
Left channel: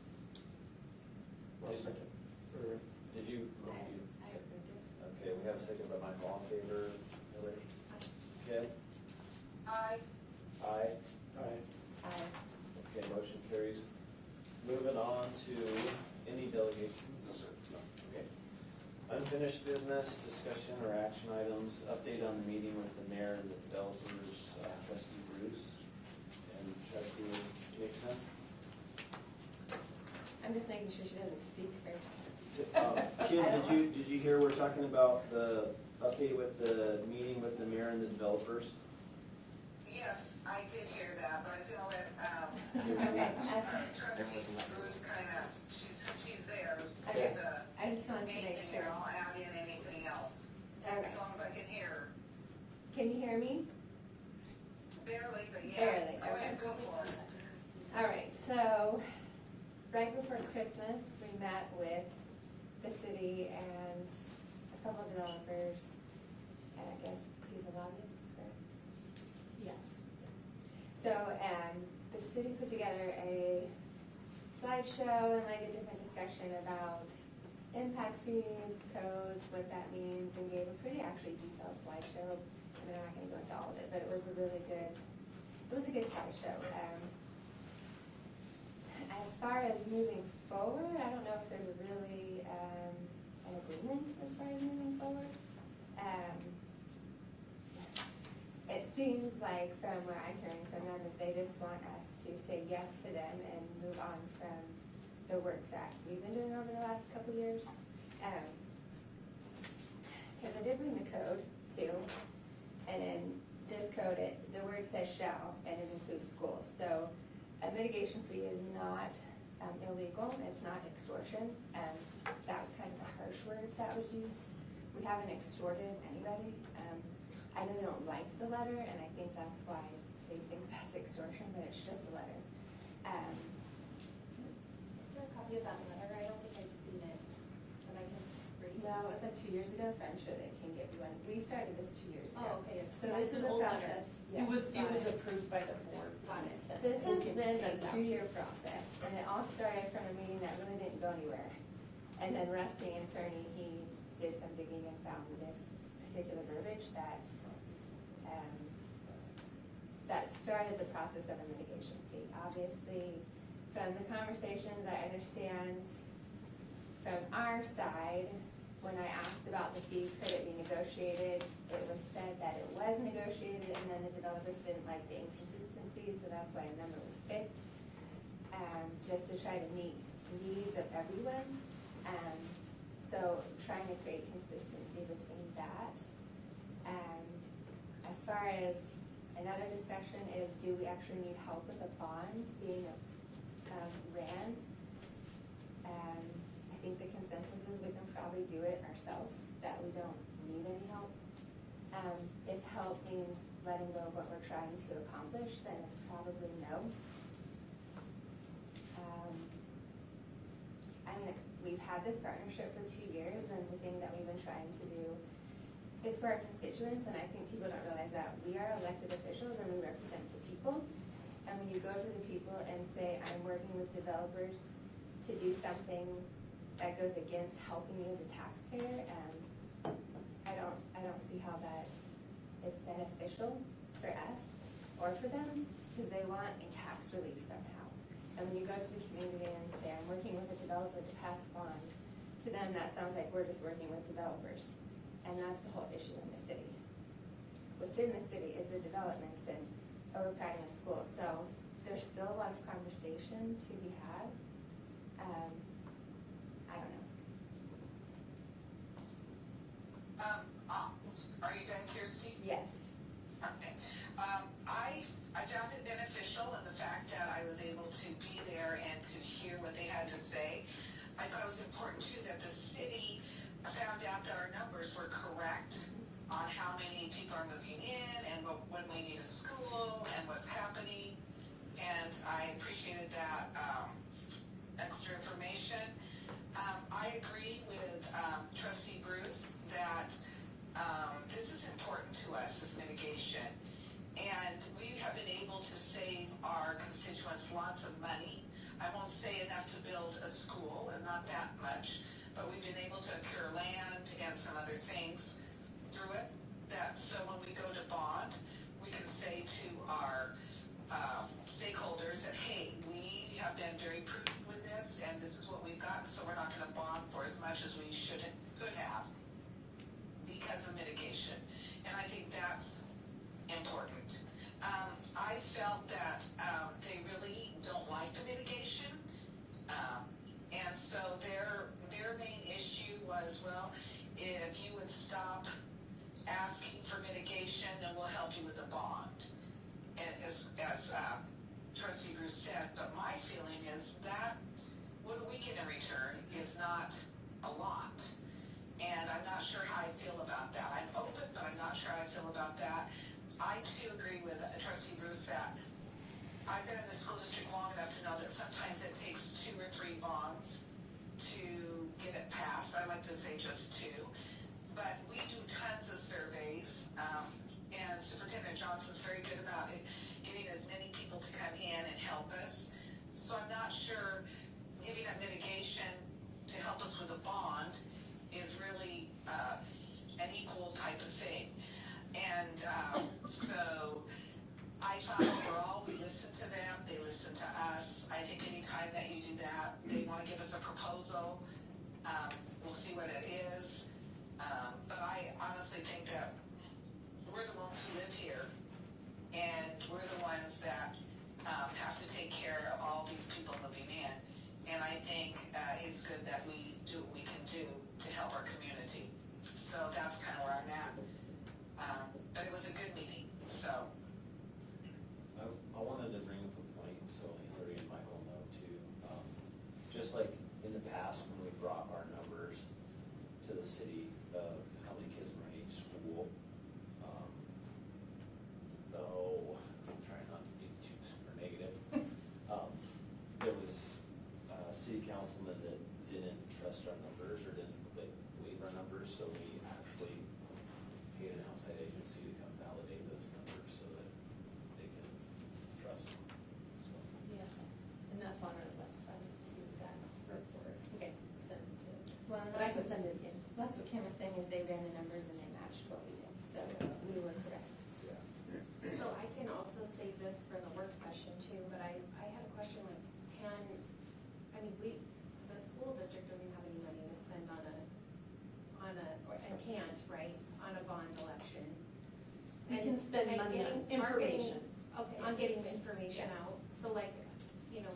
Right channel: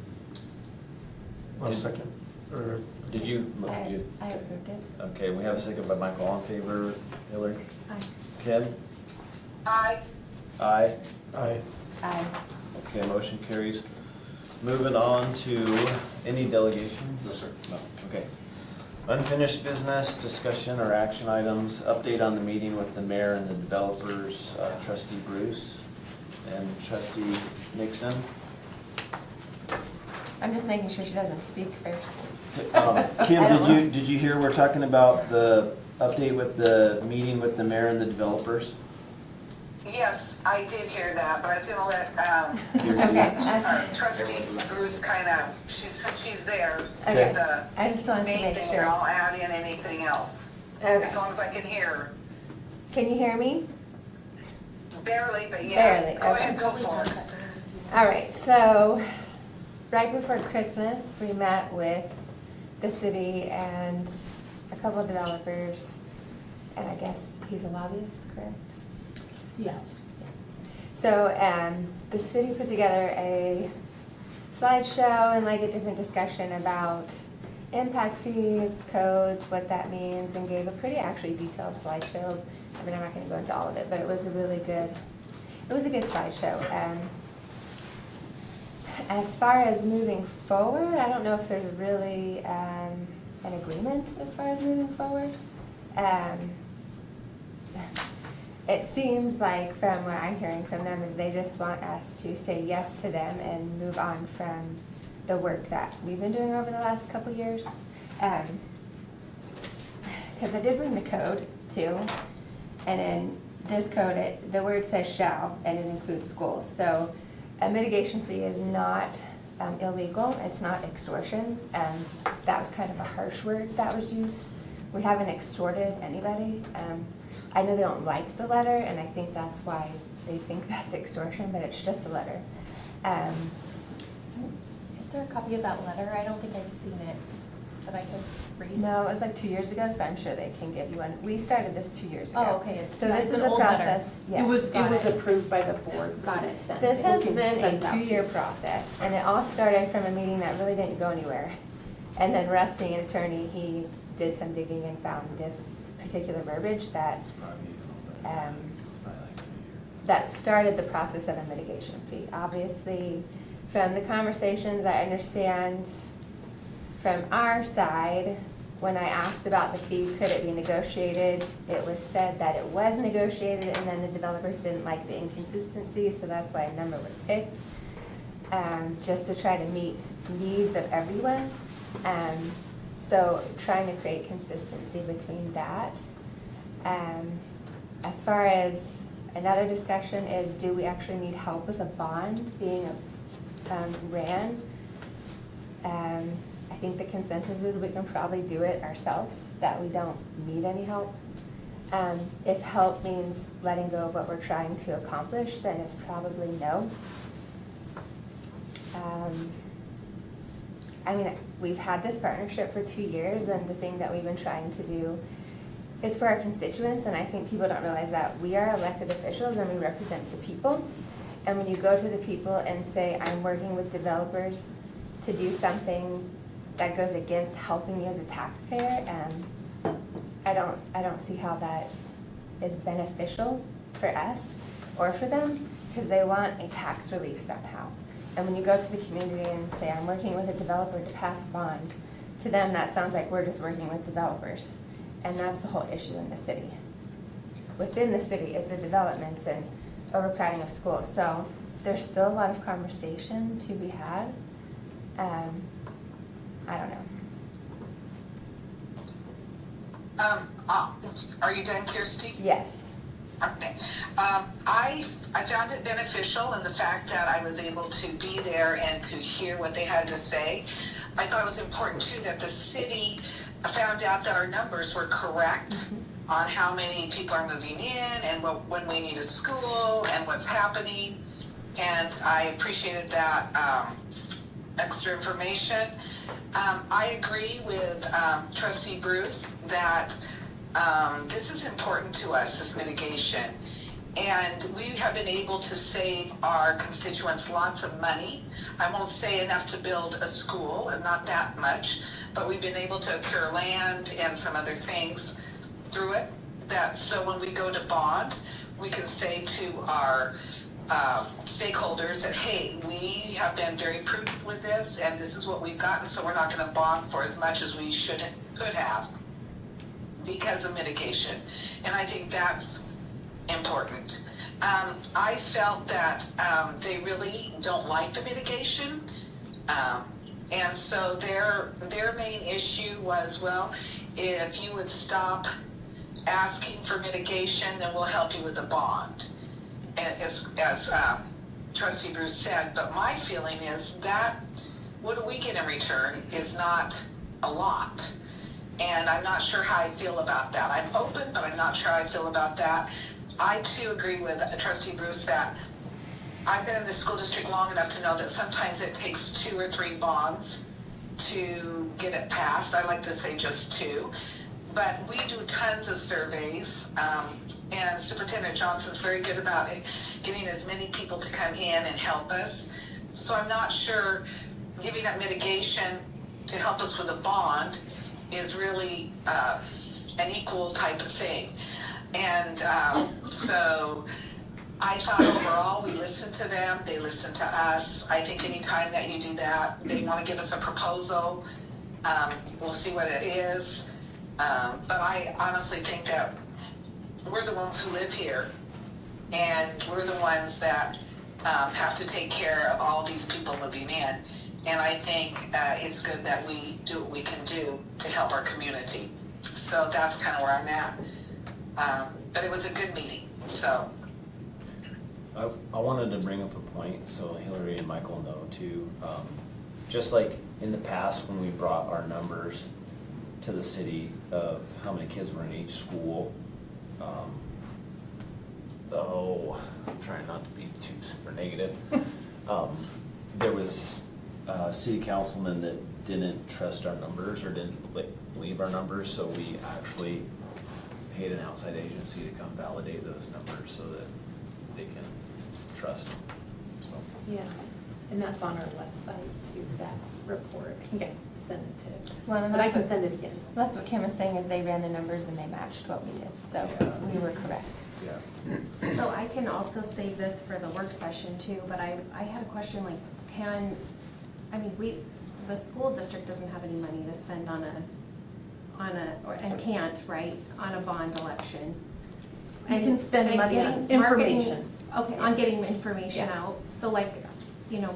I'll Did- second, or Did you? I approved it. Okay, we have a second by Michael. All in favor, Hillary? Aye. Ken? Aye. Aye. aye. Aye. Okay, motion carries. Moving on to any delegations? No, sir. No, okay. Unfinished business, discussion or action items, update on the meeting with the mayor and the developers, trustee Bruce and trustee Nixon. I'm just making sure she doesn't speak first. Kim, did you hear we're talking about the update with the meeting with the mayor and the developers? Yes, I did hear that, but I was gonna let, Okay, trustee Bruce she's there, Okay. did the I just wanted to main make thing, sure. and I'll add in anything else. Okay. As long as I can hear, Can you hear me? barely, but yeah, Barely, go okay. ahead, go for it. All right, so right before Christmas, we met with the city and a couple of developers, and I guess he's a lobbyist, correct? Yes. So, the city put together a slideshow and like a different discussion about impact fees, codes, what that means, and gave a pretty actually detailed slideshow. I mean, I'm not gonna go into all of it, but it was a good slideshow. As far as moving forward, I don't know if there's really, an agreement as far as moving forward. It seems like from what I'm hearing from them is they just want us to say yes to them and move on from the work that we've been doing over the last couple years. Because I did bring the code too, and in this code, the word says shall, and it includes schools. So a mitigation fee is not illegal, it's not extortion. That was kind of a harsh word that was used. We haven't extorted anybody. I know they don't like the letter, and I think that's why they think that's extortion, but it's just a letter. Is there a copy of that letter? I don't think I've seen it, that I could read. No, it was like 2 years ago, so I'm sure they can give you one. We started this 2 years ago. Oh, okay, So this is an a old letter. process. Yes. It was Got it. approved by the board. Got it. This has We can been a send it out to 2-year you. process, and it all started from a meeting that really didn't go anywhere. And then Russ, being an attorney, he did some digging and found this particular verbiage that that started the process of a mitigation fee. Obviously, from the conversations I understand from our side, when I asked about the fee, could it be negotiated, it was said that it was negotiated, and then the developers didn't like the inconsistency, so that's why a number was picked, just to try to meet needs of everyone. So trying to create consistency between that. As far as another discussion is, do we actually need help with a bond being ran? I think the consensus is we can probably do it ourselves, that we don't need any help. If help means letting go of what we're trying to accomplish, then it's probably no. I mean, we've had this partnership for 2 years, and the thing that we've been trying to do is for our constituents, and I think people don't realize that we are elected officials and we represent the people. And when you go to the people and say, I'm working with developers to do something that goes against helping you as a taxpayer, I don't see how that is beneficial for us or for them, because they want a tax relief somehow. And when you go to the community and say, I'm working with a developer to pass a bond, to them that sounds like we're just working with developers. And that's the whole issue in the city. Within the city is the developments and overcrowding of schools. So there's still a lot of conversation to be had. I don't know. Are you done, Kirsty? Yes. Okay. I found it beneficial in the fact that I was able to be there and to hear what they had to say. I thought it was important too that the city found out that our numbers were correct on how many people are moving in and when we need a school and what's happening. And I appreciated that extra information. I agree with Trustee Bruce that this is important to us, this mitigation. And we have been able to save our constituents lots of money. I won't say enough to build a school, and not that much, but we've been able to acquire land and some other things through it. So when we go to bond, we can say to our stakeholders that, hey, we have been very prudent with this, and this is what we've gotten, so we're not going to bond for as much as we could have because of mitigation. And I think that's important. I felt that they really don't like the mitigation, and so their main issue was, well, if you would stop asking for mitigation, then we'll help you with the bond. And as Trustee Bruce said, but my feeling is that what do we get in return is not a lot. And I'm not sure how I feel about that. I'm open, but I'm not sure how I feel about that. I too agree with Trustee Bruce that I've been in the school district long enough to know that sometimes it takes 2 or 3 bonds to get it passed. I like to say just 2. But we do tons of surveys, and Superintendent Johnson's very good about it, getting as many people to come in and help us. So I'm not sure giving up mitigation to help us with a bond is really an equal type of thing. And so I thought overall we listened to them, they listened to us. I think anytime that you do that, they want to give us a proposal, we'll see what it is. But I honestly think that we're the ones who live here, and we're the ones that have to take care of all these people moving in. And I think it's good that we do what we can do to help our community. So that's kind of where I'm at. But it was a good meeting, so. I wanted to bring up a point, so Hillary and Michael know too. Just like in the past when we brought our numbers to the city of how many kids were in each school, I'm trying not to be too super negative. There was city councilmen that didn't trust our numbers or didn't believe our numbers, so we actually paid an outside agency to come validate those numbers so that they can trust them. So. Yeah, and that's on our website too, that report. I think I sent it to, Well, but I can send it again. That's what Kim was saying, is they ran the numbers and they matched what we did, so Yeah. we were correct. Yeah. So I can also save this for the work session too, but I had a question, like, the school district doesn't have any money to spend and can't, right, on a bond election. You can spend And money on getting marketing- information. Okay, on getting information Yeah. out, so like,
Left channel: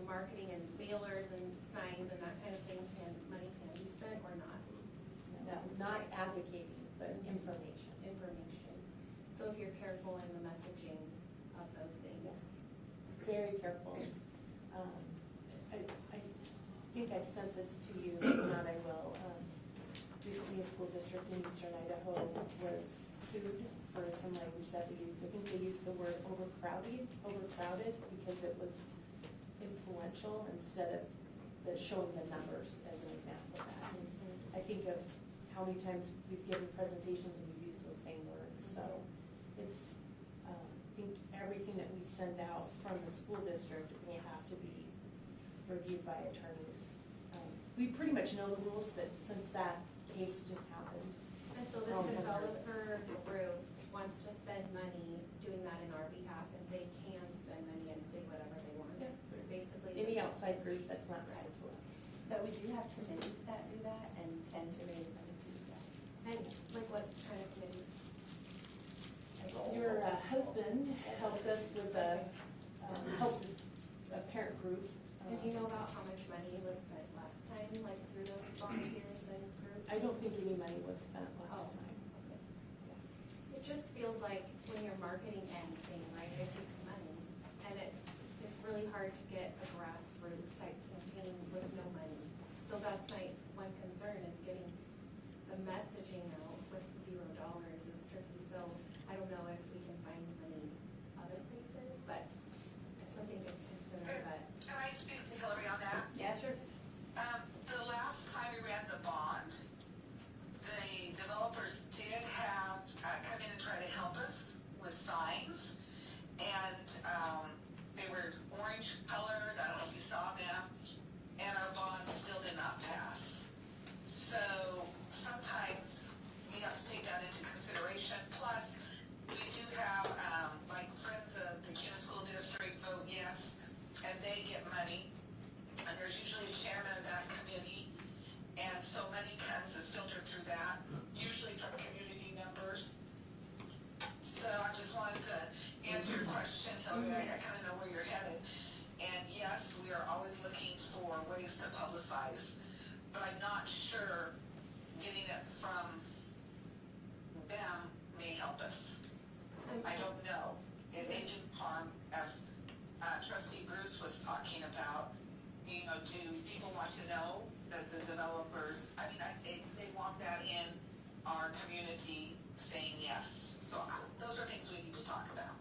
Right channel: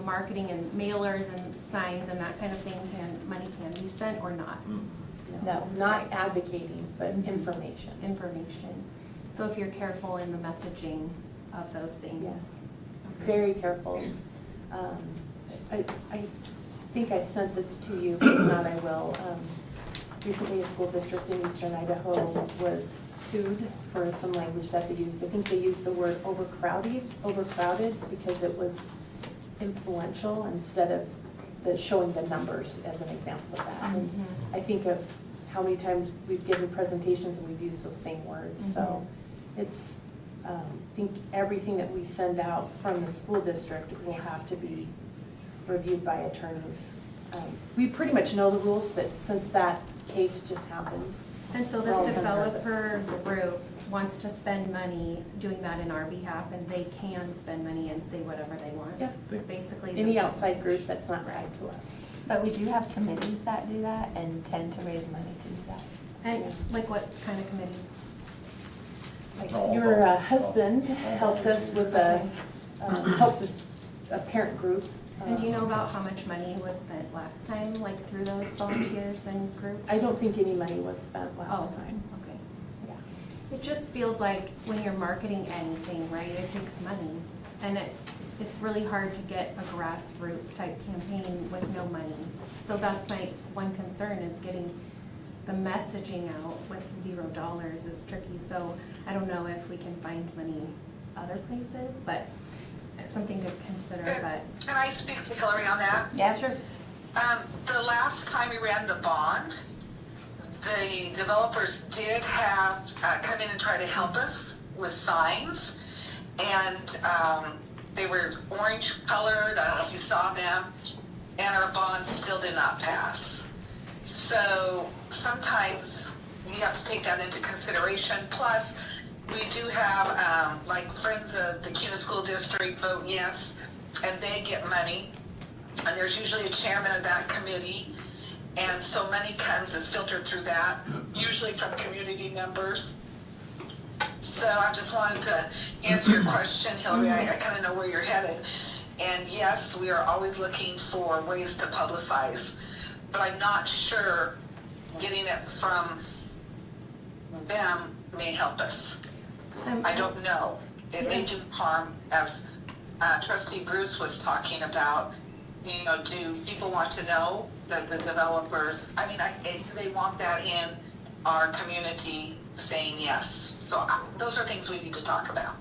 marketing and mailers and signs and that kind of thing, money can be spent or not? No, not advocating, but information. Information. So if you're careful in the messaging of those things. Yes. Very careful. I think I sent this to you, but if not, I will. Recently, a school district in eastern Idaho was sued for some language that they used. I think they used the word overcrowded because it was influential instead of showing the numbers as an example of that. And I think of how many times we've given presentations and we've used those same words. So it's, I think everything that we send out from the school district will have to be reviewed by attorneys. We pretty much know the rules, but since that case just happened. And so we're all this kind of developer nervous. group wants to spend money doing that in our behalf, and they can spend money and say whatever they want. Yeah. It's basically. the- Any outside group that's not tied to us. But we do have committees that do that and tend to raise money to do that. And like what kind of committees? Like your husband helped us with helps us, a parent group. And do you know about how much money was spent last time, like through those volunteers and groups? I don't think any money was spent last time. Okay. Yeah. It just feels like when you're marketing anything, right, it takes money. And it's really hard to get a grassroots type campaign with no money. So that's my one concern, is getting the messaging out with $0 is tricky. So I don't know if we can find money other places, but it's something to consider. But Can I speak to Hillary on that? yeah, sure. The last time we ran the bond, the developers did have come in and try to help us with signs, and they were orange colored. I don't know if you saw them, and our bond still did not pass. So sometimes you have to take that into consideration. Plus, we do have like Friends of the Kuna School District vote yes, and they get money. And there's usually a chairman of that committee. And so money is filtered through that, usually from community members. So I just wanted to answer your question, Hillary. I kind of know where you're headed. And yes, we are always looking for ways to publicize. But I'm not sure getting it from them may help us. I don't know. It may do harm, as trustee Bruce was talking about. You know, do people want to know that the developers, I mean, they want that in our community saying yes. So those are things we need to talk about.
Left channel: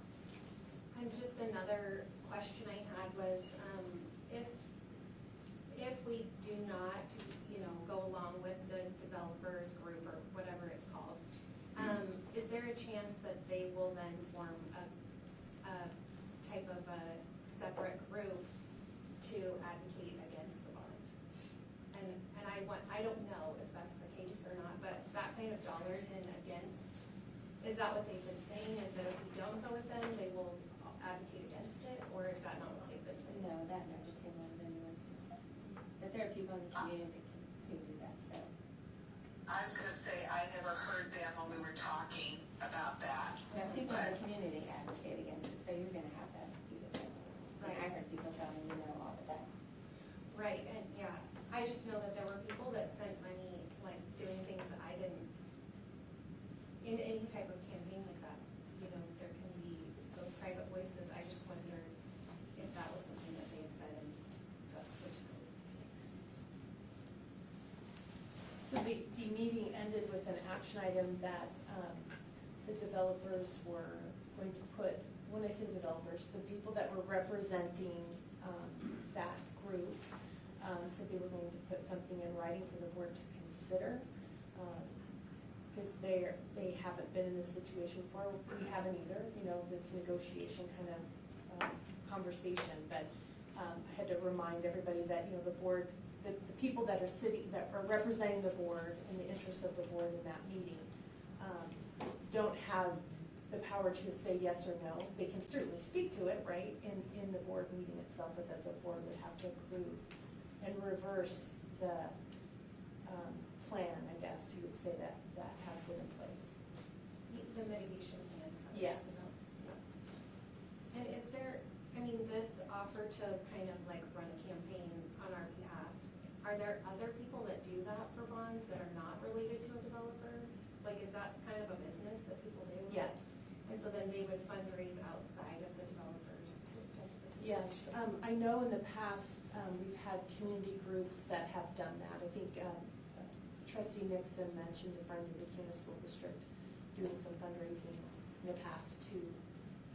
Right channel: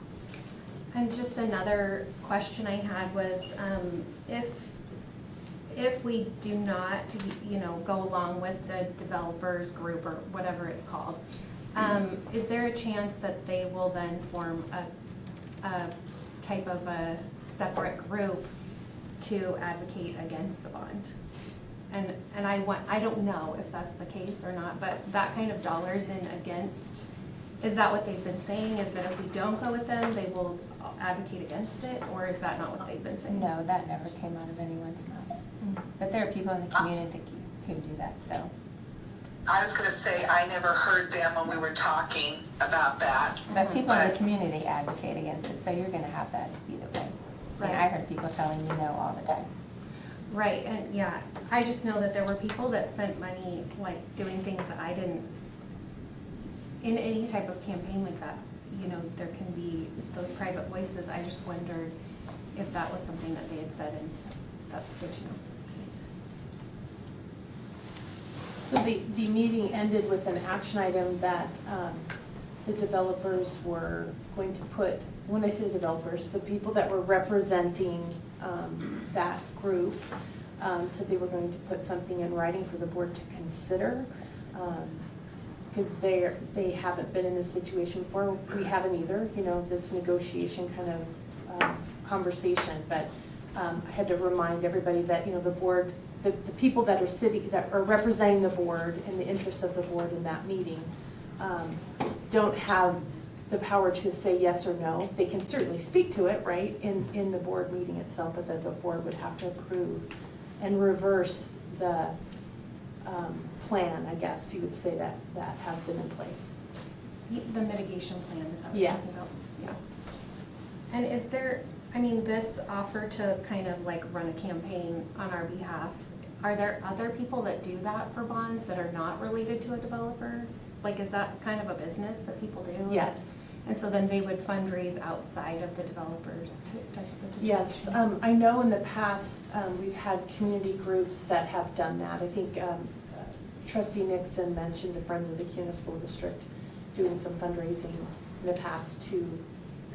And just another question I had was, if we do not, you know, go along with the developers group or whatever it's called, is there a chance that they will then form a type of a separate group to advocate against the bond? And I don't know if that's the case or not, but that kind of dollars in against, is that what they've been saying? Is that if we don't go with them, they will advocate against it, or is that not what they've been saying? No, that never came out of anyone's mouth. But there are people in the community who do that, so. I was gonna say, I never heard them when we were talking about that. But people in the community advocate against it, so you're gonna have that either way. I mean, I heard people telling me no all the time. Right, and yeah, I just know that there were people that spent money, like, doing things that I didn't, in any type of campaign like that, you know, there can be those private voices. I just wondered if that was something that they had said, and that's good to know. So the meeting ended with an action item that the developers were going to put, when I say the developers, the people that were representing that group, said they were going to put something in writing for the board to consider. Because they haven't been in this situation before. We haven't either, you know, this negotiation kind of conversation. But I had to remind everybody that, you know, the board, the people that are representing the board in the interest of the board in that meeting don't have the power to say yes or no. They can certainly speak to it, right, in the board meeting itself, but that the board would have to approve and reverse the plan, I guess you would say, that has been in place. The mitigation plan, is that what you're talking about? Yeah. And is there, I mean, this offer to kind of like run a campaign on our behalf, are there other people that do that for bonds that are not related to a developer? Like, is that kind of a business that people do? Yes. And so then they would fundraise outside of the developers type of situation? Yes, I know in the past, we've had community groups that have done that. I think Trustee Nixon mentioned the Friends of the Kuna School District doing some fundraising in the past to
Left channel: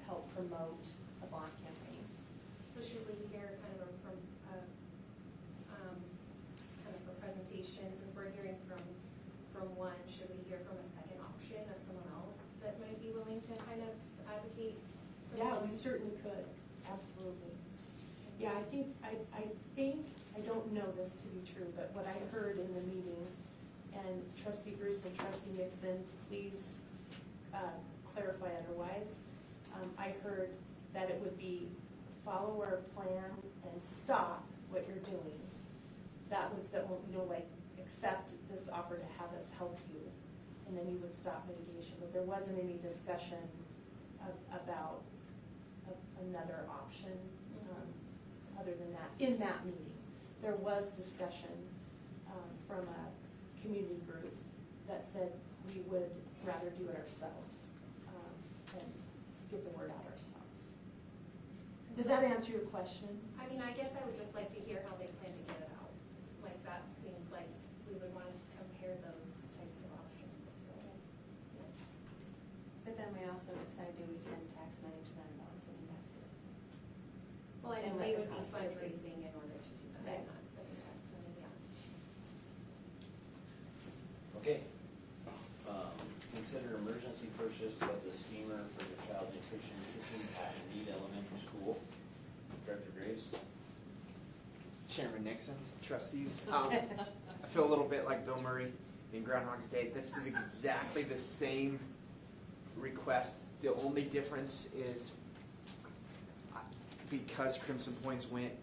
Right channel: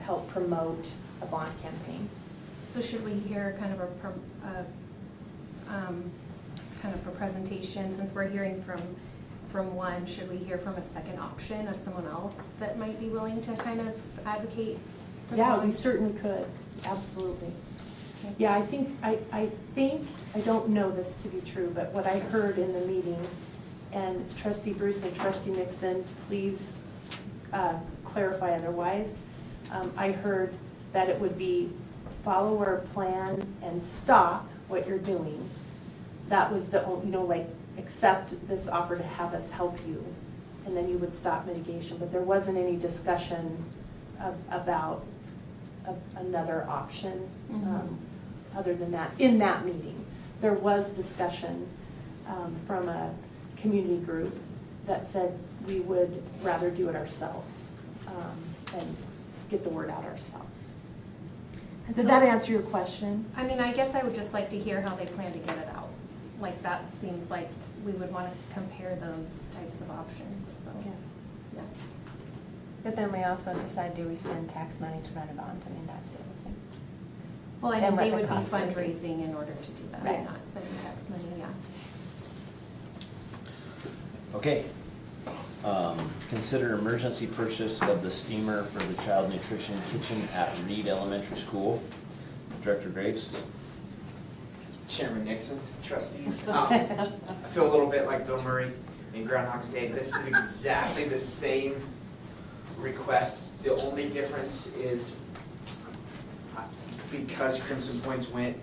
help promote a bond campaign. So should we hear kind of a presentation, since we're hearing from one, should we hear from a second option of someone else that might be willing to kind of advocate for the Yeah, bond? we certainly could, absolutely. Okay. Yeah, I think, I don't know this to be true, but what I heard in the meeting, and Trustee Bruce and Trustee Nixon, please clarify otherwise. I heard that it would be follow our plan and stop what you're doing. That was the only, you know, like, accept this offer to have us help you, and then you would stop mitigation. But there wasn't any discussion about another option other than that. In that meeting, there was discussion from a community group that said we would rather do it ourselves and get the word out ourselves. And Did so- that answer your question? I mean, I guess I would just like to hear how they plan to get it out. Like, that seems like we would want to compare those types of options, so, yeah. But then we also decide, do we spend tax money to run a bond? I mean, that's the other thing. Well, I And think what they the would be cost would be. fundraising in order to do that, Right. not spending tax money, yeah. Okay. Consider emergency purchase of the steamer for the child nutrition kitchen at Reed Elementary School. Director Graves. Chairman Nixon, trustees. I feel a little bit like Bill Murray in Groundhog's Day. This is exactly the same request. The only difference is because Crimson Points went,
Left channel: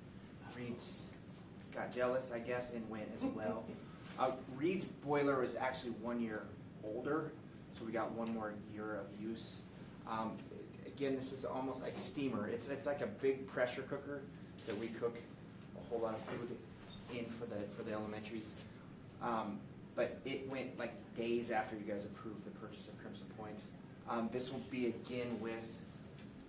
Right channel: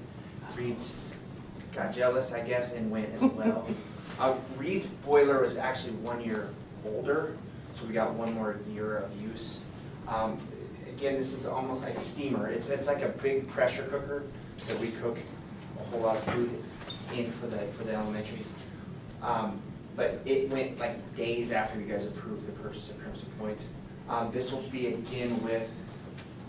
Reed's got jealous, I guess, and went as well. Reed's boiler was actually 1 year older, so we got 1 more year of use. Again, this is almost like steamer. It's like a big pressure cooker that we cook a whole lot of food in for the elementaries. But it went like days after you guys approved the purchase of Crimson Points. This will be again with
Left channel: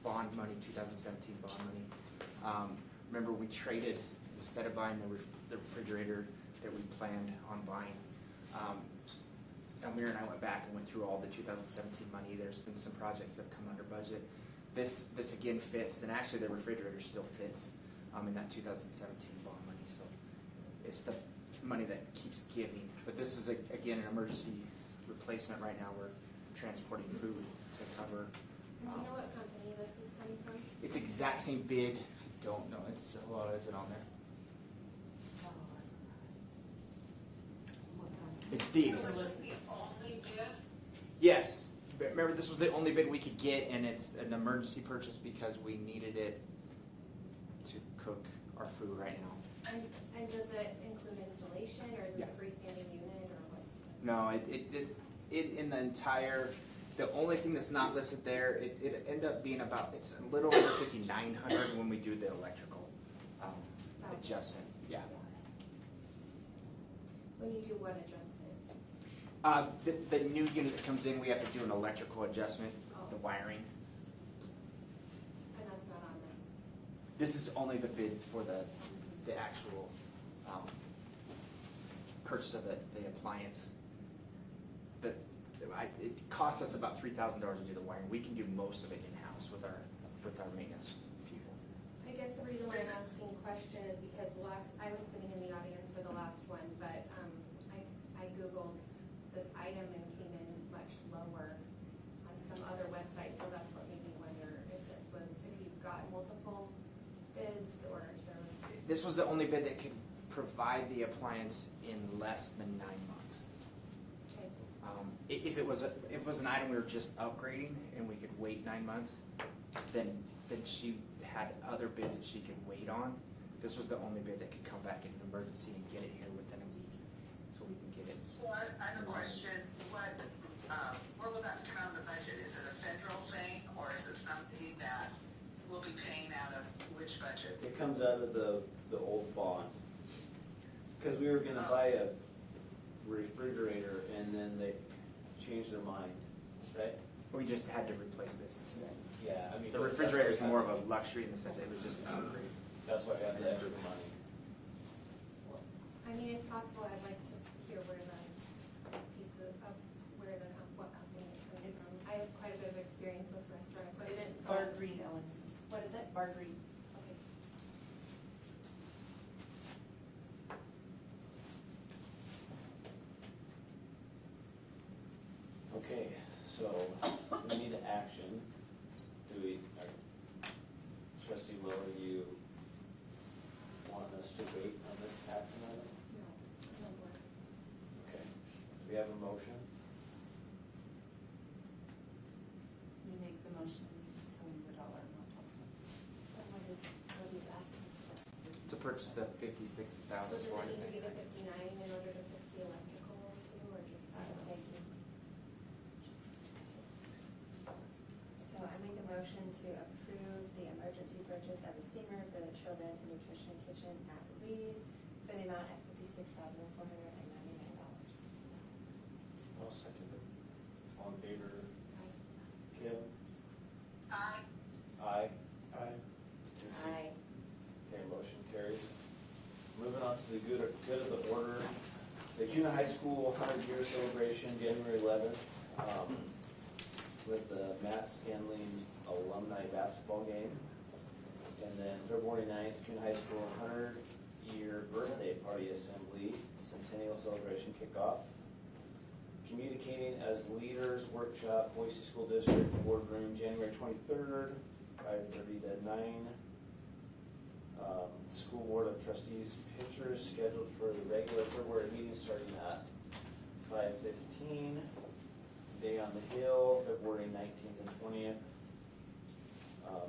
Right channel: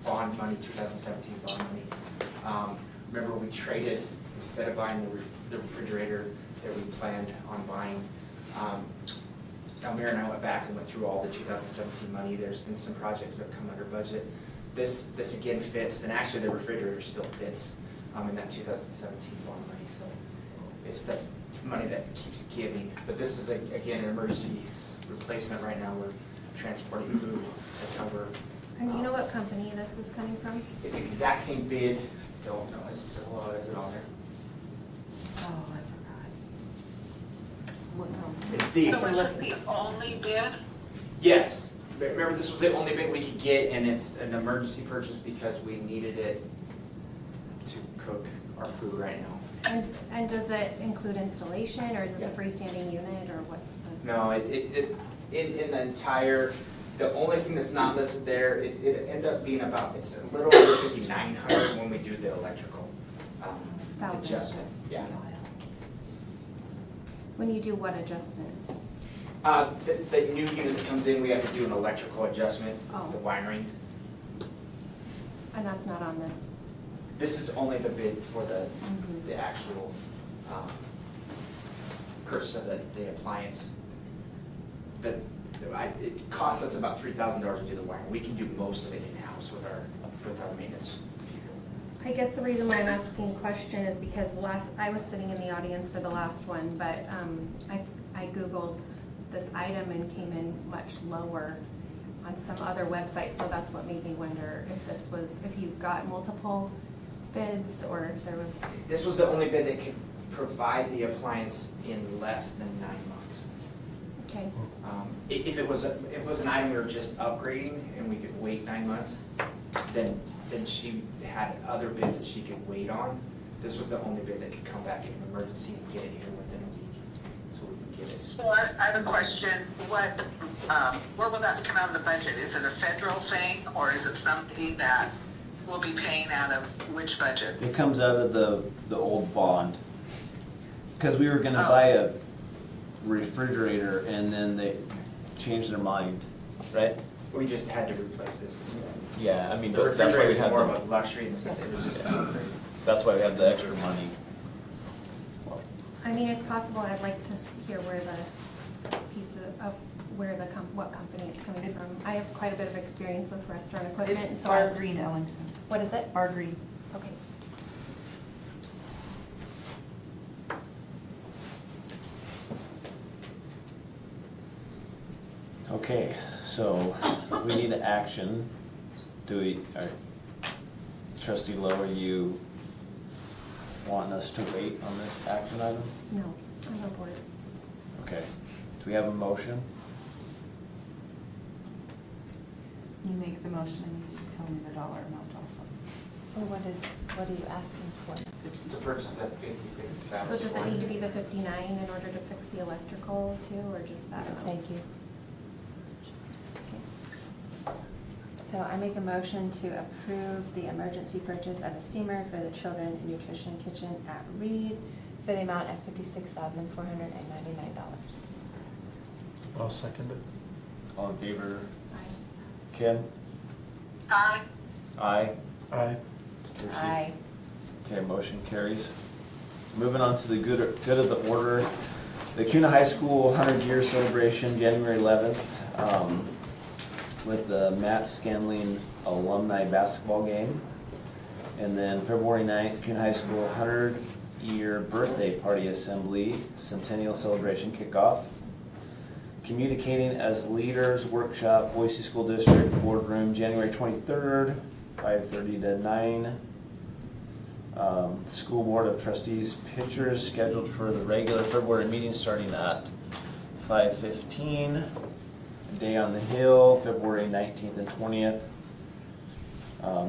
bond money, 2017 bond money. Remember, we traded, instead of buying the refrigerator that we planned on buying, Elmira and I went back and went through all the 2017 money. There's been some projects that have come under budget. This again fits, and actually the refrigerator still fits in that 2017 bond money. So it's the money that keeps giving. But this is, again, an emergency replacement right now. We're transporting food to cover. And do you know what company this is coming from? It's exact same bid. Don't know. Is it on there? Oh, I forgot. What company? It's the. So is it the only bid? Yes. Remember, this was the only bid we could get, and it's an emergency purchase because we needed it to cook our food right now. And does it include installation, or is this a freestanding unit, or what's the? No, in the entire, the only thing that's not listed there, it ended up being about, it's a little over 5,900 when we do the electrical adjustment. Yeah. When you do what adjustment? The new unit that comes in, we have to do an electrical adjustment, Oh. the wiring. And that's not on this? This is only the bid for the actual purchase of the appliance. It costs us about $3,000 to do the wiring. We can do most of it in-house with our maintenance people. I guess the reason why I'm asking the question is because I was sitting in the audience for the last one, but I Googled this item and came in much lower on some other website, so that's what made me wonder if you got multiple bids, or if there was. This was the only bid that could provide the appliance in less than 9 months. Okay. If it was an item we were just upgrading and we could wait 9 months, then she had other bids that she could wait on. This was the only bid that could come back in an emergency and get it here within a week, so we could get it. So I have a question. Where will that come out of the budget? Is it a federal thing, or is it something that we'll be paying out of which budget? It comes out of the old bond. Because we were gonna buy a refrigerator and then they changed their mind, right? We just had to replace this instead. Yeah, I mean, The that's why refrigerator we is have more of a luxury in the sense it was just an upgrade. that's why we have the extra money. I mean, if possible, I'd like to hear where the piece of what company it's coming from. I have quite a bit of experience with restaurant equipment. It's and so Bar Green Ellingson. What is it? Bar Green. Okay. Okay, so we need action. Trustee Lowe, are you wanting us to wait on this action item? No, I'm on board. Okay, do we have a motion? You make the motion and you tell me the dollar amount also. Or what are you asking for? To purchase that 56,000. So does it need to be the 59 in order to fix the electrical too, or just that amount? Thank you. So I make a motion to approve the emergency purchase of a steamer for the Children Nutrition Kitchen at Reed for the amount of $56,499. I'll second it. All in favor? Aye. Kim? Aye. Aye. Aye. Kirsty? Aye. Okay, motion carries. Moving on to the good of the order. The Kuna High School 100-year celebration, January 11th, with the Matt Scanlon alumni basketball game. And then February 9th, Kuna High School 100-year birthday party assembly, centennial celebration kickoff. Communicating as Leaders workshop, Boise School District boardroom, January 23rd, 5:30 to 9. School Board of Trustees pictures scheduled for the regular February meeting starting at 5:15. Day on the Hill, February 19th and 20th.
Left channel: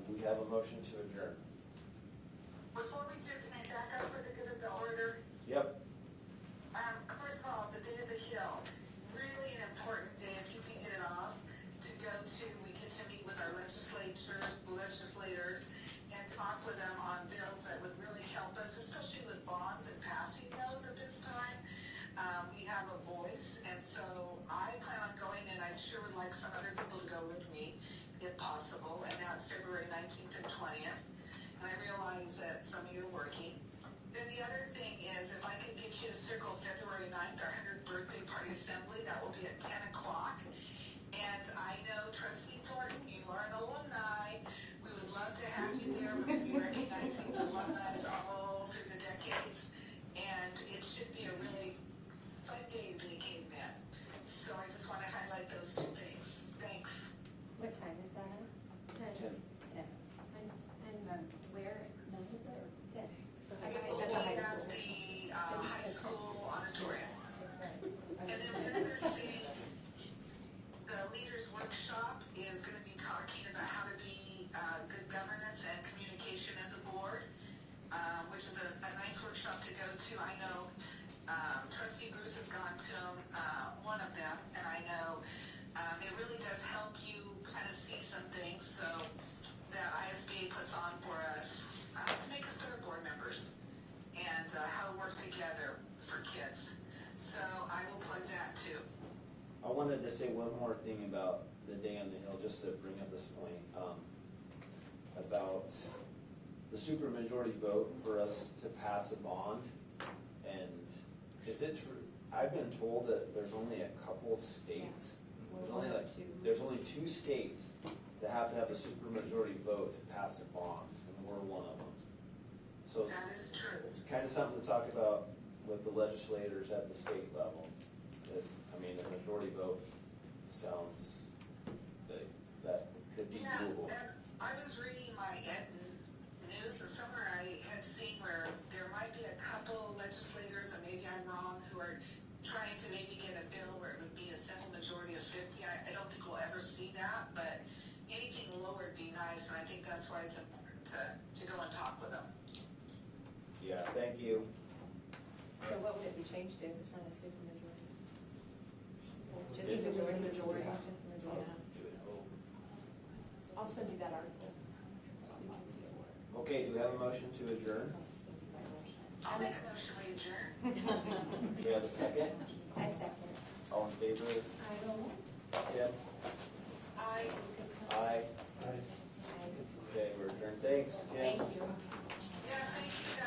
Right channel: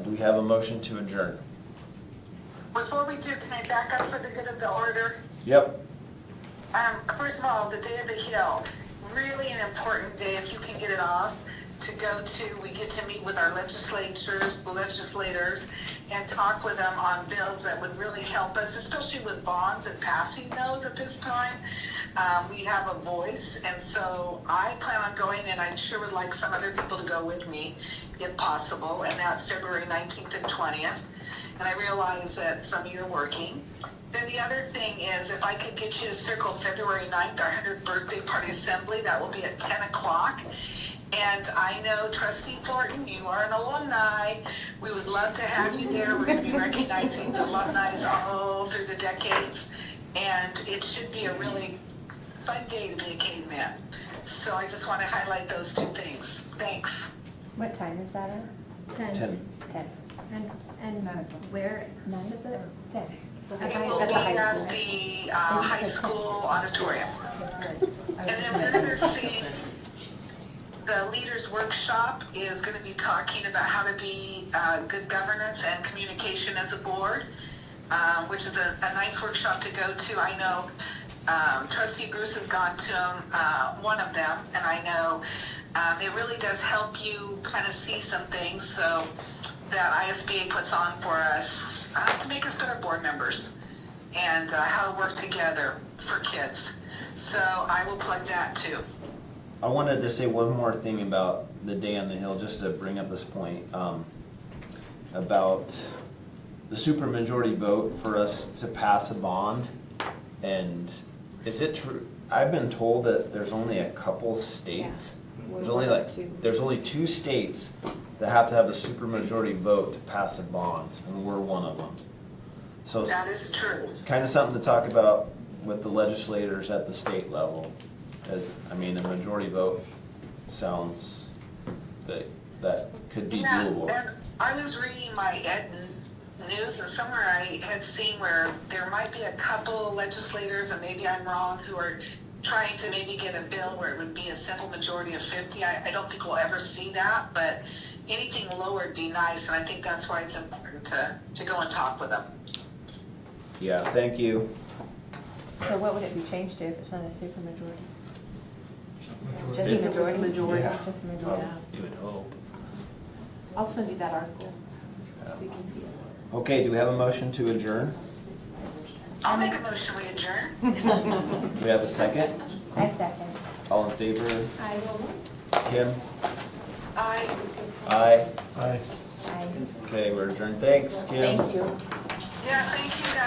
Do we have a motion to adjourn? Before we do, can I back up for the good of the order? Yep. First of all, the Day of the Hill, really an important day if you can get it off to go to. We get to meet with our legislators, and talk with them on bills that would really help us, especially with bonds and passing those at this time. We have a voice, and so I plan on going, and I sure would like some other people to go with me, if possible, and that's February 19th and 20th. And I realize that some of you are working. Then the other thing is, if I could get you to circle February 9th, our 100th birthday party assembly, that will be at 10 o'clock. And I know Trustee Thornton, you are an alumni. We would love to have you there. We're going to be recognizing the alumni all through the decades. And it should be a really fun day to be a caveman. So I just want to highlight those two things. Thanks. What time is that at? 10. 10. And where is it? 10. It will be at the high school auditorium. And then one other thing, the leaders workshop is going to be talking about how to be good governance and communication as a board, which is a nice workshop to go to. I know Trustee Bruce has gone to one of them, and I know it really does help you kind of see some things so that ISBA puts on for us to make us better board members and how to work together for kids. So I will plug that too. I wanted to say one more thing about the Day on the Hill, just to bring up this point, about the supermajority vote for us to pass a bond. And is it true? I've been told that there's only a couple states. There's only 2 states that have to have a supermajority vote to pass a bond, and we're one of them. So That is true. it's kind of something to talk about with the legislators at the state level. As, I mean, a majority vote sounds that could be Yeah, doable. and I was reading my ed news, and somewhere I had seen where there might be a couple legislators, and maybe I'm wrong, who are trying to maybe get a bill where it would be a simple majority of 50. I don't think we'll ever see that, but anything lower would be nice, and I think that's why it's important to go and talk with them. Yeah, thank you. So what would it be changed to if it's not a supermajority? Just If a it was majority? majority. Yeah. Just a majority. You would hope. I'll send you that article so you can see it. Okay, do we have a motion to adjourn? I'll make a motion, we adjourn. Do we have a second? I second. All in favor? I Kim? Aye. Aye. Aye. I Okay, we're adjourned. Thanks, Kim. Thank you. Yeah, thank you